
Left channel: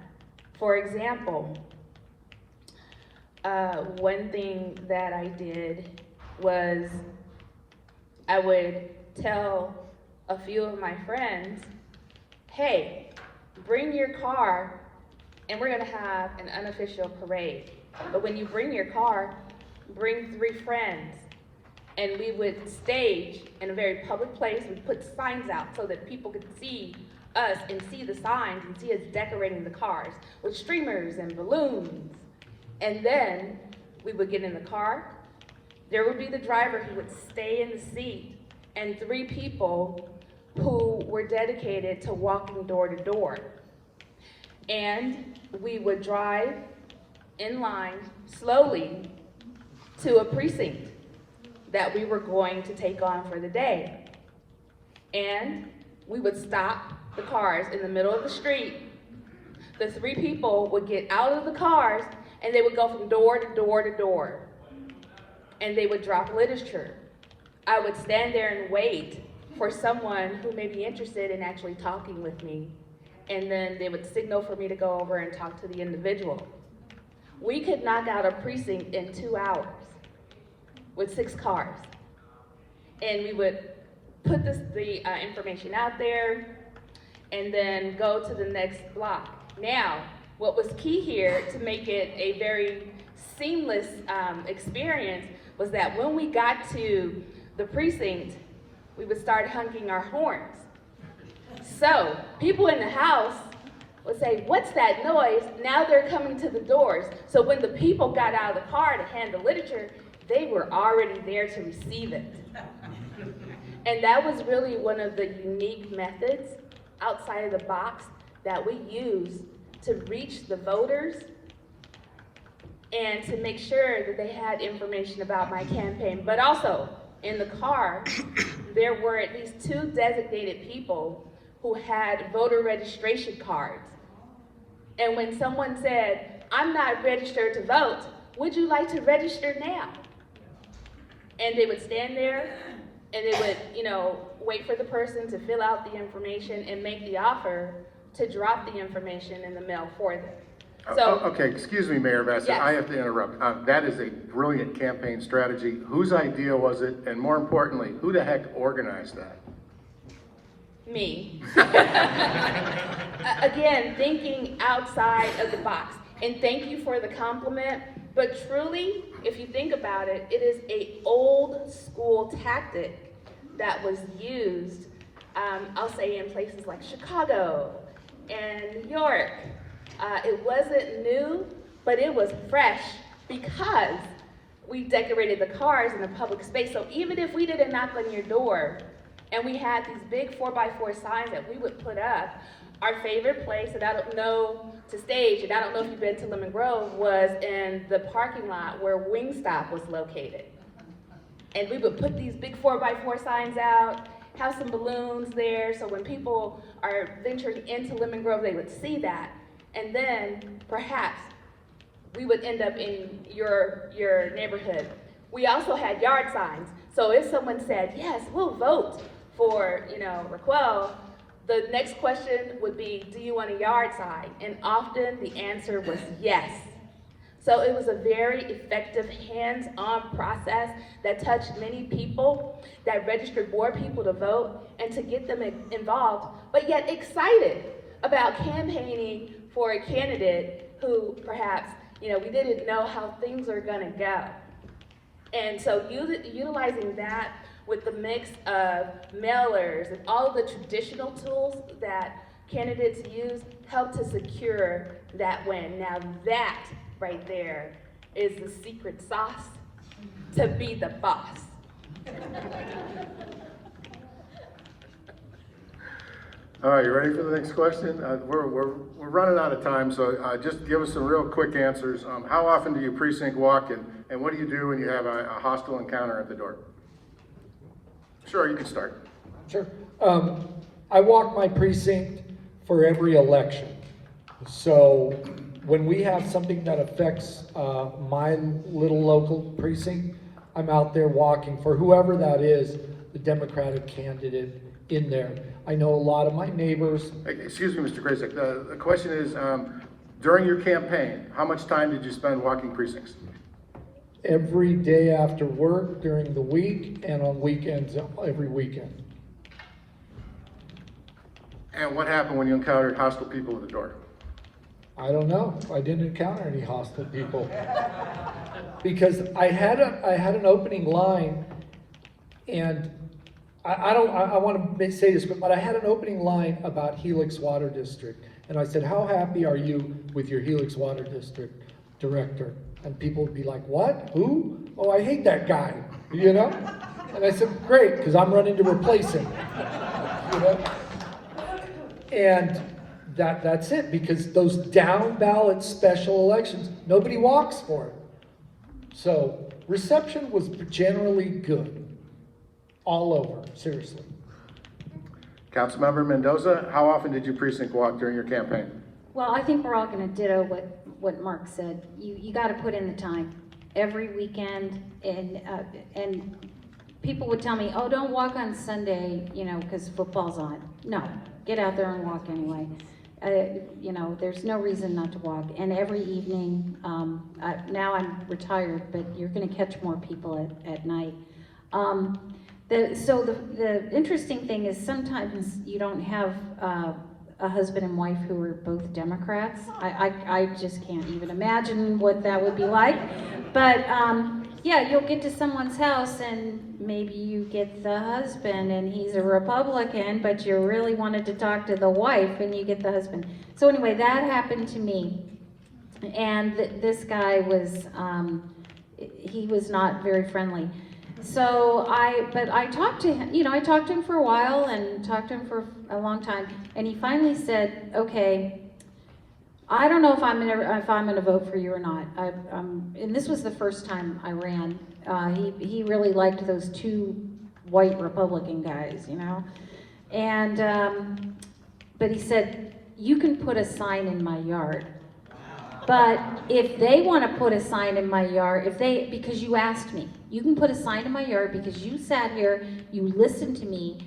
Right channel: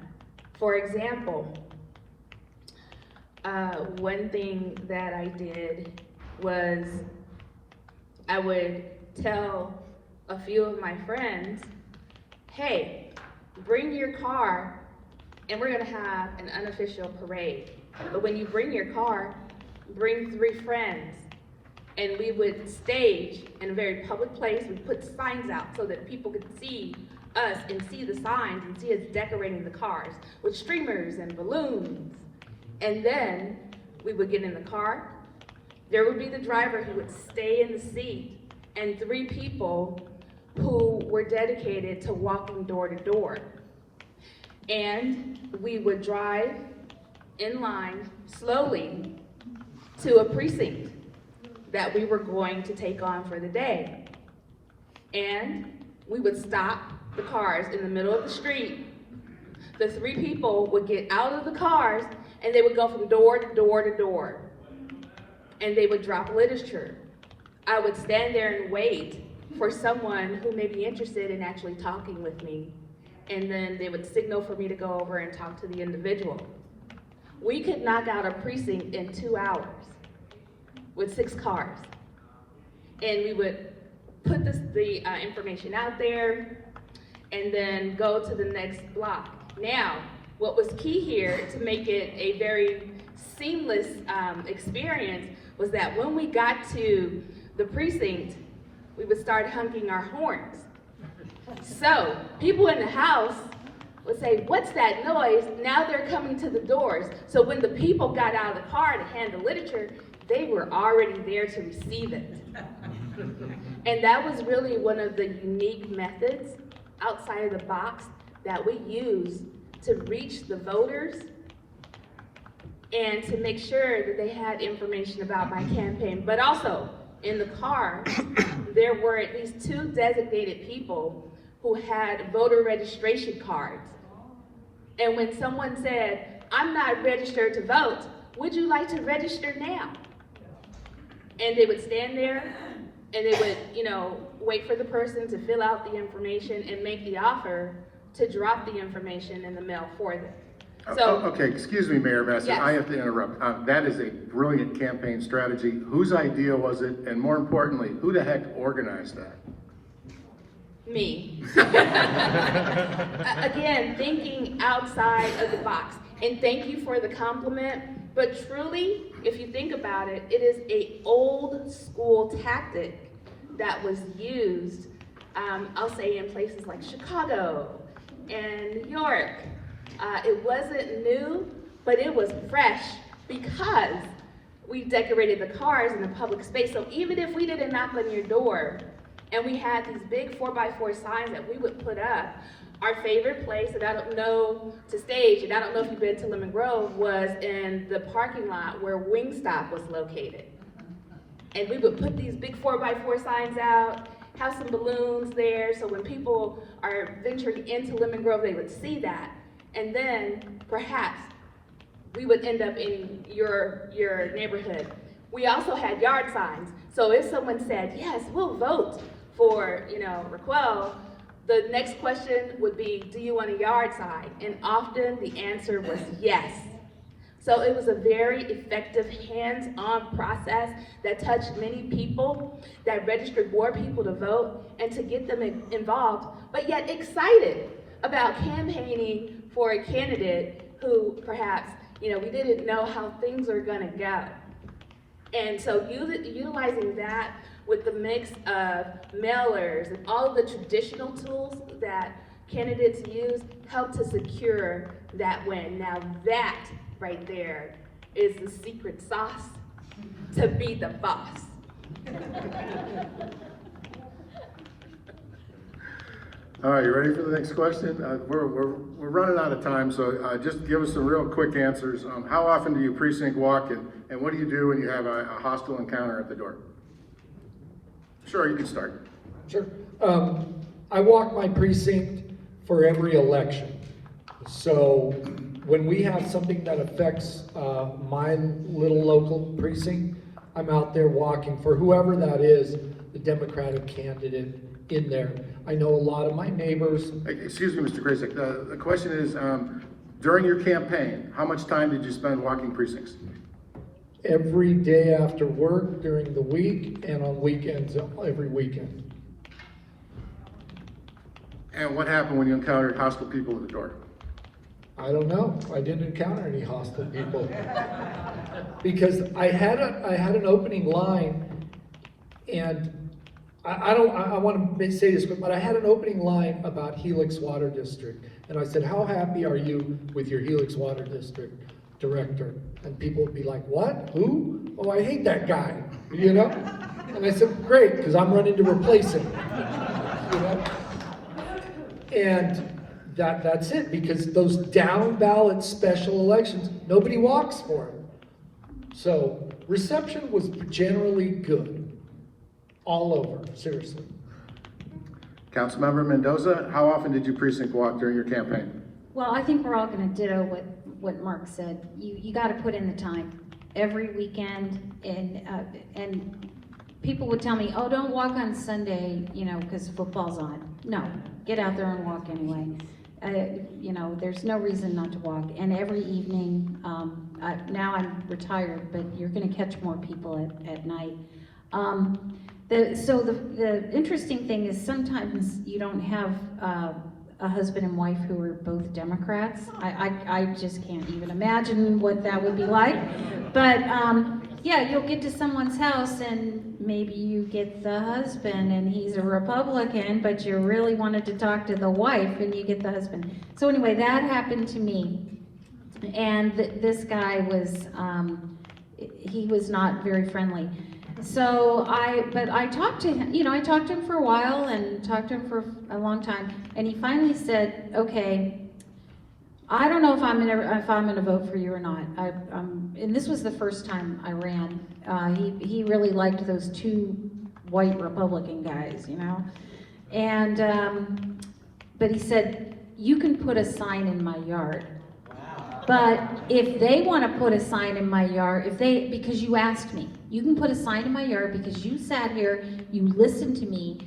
For example, one thing that I did was I would tell a few of my friends, hey, bring your car and we're gonna have an unofficial parade. But when you bring your car, bring 3 friends. And we would stage in a very public place. We'd put signs out so that people could see us and see the signs and see us decorating the cars with streamers and balloons. And then we would get in the car. There would be the driver who would stay in the seat, and 3 people who were dedicated to walking door to door. And we would drive in line slowly to a precinct that we were going to take on for the day. And we would stop the cars in the middle of the street. The 3 people would get out of the cars and they would go from door to door to door. And they would drop literature. I would stand there and wait for someone who may be interested in actually talking with me. And then they would signal for me to go over and talk to the individual. We could knock out a precinct in 2 hours with 6 cars. And we would put the information out there and then go to the next block. Now, what was key here to make it a very seamless experience was that when we got to the precinct, we would start honking our horns. So people in the house would say, what's that noise? Now they're coming to the doors. So when the people got out of the car to hand the literature, they were already there to receive it. And that was really one of the unique methods outside of the box that we use to reach the voters and to make sure that they had information about my campaign. But also, in the car, there were at least 2 designated people who had voter registration cards. And when someone said, I'm not registered to vote, would you like to register now? And they would stand there and they would, wait for the person to fill out the information and make the offer to drop the information in the mail for them. So, okay, excuse me, Mayor Vasquez, yes. I have to interrupt. That is a brilliant campaign strategy. Whose idea was it? And more importantly, who the heck organized that? Me. Again, thinking outside of the box. And thank you for the compliment, but truly, if you think about it, it is an old school tactic that was used, I'll say in places like Chicago and New York. It wasn't new, but it was fresh because we decorated the cars in a public space. So even if we didn't knock on your door and we had these big 4x4 signs that we would put up, our favorite place, and I don't know to stage, and I don't know if you've been to Lemon Grove, was in the parking lot where Wingstop was located. And we would put these big 4x4 signs out, have some balloons there, so when people are venturing into Lemon Grove, they would see that. And then perhaps we would end up in your neighborhood. We also had yard signs. So if someone said, yes, we'll vote for, Racquel, the next question would be, do you want a yard sign? And often the answer was yes. So it was a very effective hands-on process that touched many people, that registered more people to vote, and to get them involved, but yet excited about campaigning for a candidate who perhaps, we didn't know how things are gonna go. And so utilizing that with the mix of mailers and all of the traditional tools that candidates use helped to secure that win. Now that right there is the secret sauce to be the boss. All right, you ready for the next question? We're running out of time, so just give us some real quick answers. How often do you precinct walk, and what do you do when you have a hostile encounter at the door? Sure, you can start. Sure. I walk my precinct for every election. So when we have something that affects my little local precinct, I'm out there walking for whoever that is, the Democratic candidate in there. I know a lot of my neighbors. Excuse me, Mr. Gracyk. The question is, During your campaign, how much time did you spend walking precincts? Every day after work, during the week, and on weekends, every weekend. And what happened when you encountered hostile people at the door? I don't know. I didn't encounter any hostile people. Because I had an opening line, and I want to say this, but I had an opening line about Helix Water District. And I said, how happy are you with your Helix Water District director? And people would be like, what? Who? Oh, I hate that guy, you know? And I said, great, because I'm running to replace him, you know? And that's it, because those down ballot special elections, nobody walks for it. So reception was generally good, all over, seriously. Councilmember Mendoza, how often did you precinct walk during your campaign? Well, I think we're all gonna ditto what Mark said. You gotta put in the time every weekend, and people would tell me, oh, don't walk on Sunday, you know, because football's on. No, get out there and walk anyway. You know, there's no reason not to walk. And every evening, now I'm retired, but you're gonna catch more people at night. The interesting thing is sometimes you don't have a husband and wife who are both Democrats. I just can't even imagine what that would be like. But yeah, you'll get to someone's house and maybe you get the husband and he's a Republican, but you really wanted to talk to the wife and you get the husband. So anyway, that happened to me. And this guy was, he was not very friendly. So but I talked to him, you know, I talked to him for a while and talked to him for a long time. And he finally said, okay, I don't know if I'm gonna vote for you or not. And this was the first time I ran. He really liked those two white Republican guys, you know. And but he said, you can put a sign in my yard. But if they want to put a sign in my yard, because you asked me, you can put a sign in my yard because you sat here, you listened to me,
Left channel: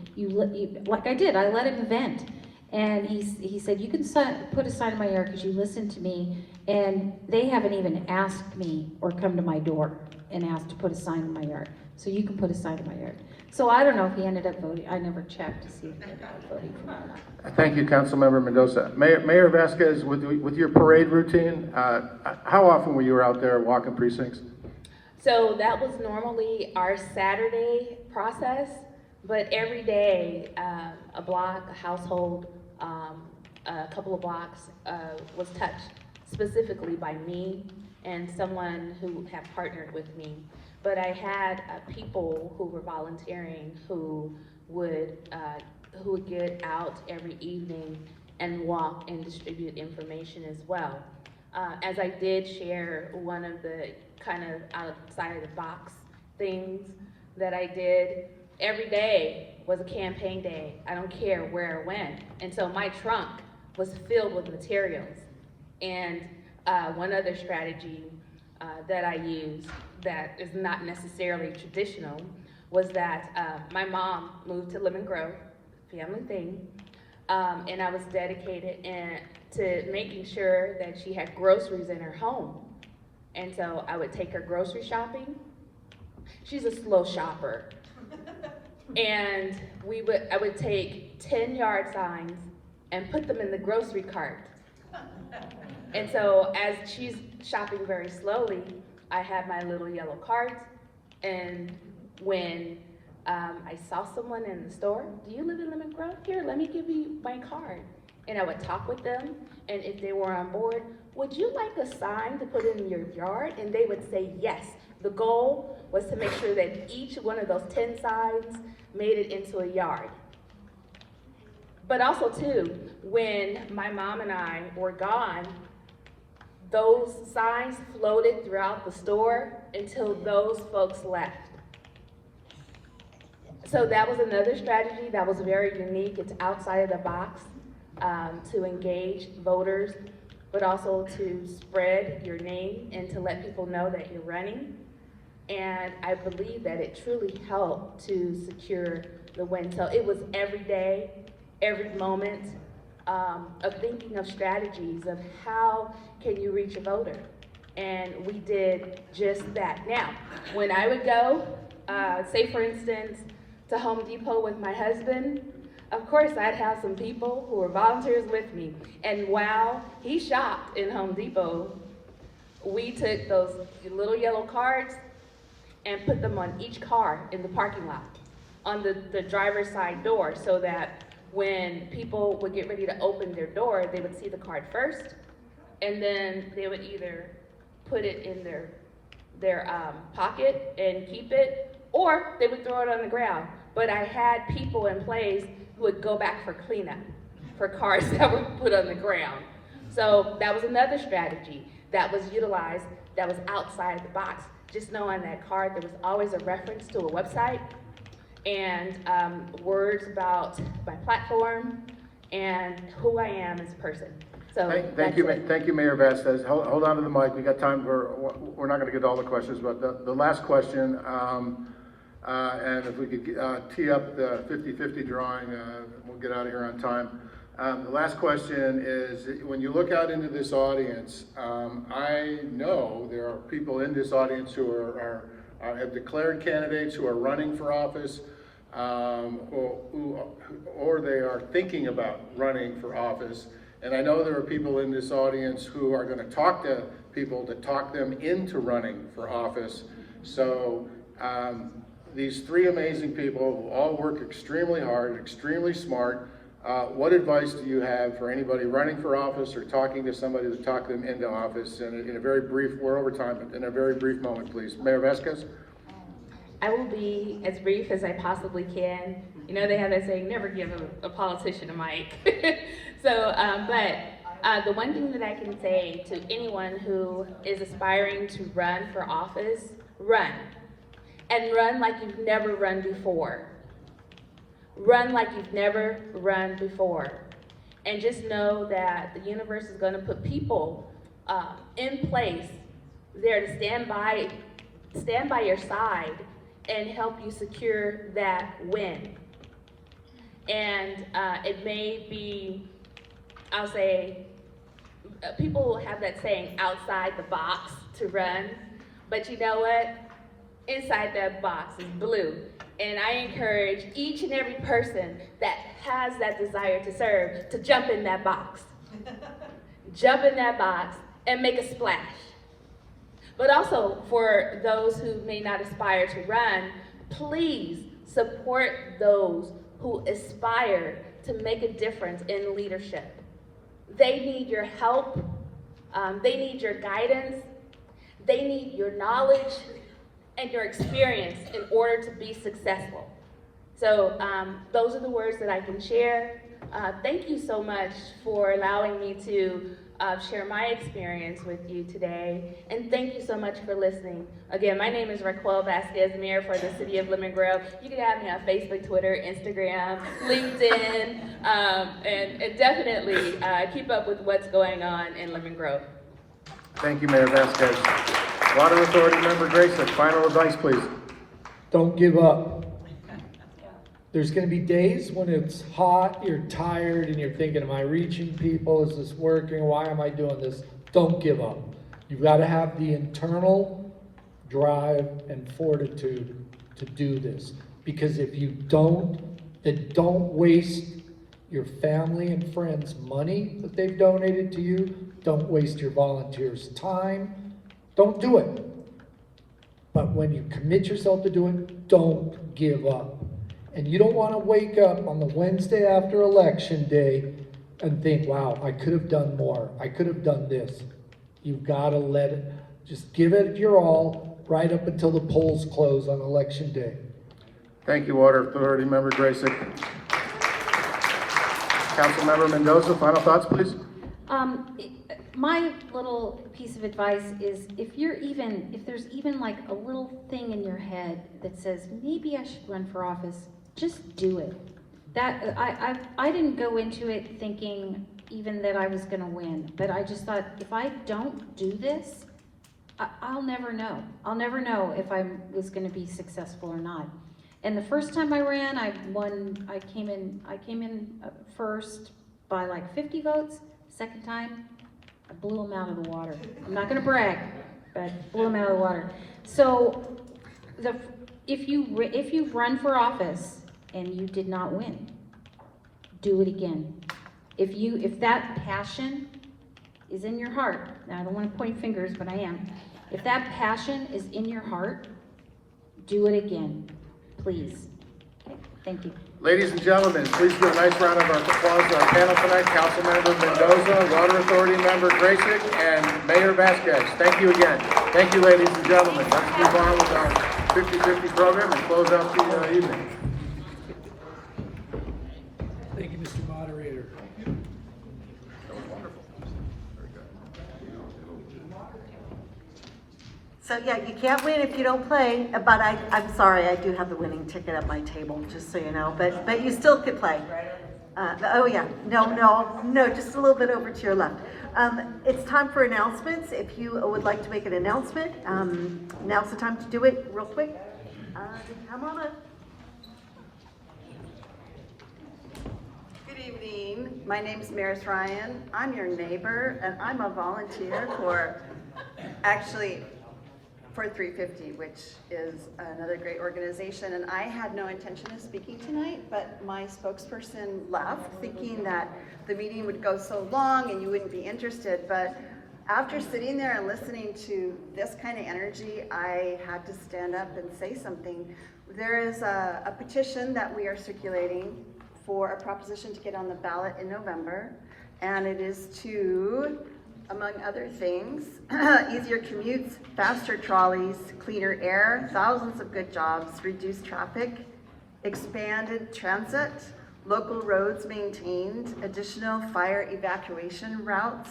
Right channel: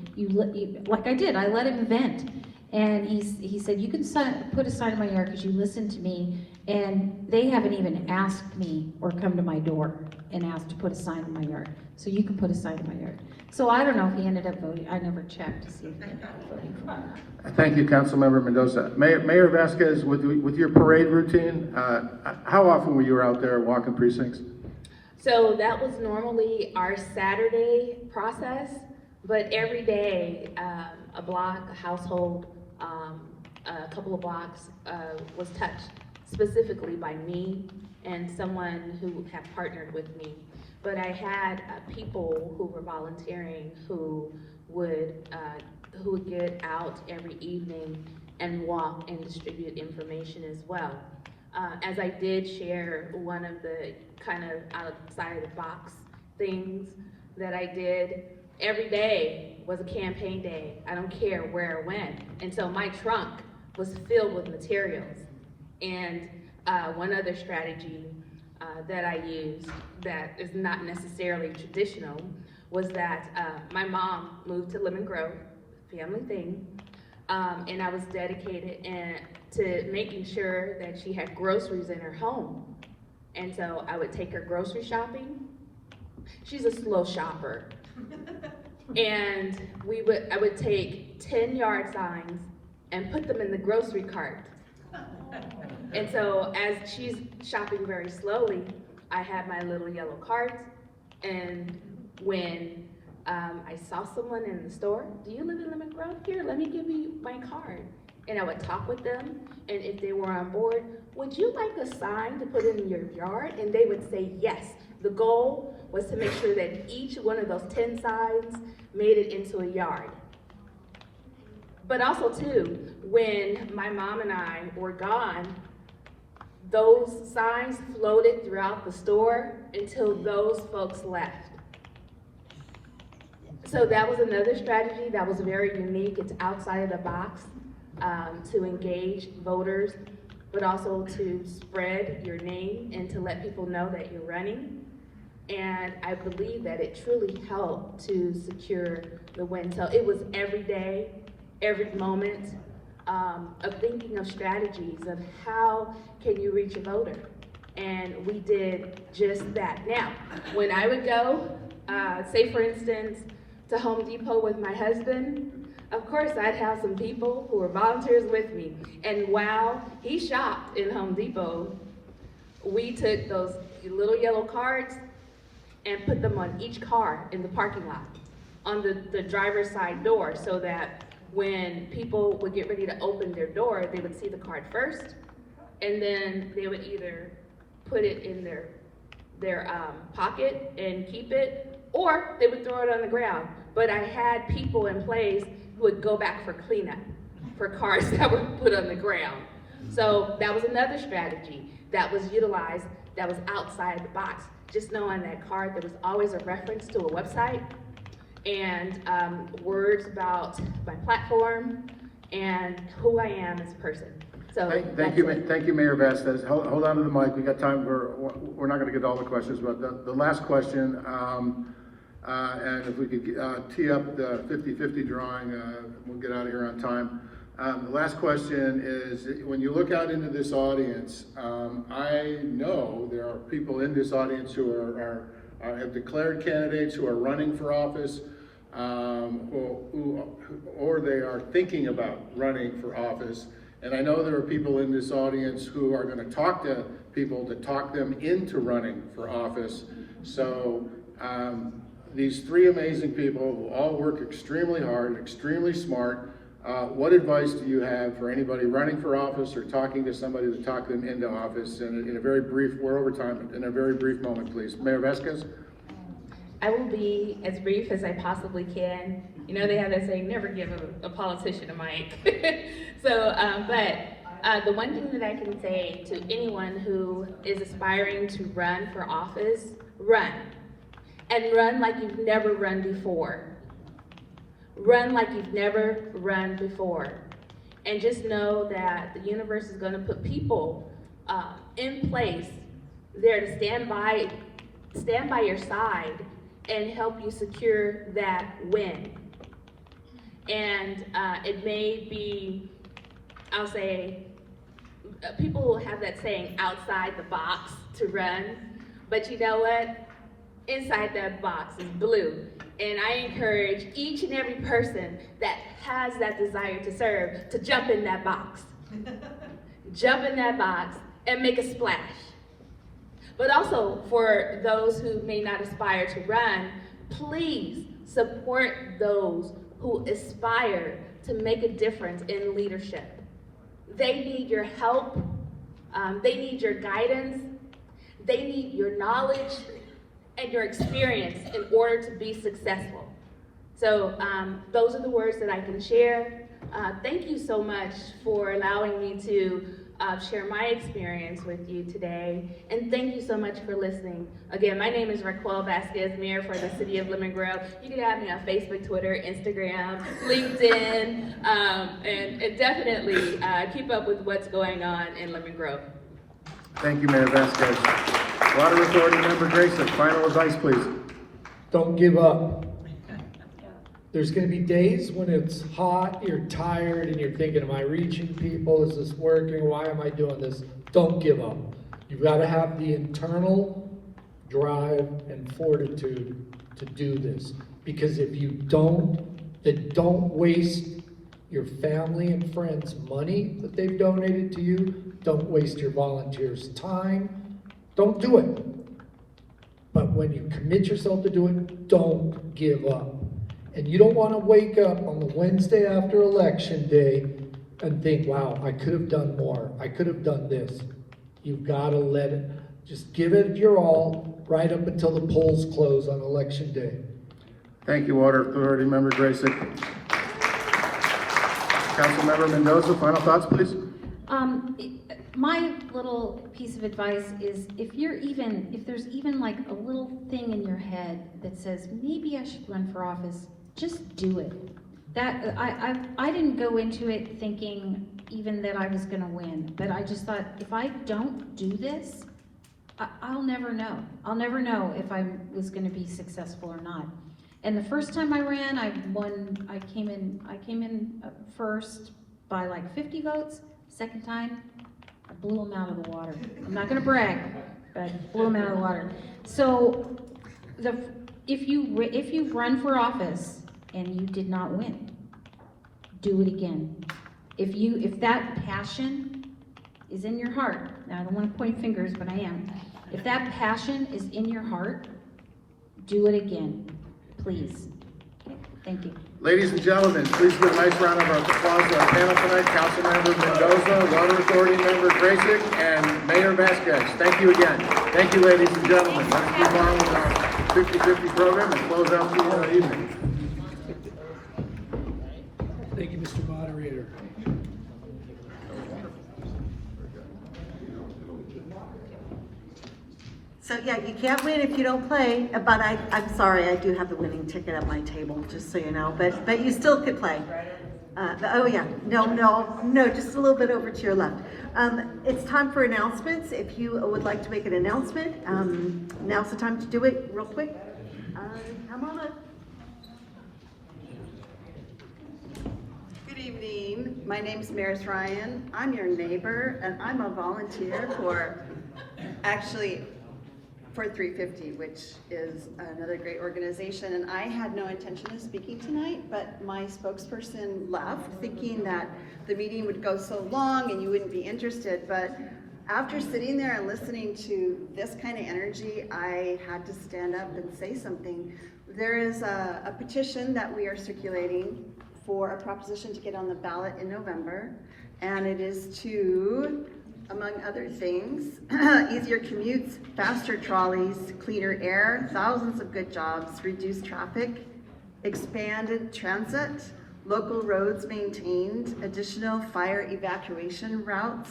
like I did, I let him vent. And he said, you can put a sign in my yard because you listened to me, and they haven't even asked me or come to my door and asked to put a sign in my yard. So you can put a sign in my yard. So I don't know if he ended up voting. I never checked to see if he ended up voting for me. Thank you, Councilmember Mendoza. Mayor Vasquez, with your parade routine, how often were you out there walking precincts? So that was normally our Saturday process, but every day, a block, a household, a couple of blocks was touched specifically by me and someone who had partnered with me. But I had people who were volunteering who would get out every evening and walk and distribute information as well. As I did share, one of the kind of outside of the box things that I did, every day was a campaign day. I don't care where I went. And so my trunk was filled with materials. And one other strategy that I used that is not necessarily traditional was that my mom moved to Lemon Grove, family thing, and I was dedicated to making sure that she had groceries in her home. And so I would take her grocery shopping. She's a slow shopper. And I would take 10 yard signs and put them in the grocery cart. And so as she's shopping very slowly, I had my little yellow cart, and when I saw someone in the store, do you live in Lemon Grove? Here, let me give you my card. And I would talk with them, and if they were on board, would you like a sign to put in your yard? And they would say yes. The goal was to make sure that each one of those 10 signs made it into a yard. But also too, when my mom and I were gone, those signs floated throughout the store until those folks left. So that was another strategy that was very unique. It's outside of the box to engage voters, but also to spread your name and to let people know that you're running. And I believe that it truly helped to secure the win. So it was every day, every moment. of thinking of strategies of how can you reach a voter. And we did just that. Now, when I would go, say for instance, to Home Depot with my husband, of course I'd have some people who were volunteers with me. And while he shopped in Home Depot, we took those little yellow cards and put them on each car in the parking lot, on the driver's side door, so that when people would get ready to open their door, they would see the card first, and then they would either put it in their pocket and keep it, or they would throw it on the ground. But I had people in place who would go back for cleanup for cards that were put on the ground. So that was another strategy that was utilized that was outside the box. Just knowing that card, there was always a reference to a website and words about my platform and who I am as a person. So Thank you, Mayor Vasquez. Hold on to the mic. We got time. We're not going to get all the questions, but the last question, and if we could tee up the 50-50 drawing, we'll get out of here on time. The last question is, when you look out into this audience, I know there are people in this audience who have declared candidates, who are running for office, or they are thinking about running for office. And I know there are people in this audience who are going to talk to people to talk them into running for office. So these three amazing people who all work extremely hard, extremely smart. What advice do you have for anybody running for office or talking to somebody to talk them into office? And in a very brief, we're over time, but in a very brief moment, please. Mayor Vasquez? I will be as brief as I possibly can. You know, they have that saying, never give a politician a mic. So, but the one thing that I can say to anyone who is aspiring to run for office, run. And run like you've never run before. Run like you've never run before. And just know that the universe is going to put people in place there to stand by your side and help you secure that win. And it may be, I'll say, people will have that saying, outside the box to run, but you know what? Inside that box is blue. And I encourage each and every person that has that desire to serve to jump in that box. Jump in that box and make a splash. But also for those who may not aspire to run, please support those who aspire to make a difference in leadership. They need your help, they need your guidance, they need your knowledge and your experience in order to be successful. So those are the words that I can share. Thank you so much for allowing me to share my experience with you today. And thank you so much for listening. Again, my name is Racquel Vasquez, Mayor for the City of Lemon Grove. You can have me on Facebook, Twitter, Instagram, LinkedIn, and definitely keep up with what's going on in Lemon Grove. Thank you, Mayor Vasquez. Water Authority Member Gracyk, final advice, please. Don't give up. There's going to be days when it's hot, you're tired, and you're thinking, am I reaching people? Is this working? Why am I doing this? Don't give up. You've got to have the internal drive and fortitude to do this. Because if you don't, then don't waste your family and friends' money that they've donated to you. Don't waste your volunteers' time. Don't do it. But when you commit yourself to do it, don't give up. And you don't want to wake up on the Wednesday after Election Day and think, wow, I could have done more. I could have done this. You've got to let it, just give it your all right up until the polls close on Election Day. Thank you, Water Authority Member Gracyk. Councilmember Mendoza, final thoughts, please. My little piece of advice is if there's even like a little thing in your head that says, maybe I should run for office, just do it. That I didn't go into it thinking even that I was gonna win, but I just thought, if I don't do this, I'll never know. I'll never know if I was gonna be successful or not. And the first time I ran, I won. I came in first by like 50 votes. Second time, I blew him out of the water. I'm not gonna brag, but I blew him out of the water. So, if you've run for office and you did not win, do it again. If that passion is in your heart, now I don't want to point fingers, but I am. If that passion is in your heart, do it again, please. Okay, thank you. Ladies and gentlemen, please give a nice round of applause to our panel tonight, Councilmember Mendoza, Water Authority Member Gracyk, and Mayor Vasquez. Thank you again. Thank you, ladies and gentlemen. Let's move on with our 50-50 program and close out the evening. Thank you, Mr. Moderator. So yeah, you can't win if you don't play, but I'm sorry, I do have the winning ticket at my table, just so you know, but you still could play. Oh yeah, no, just a little bit over to your left. It's time for announcements. If you would like to make an announcement, now's the time to do it real quick. Come on up. Good evening. My name's Maris Ryan. I'm your neighbor, and I'm a volunteer for 350, which is another great organization. And I had no intention of speaking tonight, but my spokesperson left thinking that the meeting would go so long and you wouldn't be interested. But after sitting there and listening to this kind of energy, I had to stand up and say something. There is a petition that we are circulating for a proposition to get on the ballot in November, and it is to, among other things, easier commutes, faster trolleys, cleaner air, thousands of good jobs, reduced traffic, expanded transit, local roads maintained, additional fire evacuation routes,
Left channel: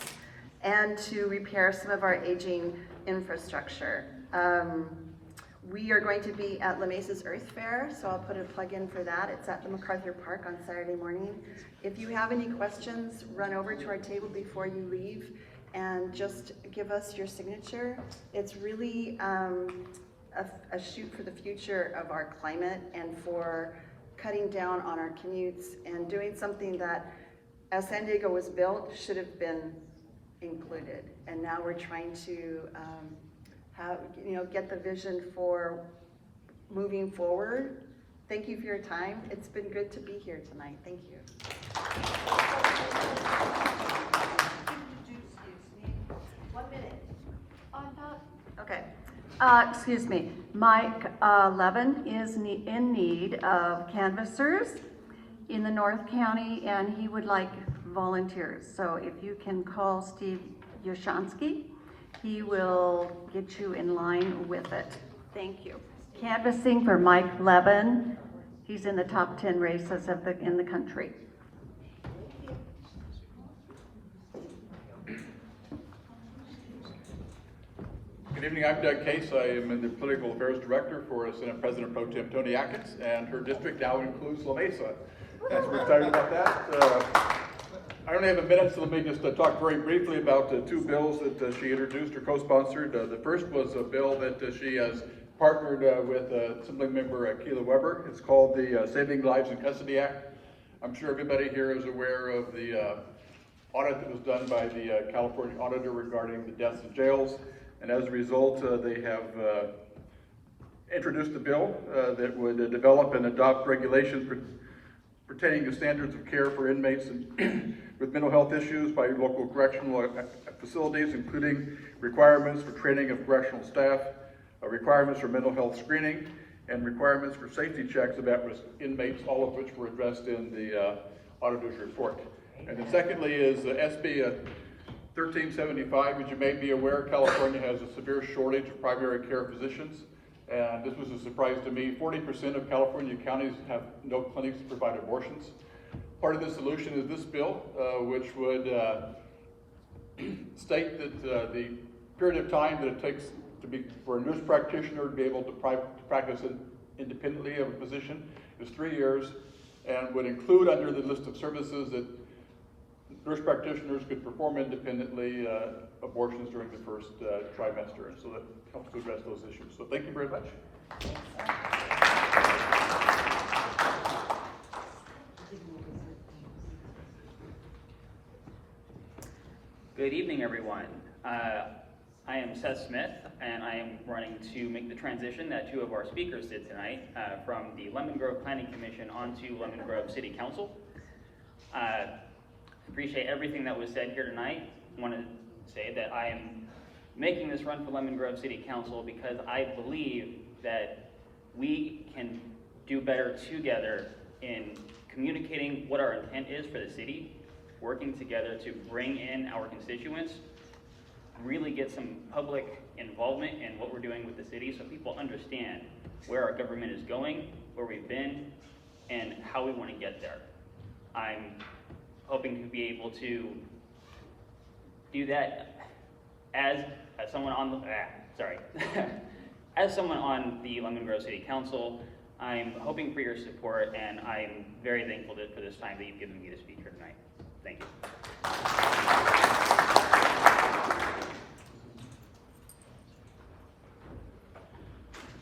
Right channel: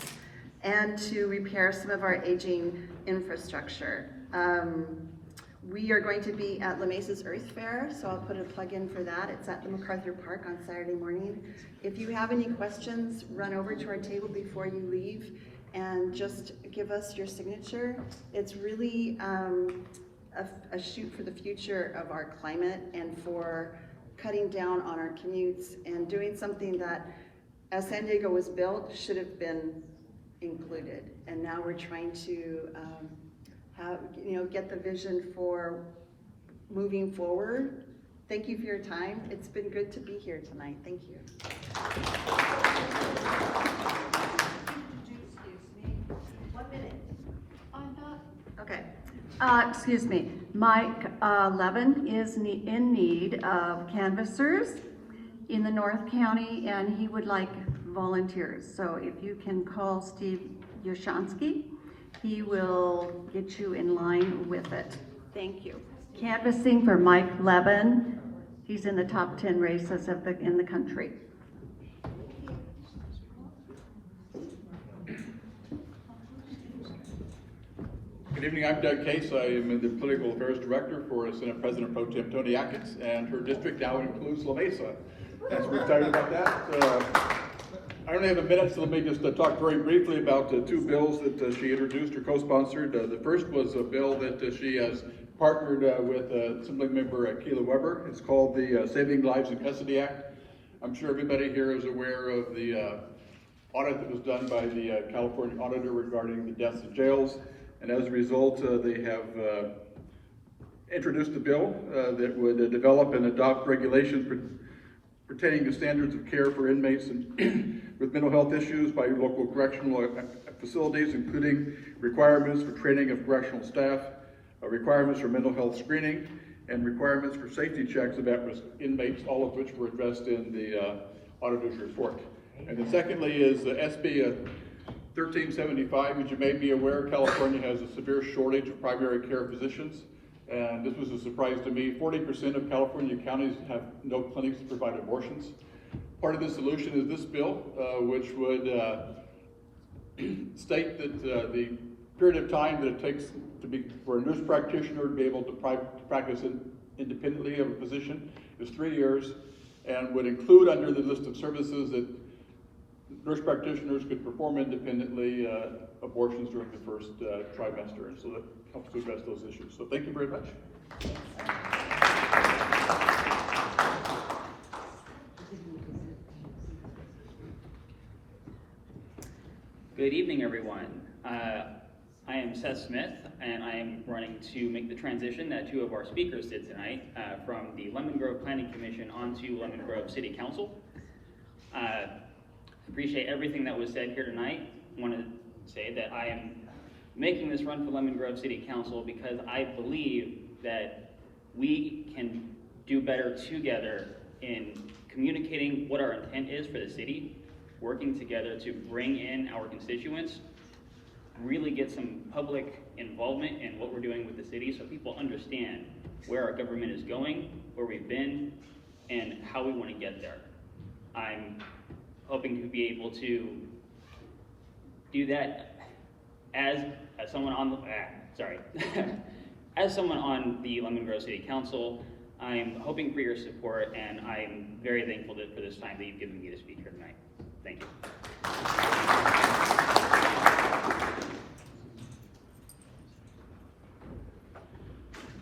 and to repair some of our aging infrastructure. We are going to be at La Mesa's Earth Fair, so I'll put a plug in for that. It's at the MacArthur Park on Saturday morning. If you have any questions, run over to our table before you leave and just give us your signature. It's really a shoot for the future of our climate and for cutting down on our commutes and doing something that, as San Diego was built, should have been included. And now we're trying to get the vision for moving forward. Thank you for your time. It's been good to be here tonight. Thank you. Okay. Excuse me. Mike Levin is in need of canvassers in the North County, and he would like volunteers. So if you can call Steve Yashansky, he will get you in line with it. Thank you. Canvassing for Mike Levin. He's in the top 10 races in the country. Good evening, I'm Doug Case. I am the Political Affairs Director for Senate President Pro Tem Tony Atkins, and her district now includes La Mesa. And so we're excited about that. I only have a minute, so let me just talk very briefly about two bills that she introduced or co-sponsored. The first was a bill that she has partnered with Assembly Member Keila Weber. It's called the Saving Lives in Custody Act. I'm sure everybody here is aware of the audit that was done by the California auditor regarding the deaths in jails. And as a result, they have introduced a bill that would develop and adopt regulations pertaining to standards of care for inmates with mental health issues by local correctional facilities, including requirements for training of correctional staff, requirements for mental health screening, and requirements for safety checks of at-risk inmates, all of which were addressed in the auditor's report. And then secondly is SB 1375. As you may be aware, California has a severe shortage of primary care physicians. And this was a surprise to me. 40% of California counties have no clinics to provide abortions. Part of the solution is this bill, which would state that the period of time that it takes for a nurse practitioner to be able to practice independently of a physician is 3 years, and would include under the list of services that nurse practitioners could perform independently abortions during the first trimester, and so that helps to address those issues. So thank you very much. Good evening, everyone. I am Seth Smith, and I am running to make the transition that two of our speakers did tonight from the Lemon Grove Planning Commission onto Lemon Grove City Council. Appreciate everything that was said here tonight. I want to say that I am making this run for Lemon Grove City Council because I believe that we can do better together in communicating what our intent is for the city, working together to bring in our constituents, really get some public involvement in what we're doing with the city so people understand where our government is going, where we've been, and how we want to get there. I'm hoping to be able to do that as someone on the, as someone on the Lemon Grove City Council. I'm hoping for your support, and I'm very thankful for this time that you've given me to speak here tonight. Thank you.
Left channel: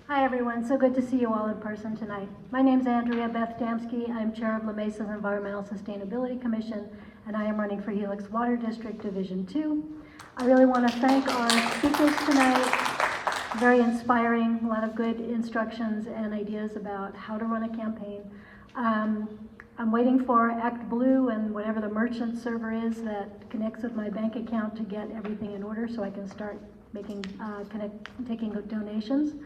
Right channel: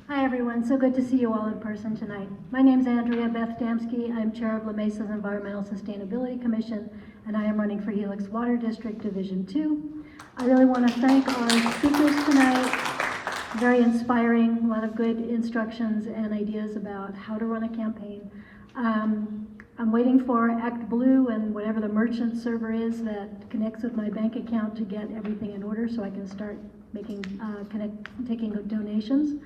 Hi everyone, so good to see you all in person tonight. My name is Andrea Beth Damsky. I'm chair of La Mesa's Environmental Sustainability Commission, and I am running for Helix Water District Division 2. I really want to thank our speakers tonight. Very inspiring, a lot of good instructions and ideas about how to run a campaign. I'm waiting for Act Blue and whatever the merchant server is that connects with my bank account to get everything in order so I can start making taking donations.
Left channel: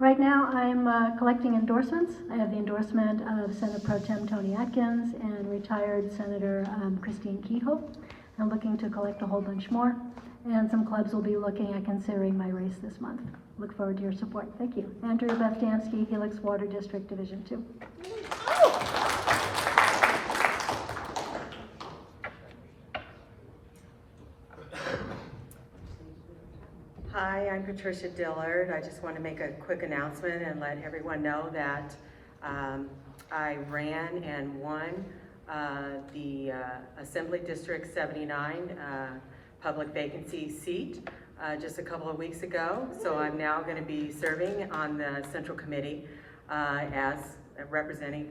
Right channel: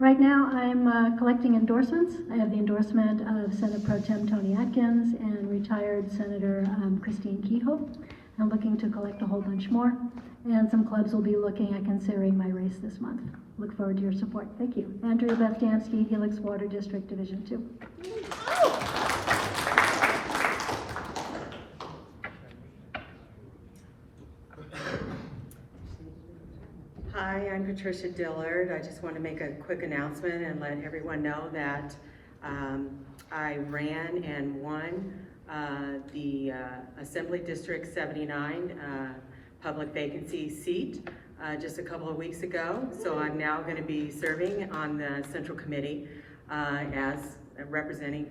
Right now, I'm collecting endorsements. I have the endorsement of Senate Pro Tem Tony Atkins and retired Senator Christine Kehoe. I'm looking to collect a whole bunch more, and some clubs will be looking at considering my race this month. Look forward to your support. Thank you. Andrea Beth Damsky, Helix Water District Division 2. Hi, I'm Patricia Dillard. I just want to make a quick announcement and let everyone know that I ran and won the Assembly District 79 public vacancy seat just a couple of weeks ago. So I'm now going to be serving on the Central Committee as representing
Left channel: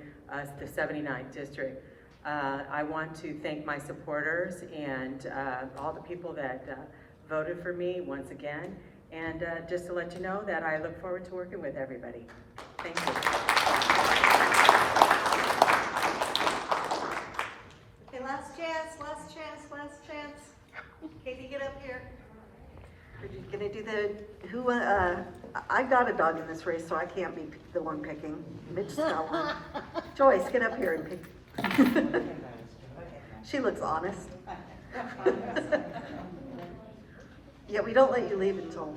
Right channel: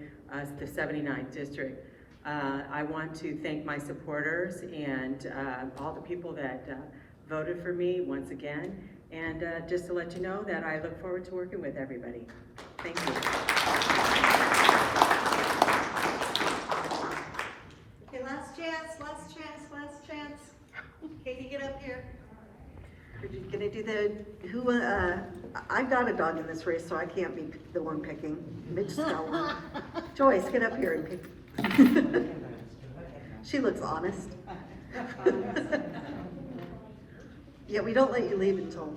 the 79th District. I want to thank my supporters and all the people that voted for me once again, and just to let you know that I look forward to working with everybody. Thank you. Okay, last chance. Katie, get up here. Are you gonna do the, I got a dog in this race, so I can't be the one picking. Mitch's got one. Joyce, get up here and pick. She looks honest. Yeah, we don't let you leave until.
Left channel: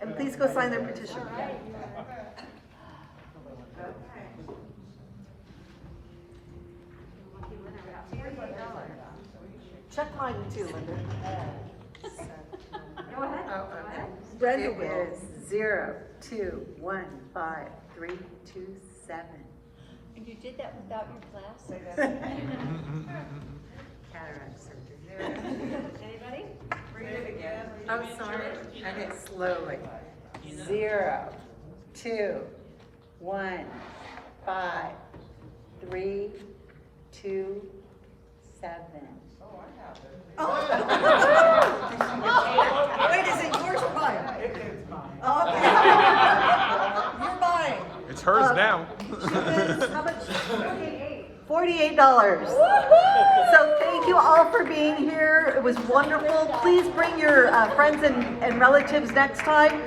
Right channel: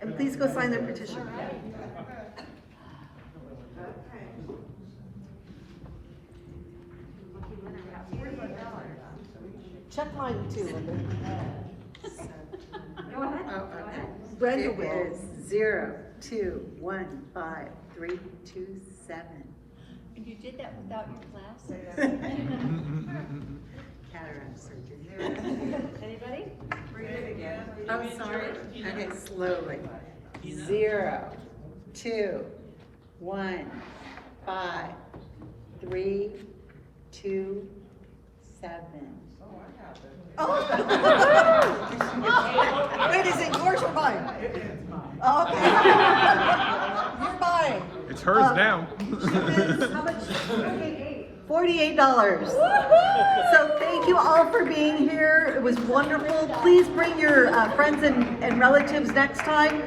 And please go sign their petition. Check mine too, Linda. Go ahead. Go ahead. Brenda will. 0, 2, 1, 5, 3, 2, 7. And you did that without your glasses. Cataract surgery. Anybody? Read it again. Oh, sorry. Okay, slowly. 0, 2, 1, 5, 3, 2, 7. Oh! Wait, is it yours or mine? Oh, okay. You're mine. It's hers now. How much? $48. So thank you all for being here. It was wonderful. Please bring your friends and relatives next time.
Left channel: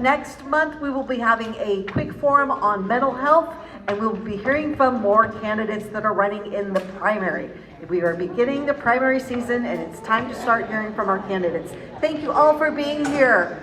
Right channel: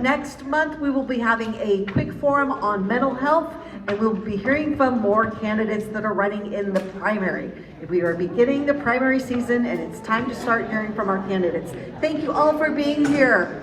Next month we will be having a quick forum on mental health, and we'll be hearing from more candidates that are running in the primary. We are beginning the primary season, and it's time to start hearing from our candidates. Thank you all for being here.